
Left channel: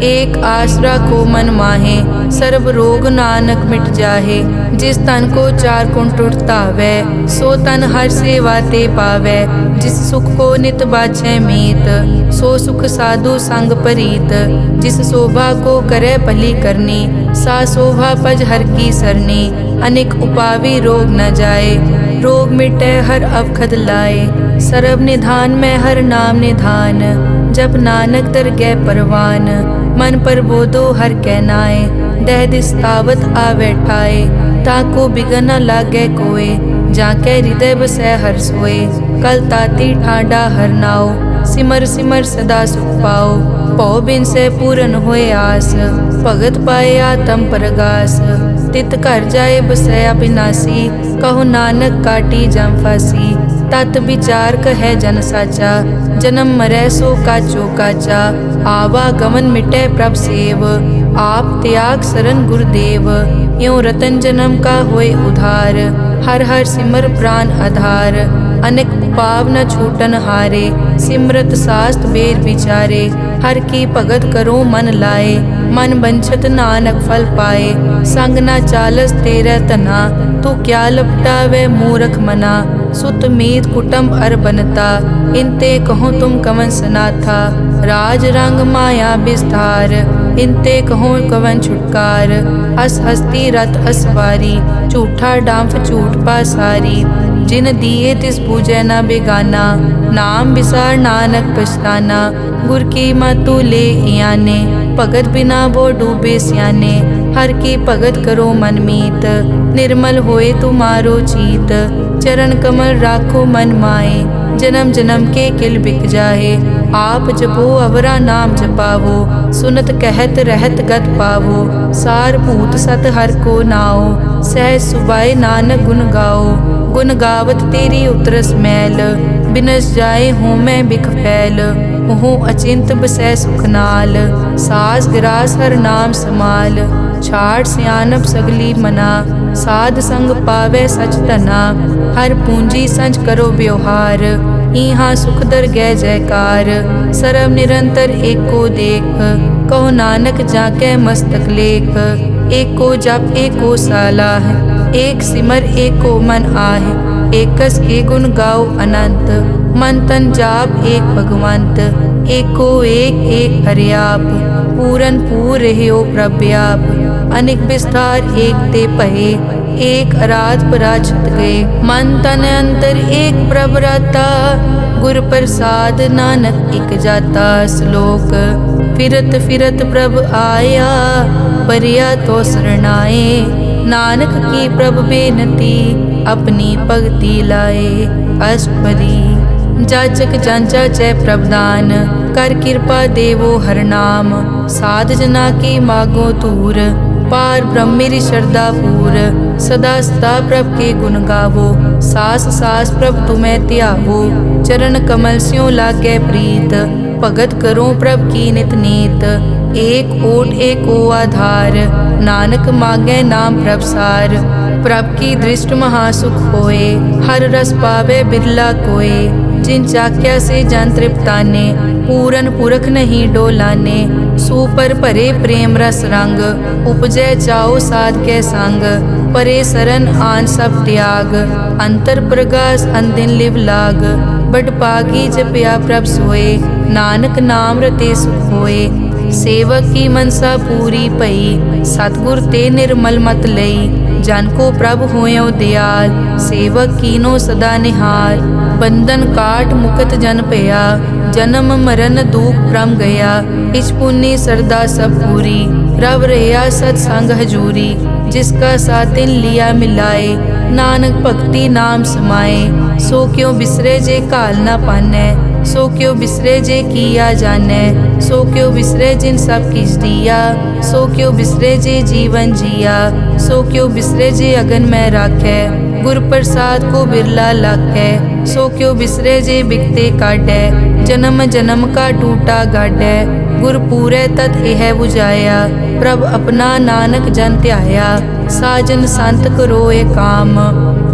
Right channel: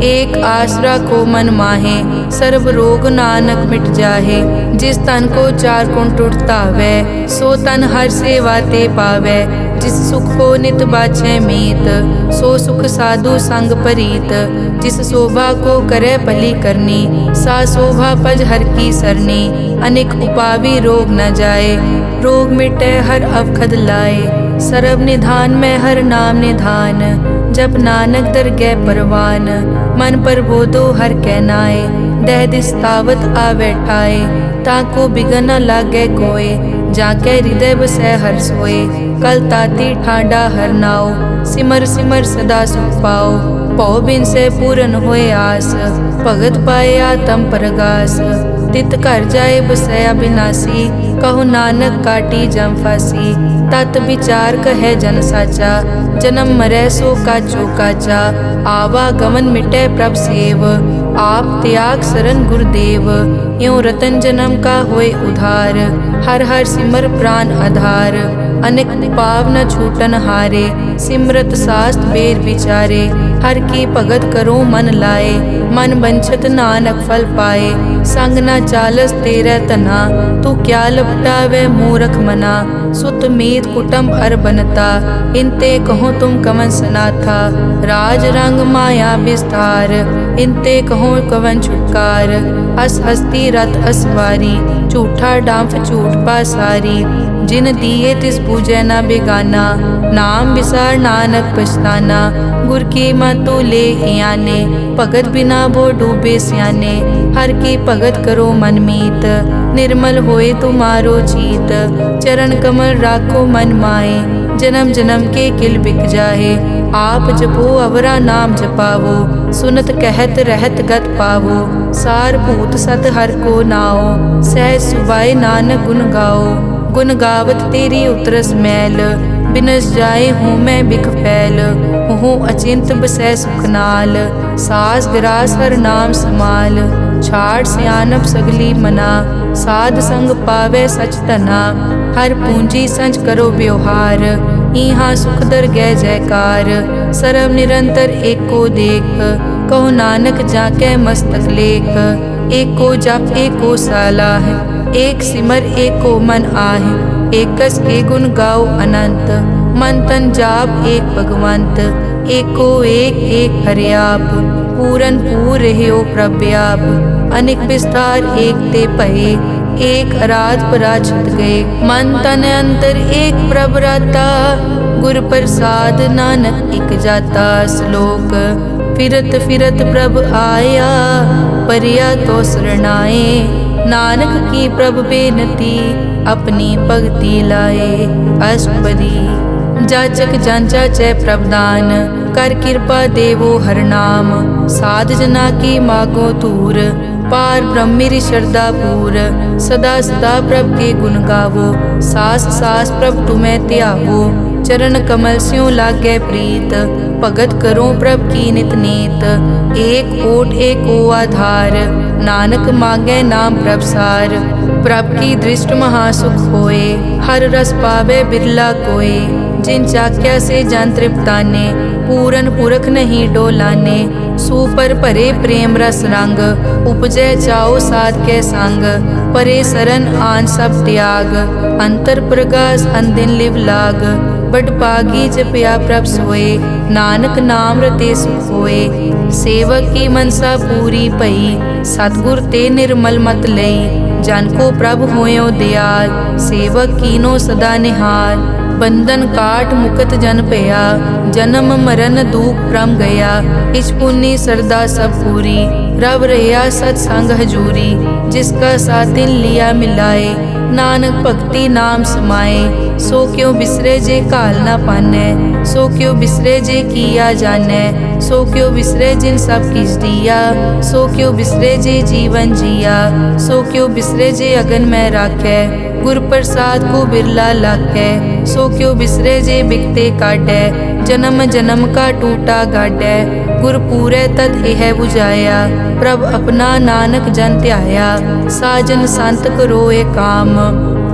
एक आसरा को मन माहे, सर्व रोग नानक मिट जाहे। जिस तन को चार गुण टूटता वै, सो तन हर सेवा ते पावै। जिस सुख को नित बाछै मीत, सो सुख साधु संग परीत। जिस शोभा को करे भली करनी, सा शोभा पज हर की सरनी। अनेक उपावी रोग न जाए, रोग मिटे हर अवखद लाए। सर्व निधान में हर नाम निधान, जप नानक दरगह परवान। मन पर बोधो हर कै नाए, दह दिस तावत आवे ठाए। ताको बिगन न लागे कोय, जाके हृदय बसै हर सोए। कल ताती ठाडा हर नाओ, सिमर सिमर सदा सुख पाओ। पौ बिन से पूरन होए आस, भगत पाए आत्म परगास। तित घर जाए बसया बिनासी, कहो नानक काटी जम फासी। तत विचार कहे जन साचा, जन्म मरै सो काचो काचा। आवागमन मिटे प्रभ सेव, आप त्याग सरन गुरुदेव। यों रतन जन्म का होए उधार, हर हर सिमर प्राण आधार। अनेक पाव न छूटन हारे, सिमरत शास्त्र वेद विचारे। हर की भगत करो मन लाए, मन बंछत नानक फल पाए। संग न चालस तेरे तना, तू क्या लपटावे मूरख मना। सुत मीत कुटुंब अर बनता, इनते कहो तुम कवन सनाथा। राज रंग माया विस्तार, इनते कहो कवन छुटकार। अस हस्ती रथ असवारी, झूठा डांफ झूठ पासारी। जिन दिए तिस बूझे न बेगाना, नाम विसार नानक पछताना। गुर की मतु ले याने, भगत बिना वो डूबे स्याने। हर की भगत करो मन मीत, निर्मल होए तुम्हारो चीत। चरण कमल राखो मन माए, जन्म जन्म के किल बिक जाहे। आप जपो अवरा नाम जपावो, सुनत कहत रहत गत पावो। सार भूत सत हर को नाओ, सहज सुबाए नानक गुण गाओ। गुण गावत तेरी उतरस मैल, बिनस जाए हूँ मैं बिख फैल। हूँ अचिंत बसै सुख नाल, सास गिरास हर नाम समाल। छाड़ सियानप सगली मना, साध संग पावे सच धना। हर पूंजी संच करो व्यवहार, इहाँ सुख दर गै जयकार। सर्व निरंतर एको देख, कहो नानक जाके मस्तक लेख। एको जप एको सालाह, एक सिमर एको मन आह। एकस के गुण गाओ अनंत, मन तन जाप एक भगवंत। एको एक एक हरियाप, पूरन पूर रहियो प्रव्याप। अनेक विस्तार एक ते पहे, एक अराध पराछत गए। मन तन अंतर एक प्रभ राता, गुर प्रसाद नानक इक जाता। श्लोक फिरत फिरत प्रभ आया, परिया तो शरणाए। नानक की प्रभ बेनती, अपनी भगति लाए। अष्टपदी जाचक जांचा चै प्रभदान, कर कृपा देवो हर नाम। साध जना की मागो तूर, पार ब्रह्मेरी श्रद्धा पूर। सदा सदा प्रभ के गुण गावो, सास सास प्रभ तुम्हें त्यावो। चरण कमल स्यों लागे प्रीत, भगत करो प्रभ की नित नीत। एक ओट एको आधार, नानक मांगे नाम प्रभसार। प्रभ की दृष्ट महासुख होए, हर रस पावे बिरला कोय। जिन चाक्या से जन तृप्ताने, पूरन पुरख नहीं डोलाने। सुपर भरे प्रेम रस रंग, उपजै चाओ साध के संग। परे सरन आन सब त्याग, अंतर प्रगास अनदिन लिव लाग। बड़ पागी जपया प्रभ सोए, नानक नाम रते सुख होए। सेवक की मनसा पूरी पई, सतगुर ते निर्मल मत लई। जन को प्रभ होयो दयाल, सेवक कीनो सदा निहाल। बंधन काट मुकत जन पया, जन्म मरण दुख प्रम गया। इच पुण्य सरदा सब पूरी, रव रहा सत्संग हजूरी। जिसका सातिन लिया मिलाए, नानक भक्ति नाम समाए। सो क्यों बिसरे जे काल ना पानै, सो क्यों बिसरे जे किया जानै। सो क्यों बिसरे जिन सब किस दिया, सो क्यों बिसरे जे जीवन जिया। सो क्यों बिसरे जे अगन में राखै, गुर प्रसाद को बिरला लाखै। सो क्यों बिसरे जे बिकते काटै, जन्म जन्म का टूटा गाडै। गुर पूरे तत एह बुझाया, प्रभ अपना नानक जन त्याया। साजन संत करो ए काम,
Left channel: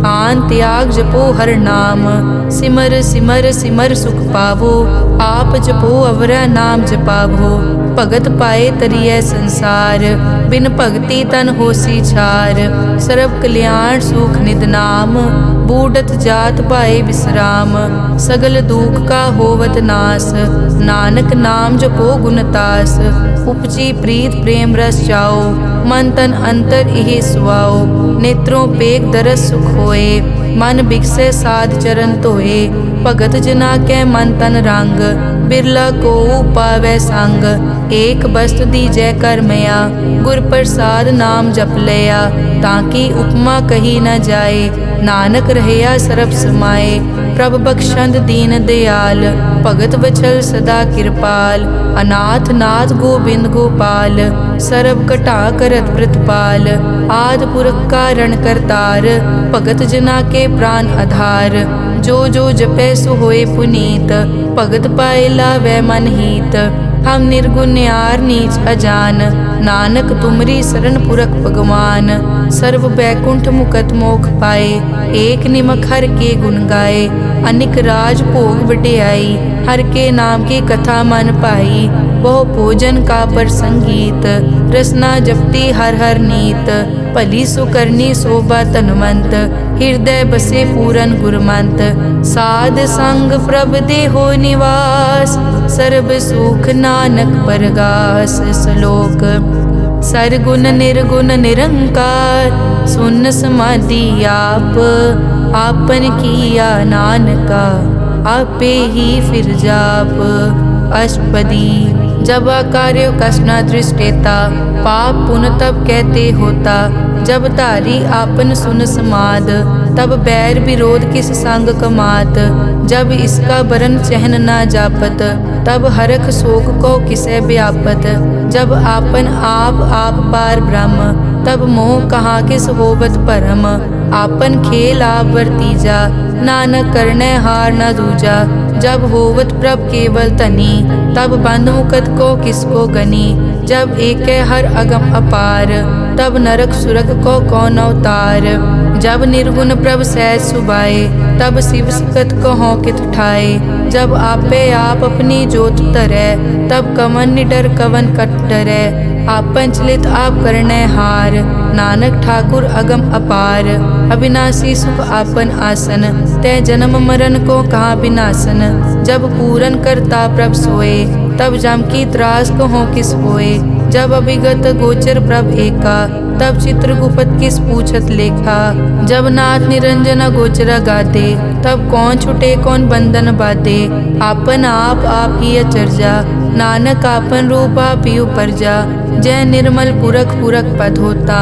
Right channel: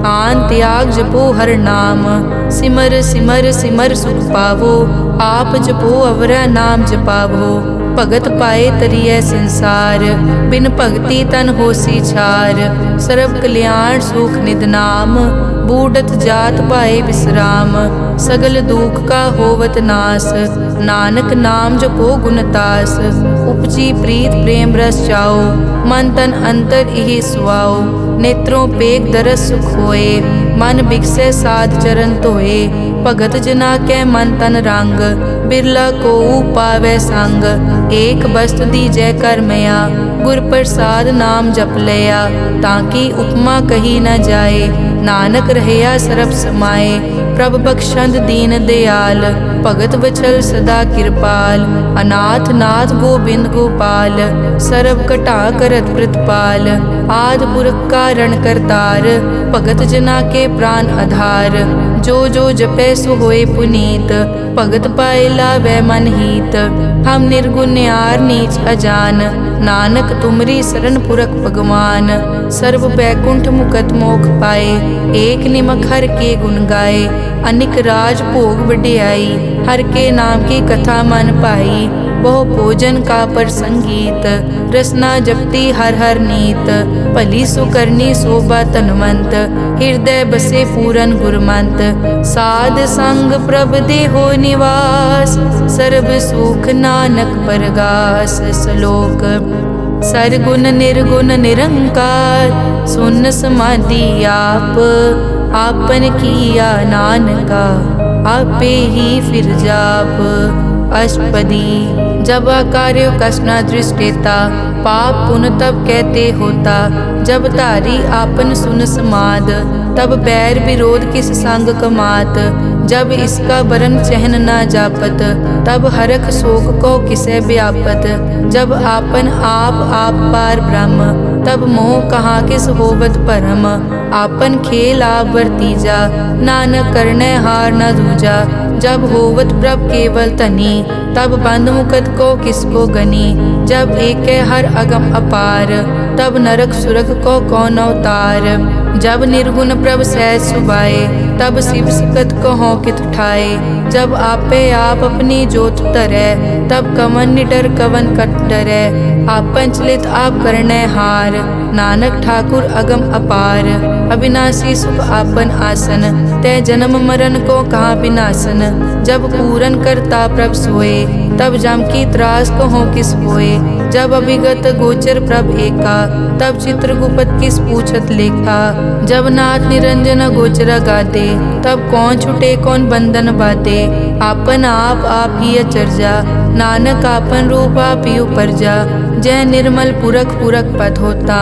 आन त्याग जपो हर नाम। सिमर सिमर सिमर सुख पावो, आप जपो अवरा नाम जपावो। भगत पाए तरिए संसार, बिन भगति तन होसी छार। सर्व कल्याण सुख निद नाम, बूढ़त जात पाए विश्राम। सगल दुख का होवत नास, नानक नाम जपो गुणतास। उपजी प्रीत प्रेम रस चाओ, मन तन अंतर इहि सुआओ। नेत्रों पेग दरस सुख होए, मन बिकसे साध चरण धोए। भगत जना के मन तन रंग, बिरला को पावै संग। एक बस्त दीजै कर मया, गुर प्रसाद नाम जप लिया। ताकि उपमा कही न जाए, नानक रहया सरब समाए। प्रभ बख्शंद दीन दयाल, भगत वचल सदा कृपाल। अनाथ नाथ गोबिंद गोपाल, सरब कटा करत प्रतिपाल। आद पुरख कारण करतार, भगत जना के प्राण आधार। जो जो जपै सो होए पुनीत, भगत पाए लावै मन हीत। हम निर्गुण न्यार नीच अजान, नानक तुमरी शरण पुरख भगवान। सर्व बैकुंठ मुकत मोख पाए, एक निमक हर के गुण गाए। अनिक राज भोग वड्याई, हर के नाम की कथा मन पाई। बहु भोजन का पर संगीत, रसना जपती हर हर नीत। भली सुकरनी शोभा तनवंत, हृदय बसे पूरन गुरमंत। साध संग प्रभ देहो निवास, सर्ब सुख नानक परगास। श्लोक सरगुण निर्गुण निरंकार, सुन समाधि आप। आपन किया नानका, आपे ही फिर जाप। अष्टपदी जब कार्य कष्ट न दृष्टेता, पाप पुण्य तब कहते होता। जब धारी आपन सुन समाद, तब बैर विरोध किस संग कमात। जब इसका बरन चहन न जापत, तब हरख शोक को किसे व्यापत। जब आपन आप पार ब्रह्म, तब मोह कहाँ किस होवत परम। आपन खेल आप वर्तीजा, नानक करने हार न दूजा। जब होवत प्रभ केवल तनी, तब बंद मुकत को किसको गनी। जब एक हर अगम अपार, तब नरक सुरग को कौन अवतार। जब निर्गुण प्रभ सहज सुभाए, तब शिव सकत को हों कित ठाए। जब आपे आप अपनी जोत तरै, तब कवन निडर कवन कट डरै। आपन चलित आप करने हार, नानक ठाकुर अगम अपार। अविनाशी सुख आपन आसन, तै जन्म मरण को कहाँ विनाशन। जब पूरन करता प्रभ सोए, तब जम की त्रास कहो किस होए। जब अभिगत गोचर प्रभ एका, तब चित्रगुप्त किस पूछत लेखा। जब नाथ निरंजन गोचर गादे, तब कौन छुटे कौन बंधन बाधे। आपन आप ही अचरजा, नानक आपन रूप आप ही उपरजा। जय निर्मल पुरख पुरख पद होता,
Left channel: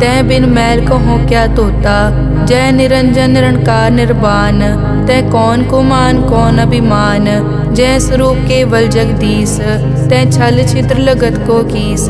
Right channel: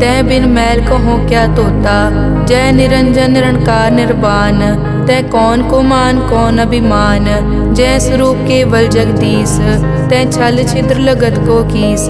तै बिन मैल कहो क्या तोता। जय निरंजन निरंकार निर्वाण, तै कौन को मान कौन अभिमान। जय स्वरूप केवल जगदीश, तै छल छिद्र लगत को कीस।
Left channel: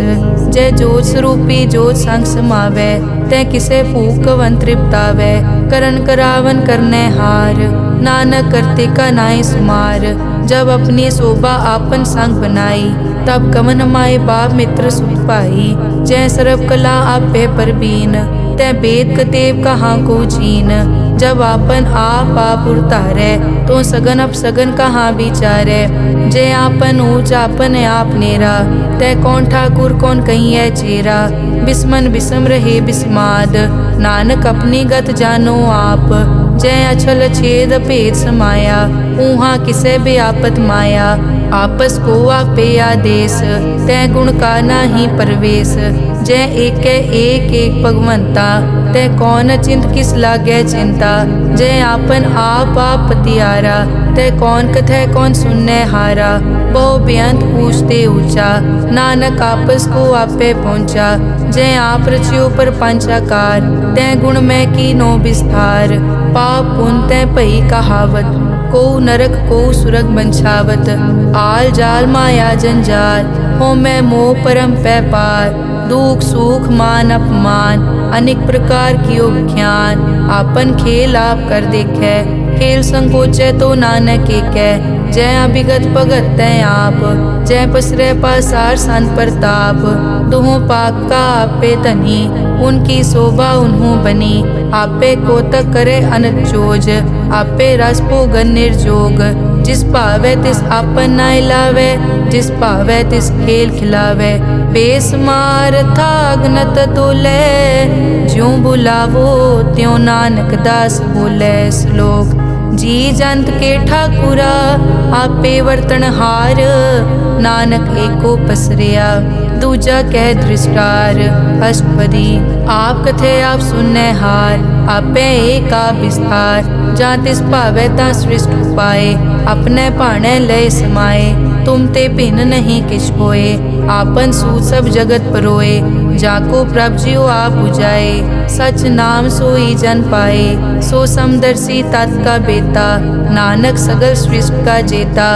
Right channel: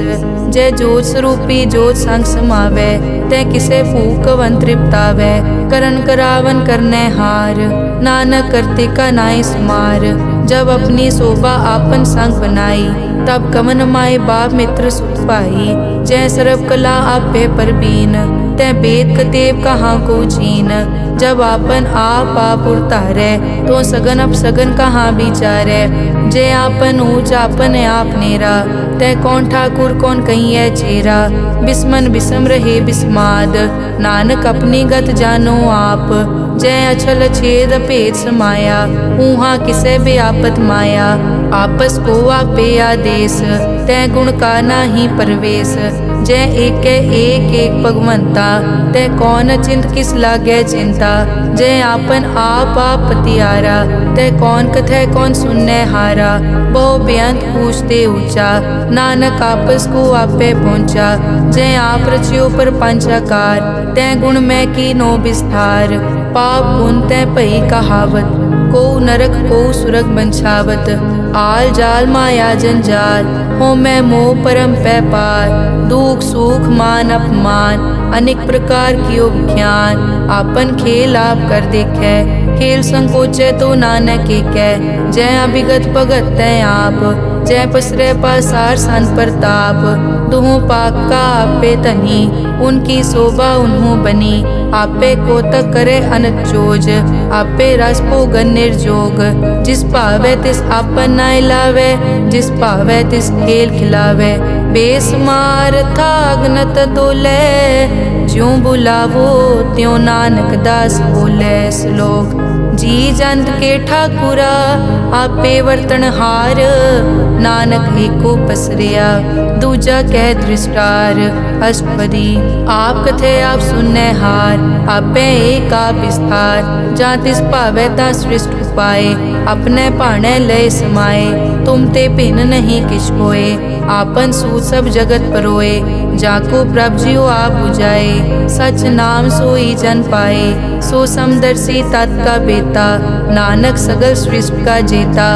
जय जोत स्वरूपी जोत संग समावै, तै किसे भूख कवन तृप्तावै। करन करावन करने हार, नानक करते का नाई सुमार। जब अपनी शोभा आपन संग बनाई, तब कमन माए बाप मित्र सुत पाई। जय सर्व कला आपे परबीन, तै वेद कतेब कहाँ को चीन। जब आपन आप उतारै, तो सगन अपसगन कहाँ विचारै। जय आपन ऊँच आपन आप नेरा, तै कौन ठाकुर कौन कहिए चेरा। बिस्मन बिसम रहे बिस्माद, नानक अपनी गत जानो आप। जय अछल छेद भेद समाया, ऊहा किसे बेआपत माया। आपस को आपे आदेश, तै गुण का नाही परवेश। जय एक भगवंता, तै कौन चिंत किस लागे चिंता। जय आपन आप पतियारा, तै कौन कथै कौन सुनने हारा। बहु बेअंत पूछते ऊंचा, नानक आपस को आपे पहुँचा। जय आप रचियो पर पंचाकार, तै गुण में कीनो विस्तार। पाप पुण्य तै भई कहावत, को नरक को सुरग बंछावत। आल जाल माया जंजाल, हो मैं मोह परम पै पार। दुख सुख मान अपमान, अनेक प्रकार कियो ज्ञान। आपन खेल आप कर देखे, खेल संकोचे तो नानक एकै। जय अभिगत भगत तै आप, जय पसरै पासार संत प्रताप। दुहों पाक का आपे धनी, उनकी शोभा उन्हों बनी। आपे कोतक करे अनत चोज, आपे रस भोगन निर्जोग। जिस भावे तिस आपन नाय लावे, जिस भावे तिस खेल खिलावे। बेसमार था अगनत तोले, ज्यों बुलावो त्यों नानक दास बोले। श्लोक। जी जंत के ठाकुरा, आपे वर्तनहार। नानक एको पसरिया, दूजा कह दृष्टार। अष्टपदी। आप कथे आप सुनने हार, आपे एक आप विस्तार। जा तिस भावे ता सृष्ट उपाय, अपने भाणे लय समाए। तुम ते भिन्न नहीं किछ होए, आपन सूत सब जगत परोए। जाको प्रभ जियो आप बुझाए, सच नाम सोई जन पाए। सो समदर्शी तत् का बेता, नानक सगल सृष्टि का जेता।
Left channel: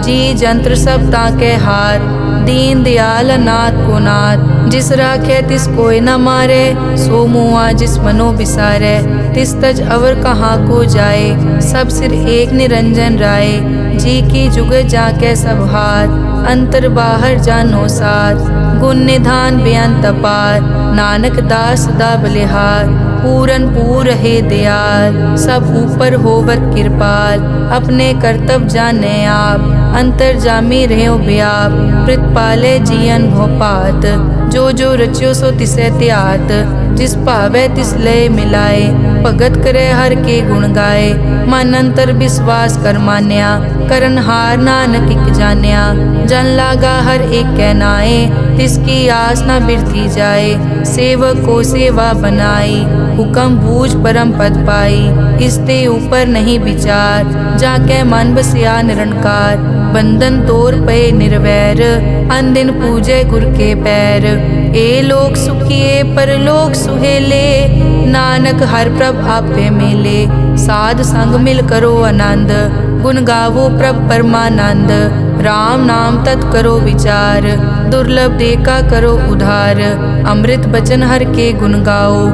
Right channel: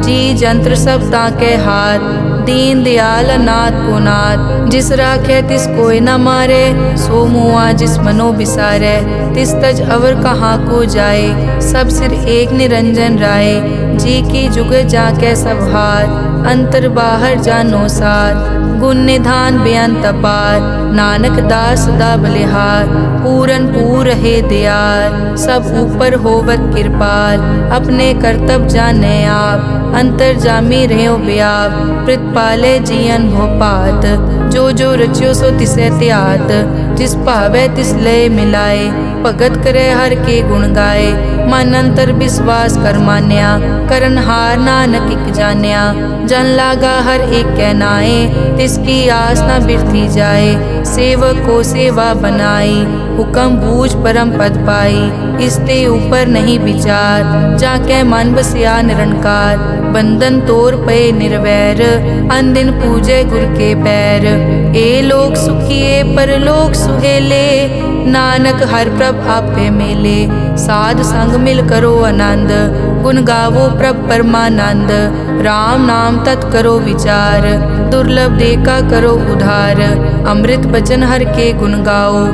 जी जंत्र सब ताके हार, दीन दयाल अनाथ को नाथ। जिस राखे तिस कोई न मारे, सो मुआ जिस मनो बिसारे। तिस तज अवर कहाँ को जाए, सब सिर एक निरंजन राय। जी की जुग जाके सब हार, अंतर बाहर जानो सार। गुण निधान बेअंत अपार, नानक दास सदा बलिहार। पूरन पूर है दयाल, सब ऊपर होवत कृपाल। अपने कर्तव्य जाने आप, अंतर जामी रहो व्याप। प्रतिपाले जियन भोपात, जो जो रच्यो सो तिसे त्यात। जिस भावे तिस लय मिलाए, भगत करे हर के गुण गाए। मन अंतर विश्वास कर मान्या, करन हार नानक इक जान्या। जन लागा हर एक कै नाए, तिसकी आस न बिरथी जाए। सेवक को सेवा बनाई, हुक्म बूझ परम पद पाई। इसते ऊपर नहीं विचार, जाके मन बसिया निरंकार। बंधन तोर पे निर्वैर, अनदिन पूजे गुर के पैर। ए लोक सुखिए परलोक सुहेले, नानक हर प्रभ आपे मेले। साध संग मिल करो आनंद, गुण गावो प्रभ परमानंद। राम नाम तत् करो विचार, दुर्लभ देखा करो उधार। अमृत बचन हर के गुण गाओ,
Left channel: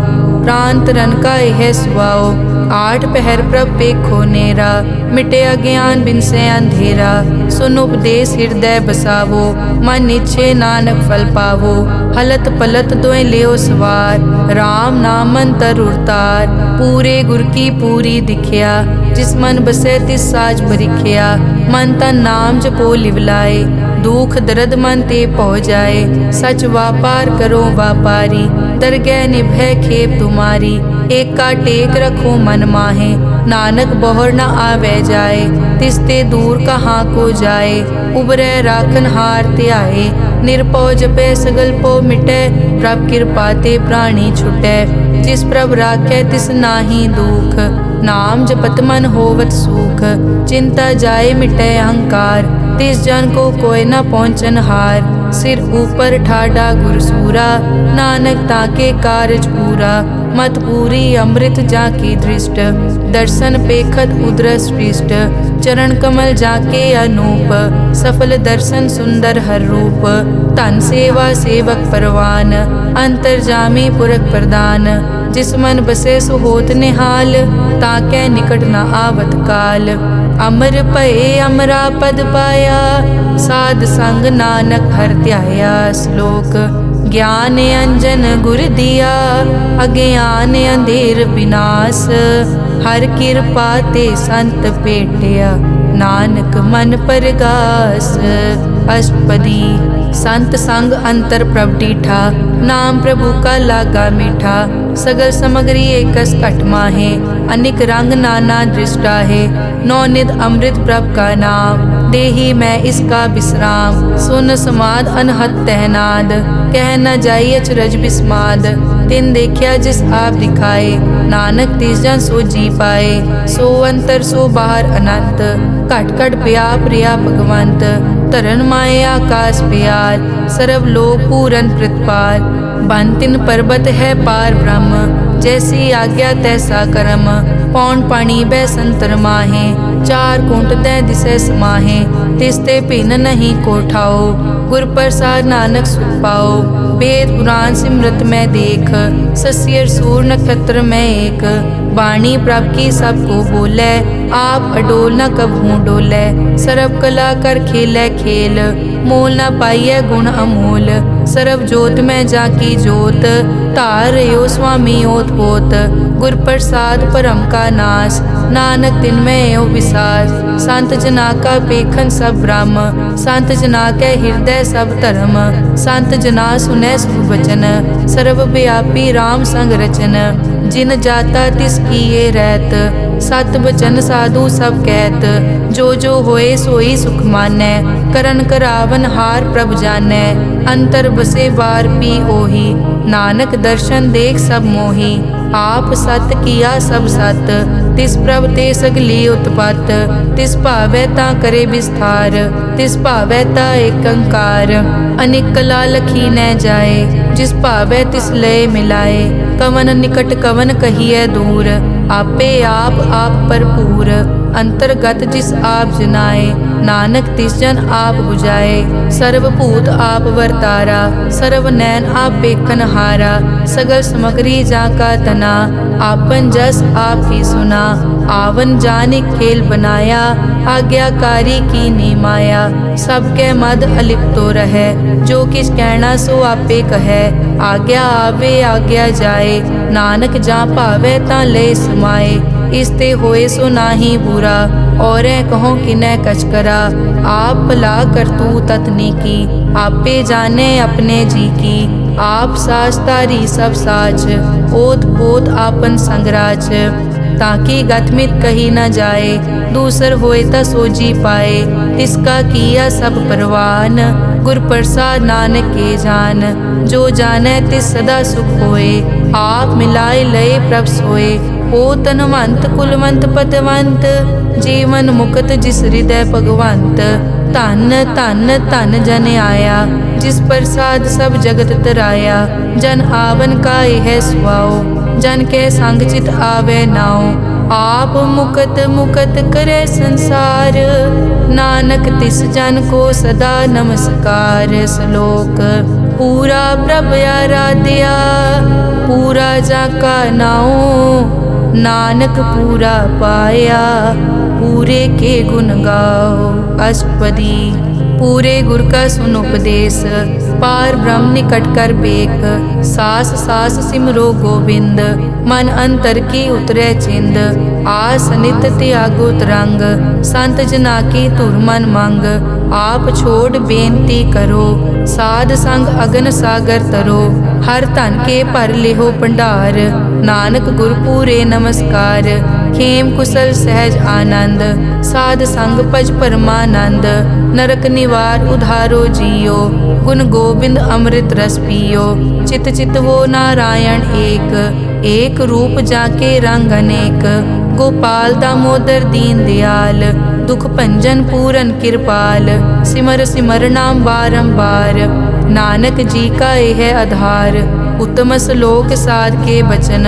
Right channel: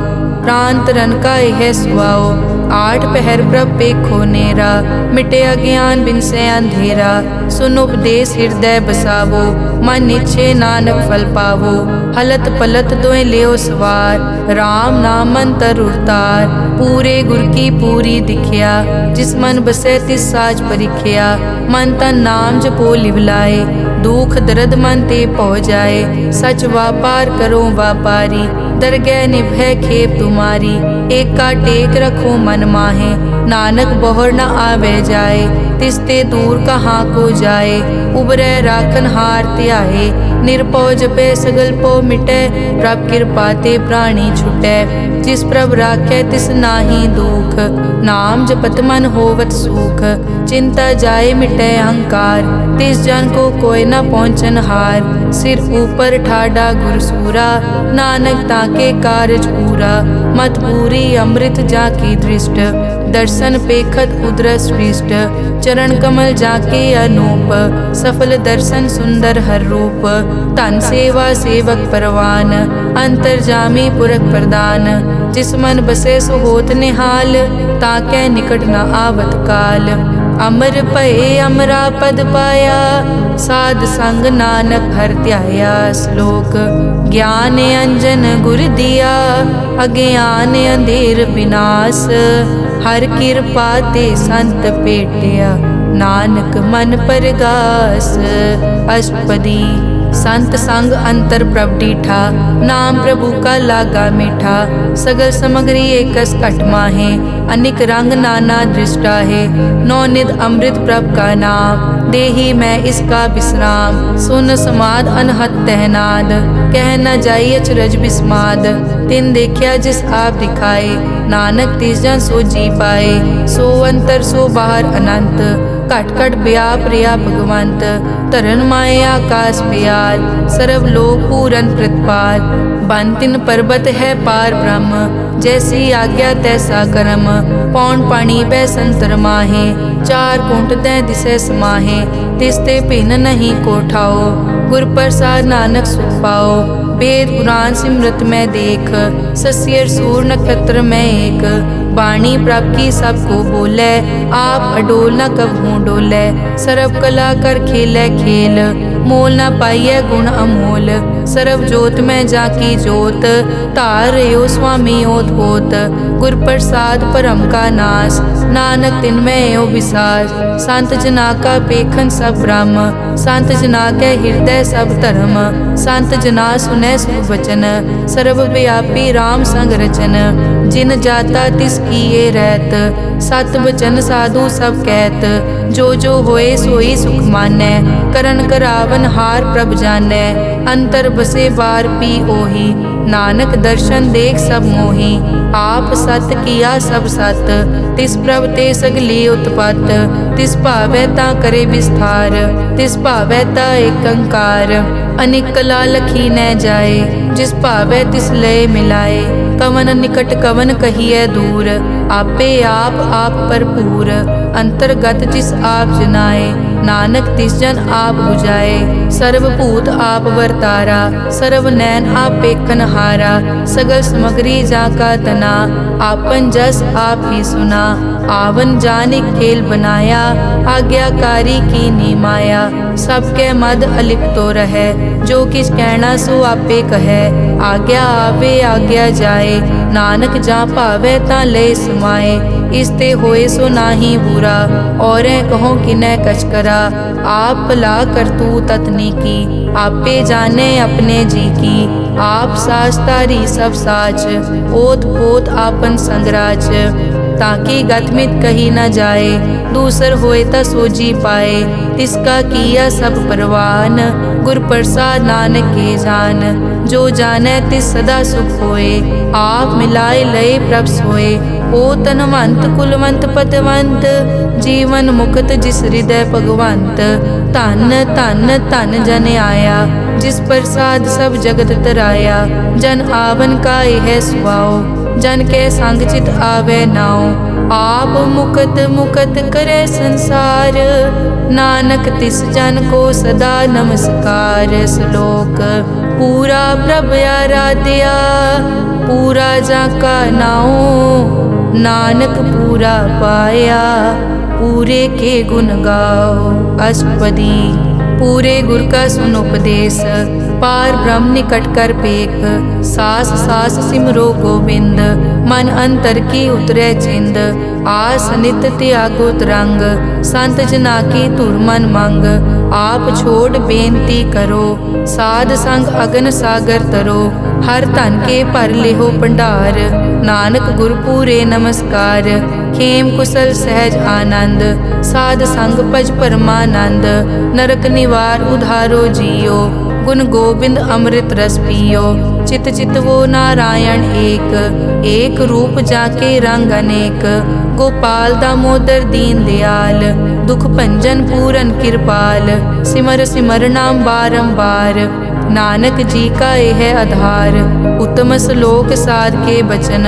प्रांत रन का यह सुआओ। आठ पहर प्रभ पेखो नेरा, मिटे अज्ञान बिन से अंधेरा। सुन उपदेश हृदय बसावो, मन इच्छे नानक फल पावो। हलत पलत दोए लियो सवार, राम नाम मंतर उरतार। पूरे गुर की पूरी दिखिया, जिस मन बसे तिस साज परिख्या। मन तन नाम जपो लिवलाए, दुख दर्द मन ते पौ जाए। सच व्यापार करो व्यापारी, दरगह निभै खेप तुम्हारी। एका टेक रखो मन माहे, नानक बहुर न आवे जाए। तिसते दूर कहाँ को जाए, उबरै राखन हार त्याए। निरपौ जपे सगल पो मिटे, प्रभ कृपा ते प्राणी छुटै। जिस प्रभ राखे तिस नाही दुख, नाम जपत मन होवत सुख। चिंता जाए मिटे अहंकार, तिस जन को कोई न पहुँचन हार। सिर ऊपर ठाडा गुरसूरा, नानक ताके कारज पूरा। मत पूरी अमृत जाकी दृष्ट, दर्शन पेखत उदरस पृष्ठ। चरण कमल जाके अनूप, सफल दर्शन सुंदर हर रूप। धन सेवा सेवक परवान, अंतर जामी पुरख प्रदान। जिस मन बसे सो होत निहाल, ताके निकट न आवत काल। अमर भये अमरा पद पाया, साध संग नानक हर ध्याया। श्लोक ज्ञान अंजन गुर दिया, अज्ञान अंधेर विनाश। हर कृपा ते संत पेटिया, नानक मन परगास। अष्टपदी संत संग अंतर प्रभ डीठा, नाम प्रभु का लागा मीठा। सगल समग्री एकस घट माहे, अनिक रंग नाना दृष्टा है। नौनिध अमृत प्रभ का नाम, देही मैं इसका विश्राम। सुन समाद अनहत तहनाद, कह न जाई अचरज बिस्माद। तिन देखिया जिस आप दिखाए, नानक तिस जन सो जी पाए। सो अंतर सो बाहर अनंत, घट घट व्याप रिया भगवंत। धरन माए आकाश प्यार, सर्व लोक पूरन प्रतिपाल। बन तिन पर्वत है पार ब्रह्म, जैसी आज्ञा तैसा कर्म। पौन पानी बै संतर माहे, चार कुंट दै दिसै समाहे। तिसते भिन्न नहीं कोठाओ, गुर प्रसाद नानक सुख पाओ। वेद पुराण सिमरत में देख, सस्यर सूर नक्षत्र में एक। वाणी प्रभ की सबको बोले, आप अडोल न कबहूँ डोले। सर्व कला कर खेलै खेल, मोल न पाइयै गुण अमोल। सर्व जोत में जाकी जोत, धार रयो स्वामी ओत पोत। गुर प्रसाद परम का नाश, नानक तिन में ओ विसास। संत जना का पेखन सब ब्रह्म, संत जना के हृदय सब धर्म। संत जना सुनै शुभ वचन, सर्व व्यापी राम संग रचन। जिन जाता तिस किए रहत, सत बचन साधु सब कहत। जो जो होए सोई सुख मानै, करन करावन हार प्रभ जानै। अंतर बसे बार पी ओही, नानक दर्शन देख सब मोही। आप सत किया सब सत, तिस प्रभ ते सगली उत्पत। तिस भावै ता करे विस्तार, तिस भावै ता एकंकार। अनेक कला लखी न जाए, जिस भावै तिस लय मिलाए। कवन निकट कवन कहिए दूर, आपे आप भरपूर। अंतर्गत जिस आप जनाए, नानक तिस जन आप बुझाए। सर्वभूत आप वर्तारा, सर्व नैन आप पेखन हारा। सगल समग्री जाका तना, आपन जस आप ही सुना। आवन जाने खेल बनाया, आज्ञाकारी की नी माया। सबके मद अलिप्तो रहे, जो किस कहना सो आपे कहे। आज्ञा आवे आज्ञा जाए, नानक जा भावे ता ले समाए। इसते होए सो नाही बुरा, औरें कहो किनै कछ करा। आप भला करतू ततनी की, आपे जाने अपने जी की। आप साच तारी सब साच, ओत पोत आपन संगराज। ताकि गतमित कही न जाए, दूसर होए ता सोजी पाए। तिसका किया सब परवान, गुर प्रसाद नानक के जान। जो जाने तिस सदा सुख होए, आप मिलाए लय प्रभ सोए। ओ तनवंत कुलवंत पतवंत, जीवन मुक्त जिस हृदय भगवंत। धन धन धन जन आया, जिस प्रसाद सब जगत तराया। जन आवन का यह सुआओ, जन के संग चित आवे नाओ। आप मुकत मुकत करे संसार, नानक तिस जन को सदा नमस्कार। श्लोक पूरा प्रभ आराध्या, पूरा जाका नाओ। नानक पूरा पाया, पूरे के गुण गाओ। अष्टपदी पूरे गुर का सुन उपदेश, पार ब्रह्म निकट कर पेख। सास सास सिमरो गोविंद, मन अंतर की उतरे चिंद। आस नित त्यागो तरंग, संत जना की धुर मन मंग। आप छोड़ बेनती करो, साध संग अगन सागर तरो। हर धन के भर लेहो भंडार, नानक गुर पूरे नमस्कार। खेम कुशल सहज आनंद, साध संग भज परमानंद। नरक निवार उधारो जियो, गुण गोविंद अमृत रस पियो। चित चित वो नारायण एक, एक रूप जाके रंग अनेक। गोपाल दामोदर दीन दयाल, दुख भंजन पूरन कृपाल। सिमर सिमर नाम बारंबार, नानक जी का यह आधार। उत्तम श्लोक साध के बचन,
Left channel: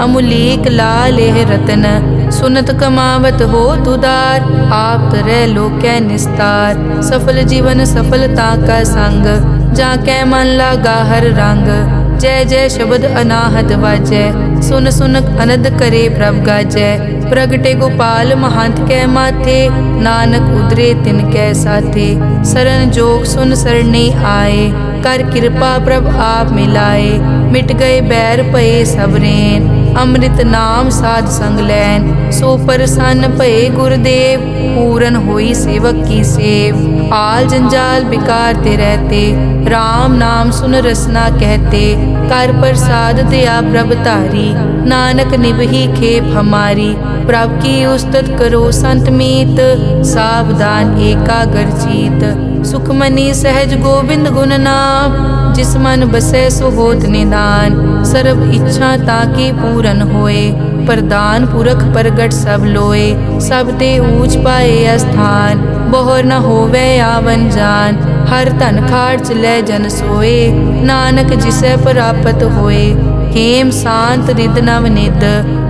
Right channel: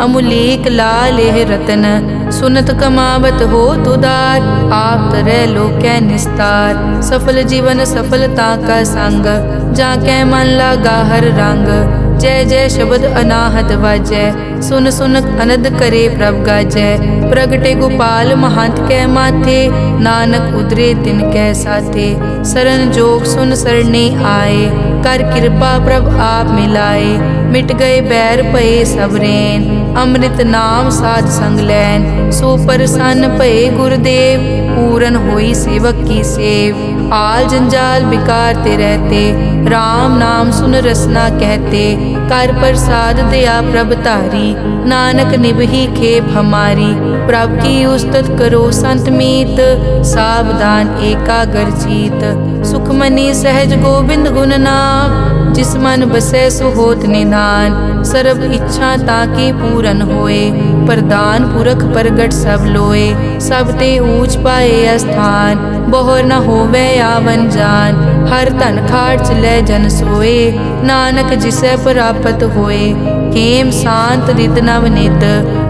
अमुलीक लाल यह रतन। सुनत कमावत हो तुदार, आप तरह लोकै निस्तार। सफल जीवन सफलता का संग, जाकै मन लागा हर रंग। जय जय शब्द अनाहत वाजै, सुन सुन अनद करे प्रभ गाजै। प्रगटे गोपाल महंत कै माथे, नानक उदरे तिन कै साथे। सरन जोग सुन सरने आए, कर कृपा प्रभ आप मिलाए। मिट गए बैर भये सबरेन, अमृत नाम साध संग लैन। सो प्रसन्न भये गुरुदेव, पूरन होई सेवक की सेव। आल जंजाल बिकार ते रहते, राम नाम सुन रसना कहते। कर प्रसाद दया प्रभ धारी, नानक निभही खेप हमारी। प्रभ की उस्तत करो संत मीत, सावधान एकाग्र चीत। सुखमनी सहज गोबिंद गुण नाम, जिस मन बसै सो होत निधान। सर्ब इच्छा ताकी पूरन होए, प्रदान पुरख प्रगट सब लोए। सब ते ऊंच पाए अस्थान, बहुर न होवे आवन जान। हर धन खाट लै जन सोए, नानक जिसै प्राप्त होए। हेम शांत रिद नव निद,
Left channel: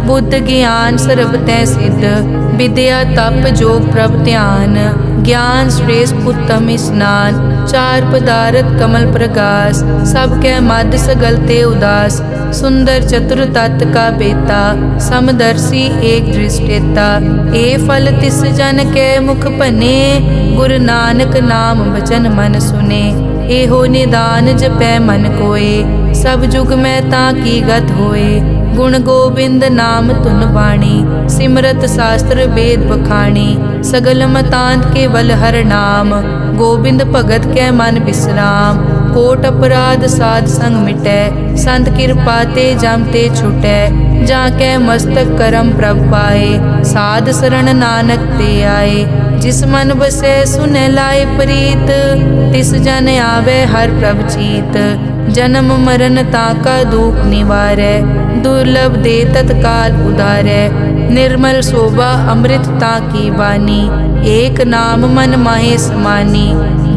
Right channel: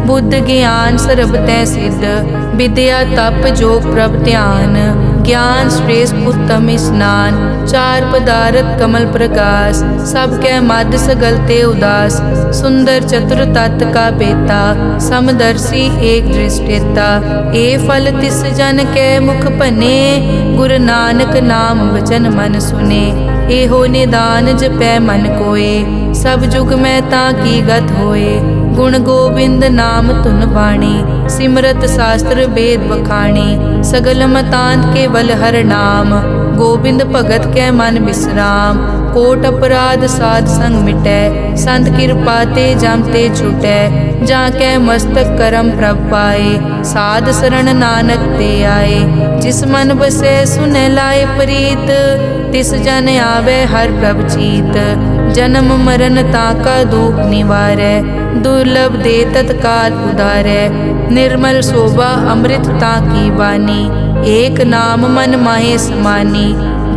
बुद्ध ज्ञान सरब तै सिद्ध। विद्या तप जोग प्रभ ध्यान, ज्ञान श्रेष्ठ उत्तम स्नान। चार पदारथ कमल प्रकाश, सब कै मद सगल ते उदास। सुंदर चतुर तत् का बेता, समदर्शी एक दृष्टेता। ए फल तिस जन कै मुख भने, गुरु नानक नाम बचन मन सुने। एहो निदान जपै मन कोय, सब जुग में ताकी गत होए। गुण गोबिंद नाम तुन बाणी, सिमरत शास्त्र वेद बखाणी। सगल मतांत केवल हर नाम, गोबिंद भगत कै मन विश्राम। कोट अपराध साध संग मिटै, संत कृपा ते जम ते छुटै। जाकै मस्तक करम प्रभ पाए, साध शरण नानक ते आए। जिस मन बसै सुनै लाए प्रीत, तिस जन आवे हर प्रभ चीत। जन्म मरण ताका दुख निवारै, दुर्लभ दे तत्काल उदारै। निर्मल शोभा अमृत ताकी वानी, एक नाम मन माहे समानी।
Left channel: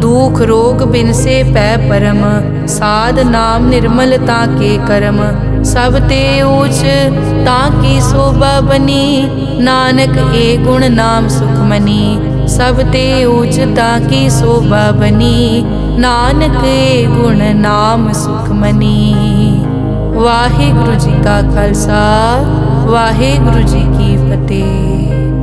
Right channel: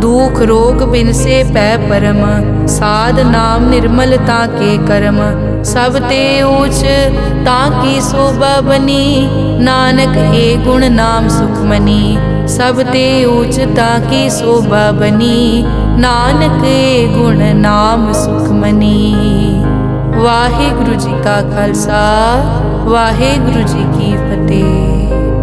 दुख रोग बिनसे पै परम, साध नाम निर्मल ताके करम। सब ते ऊच ताकी शोभा बनी, नानक ए गुण नाम सुखमनी। सब ते ऊच ताकी शोभा बनी, नानक ए गुण नाम सुखमनी। वाहिगुरु जी का खालसा, वाहिगुरु जी की फतेह।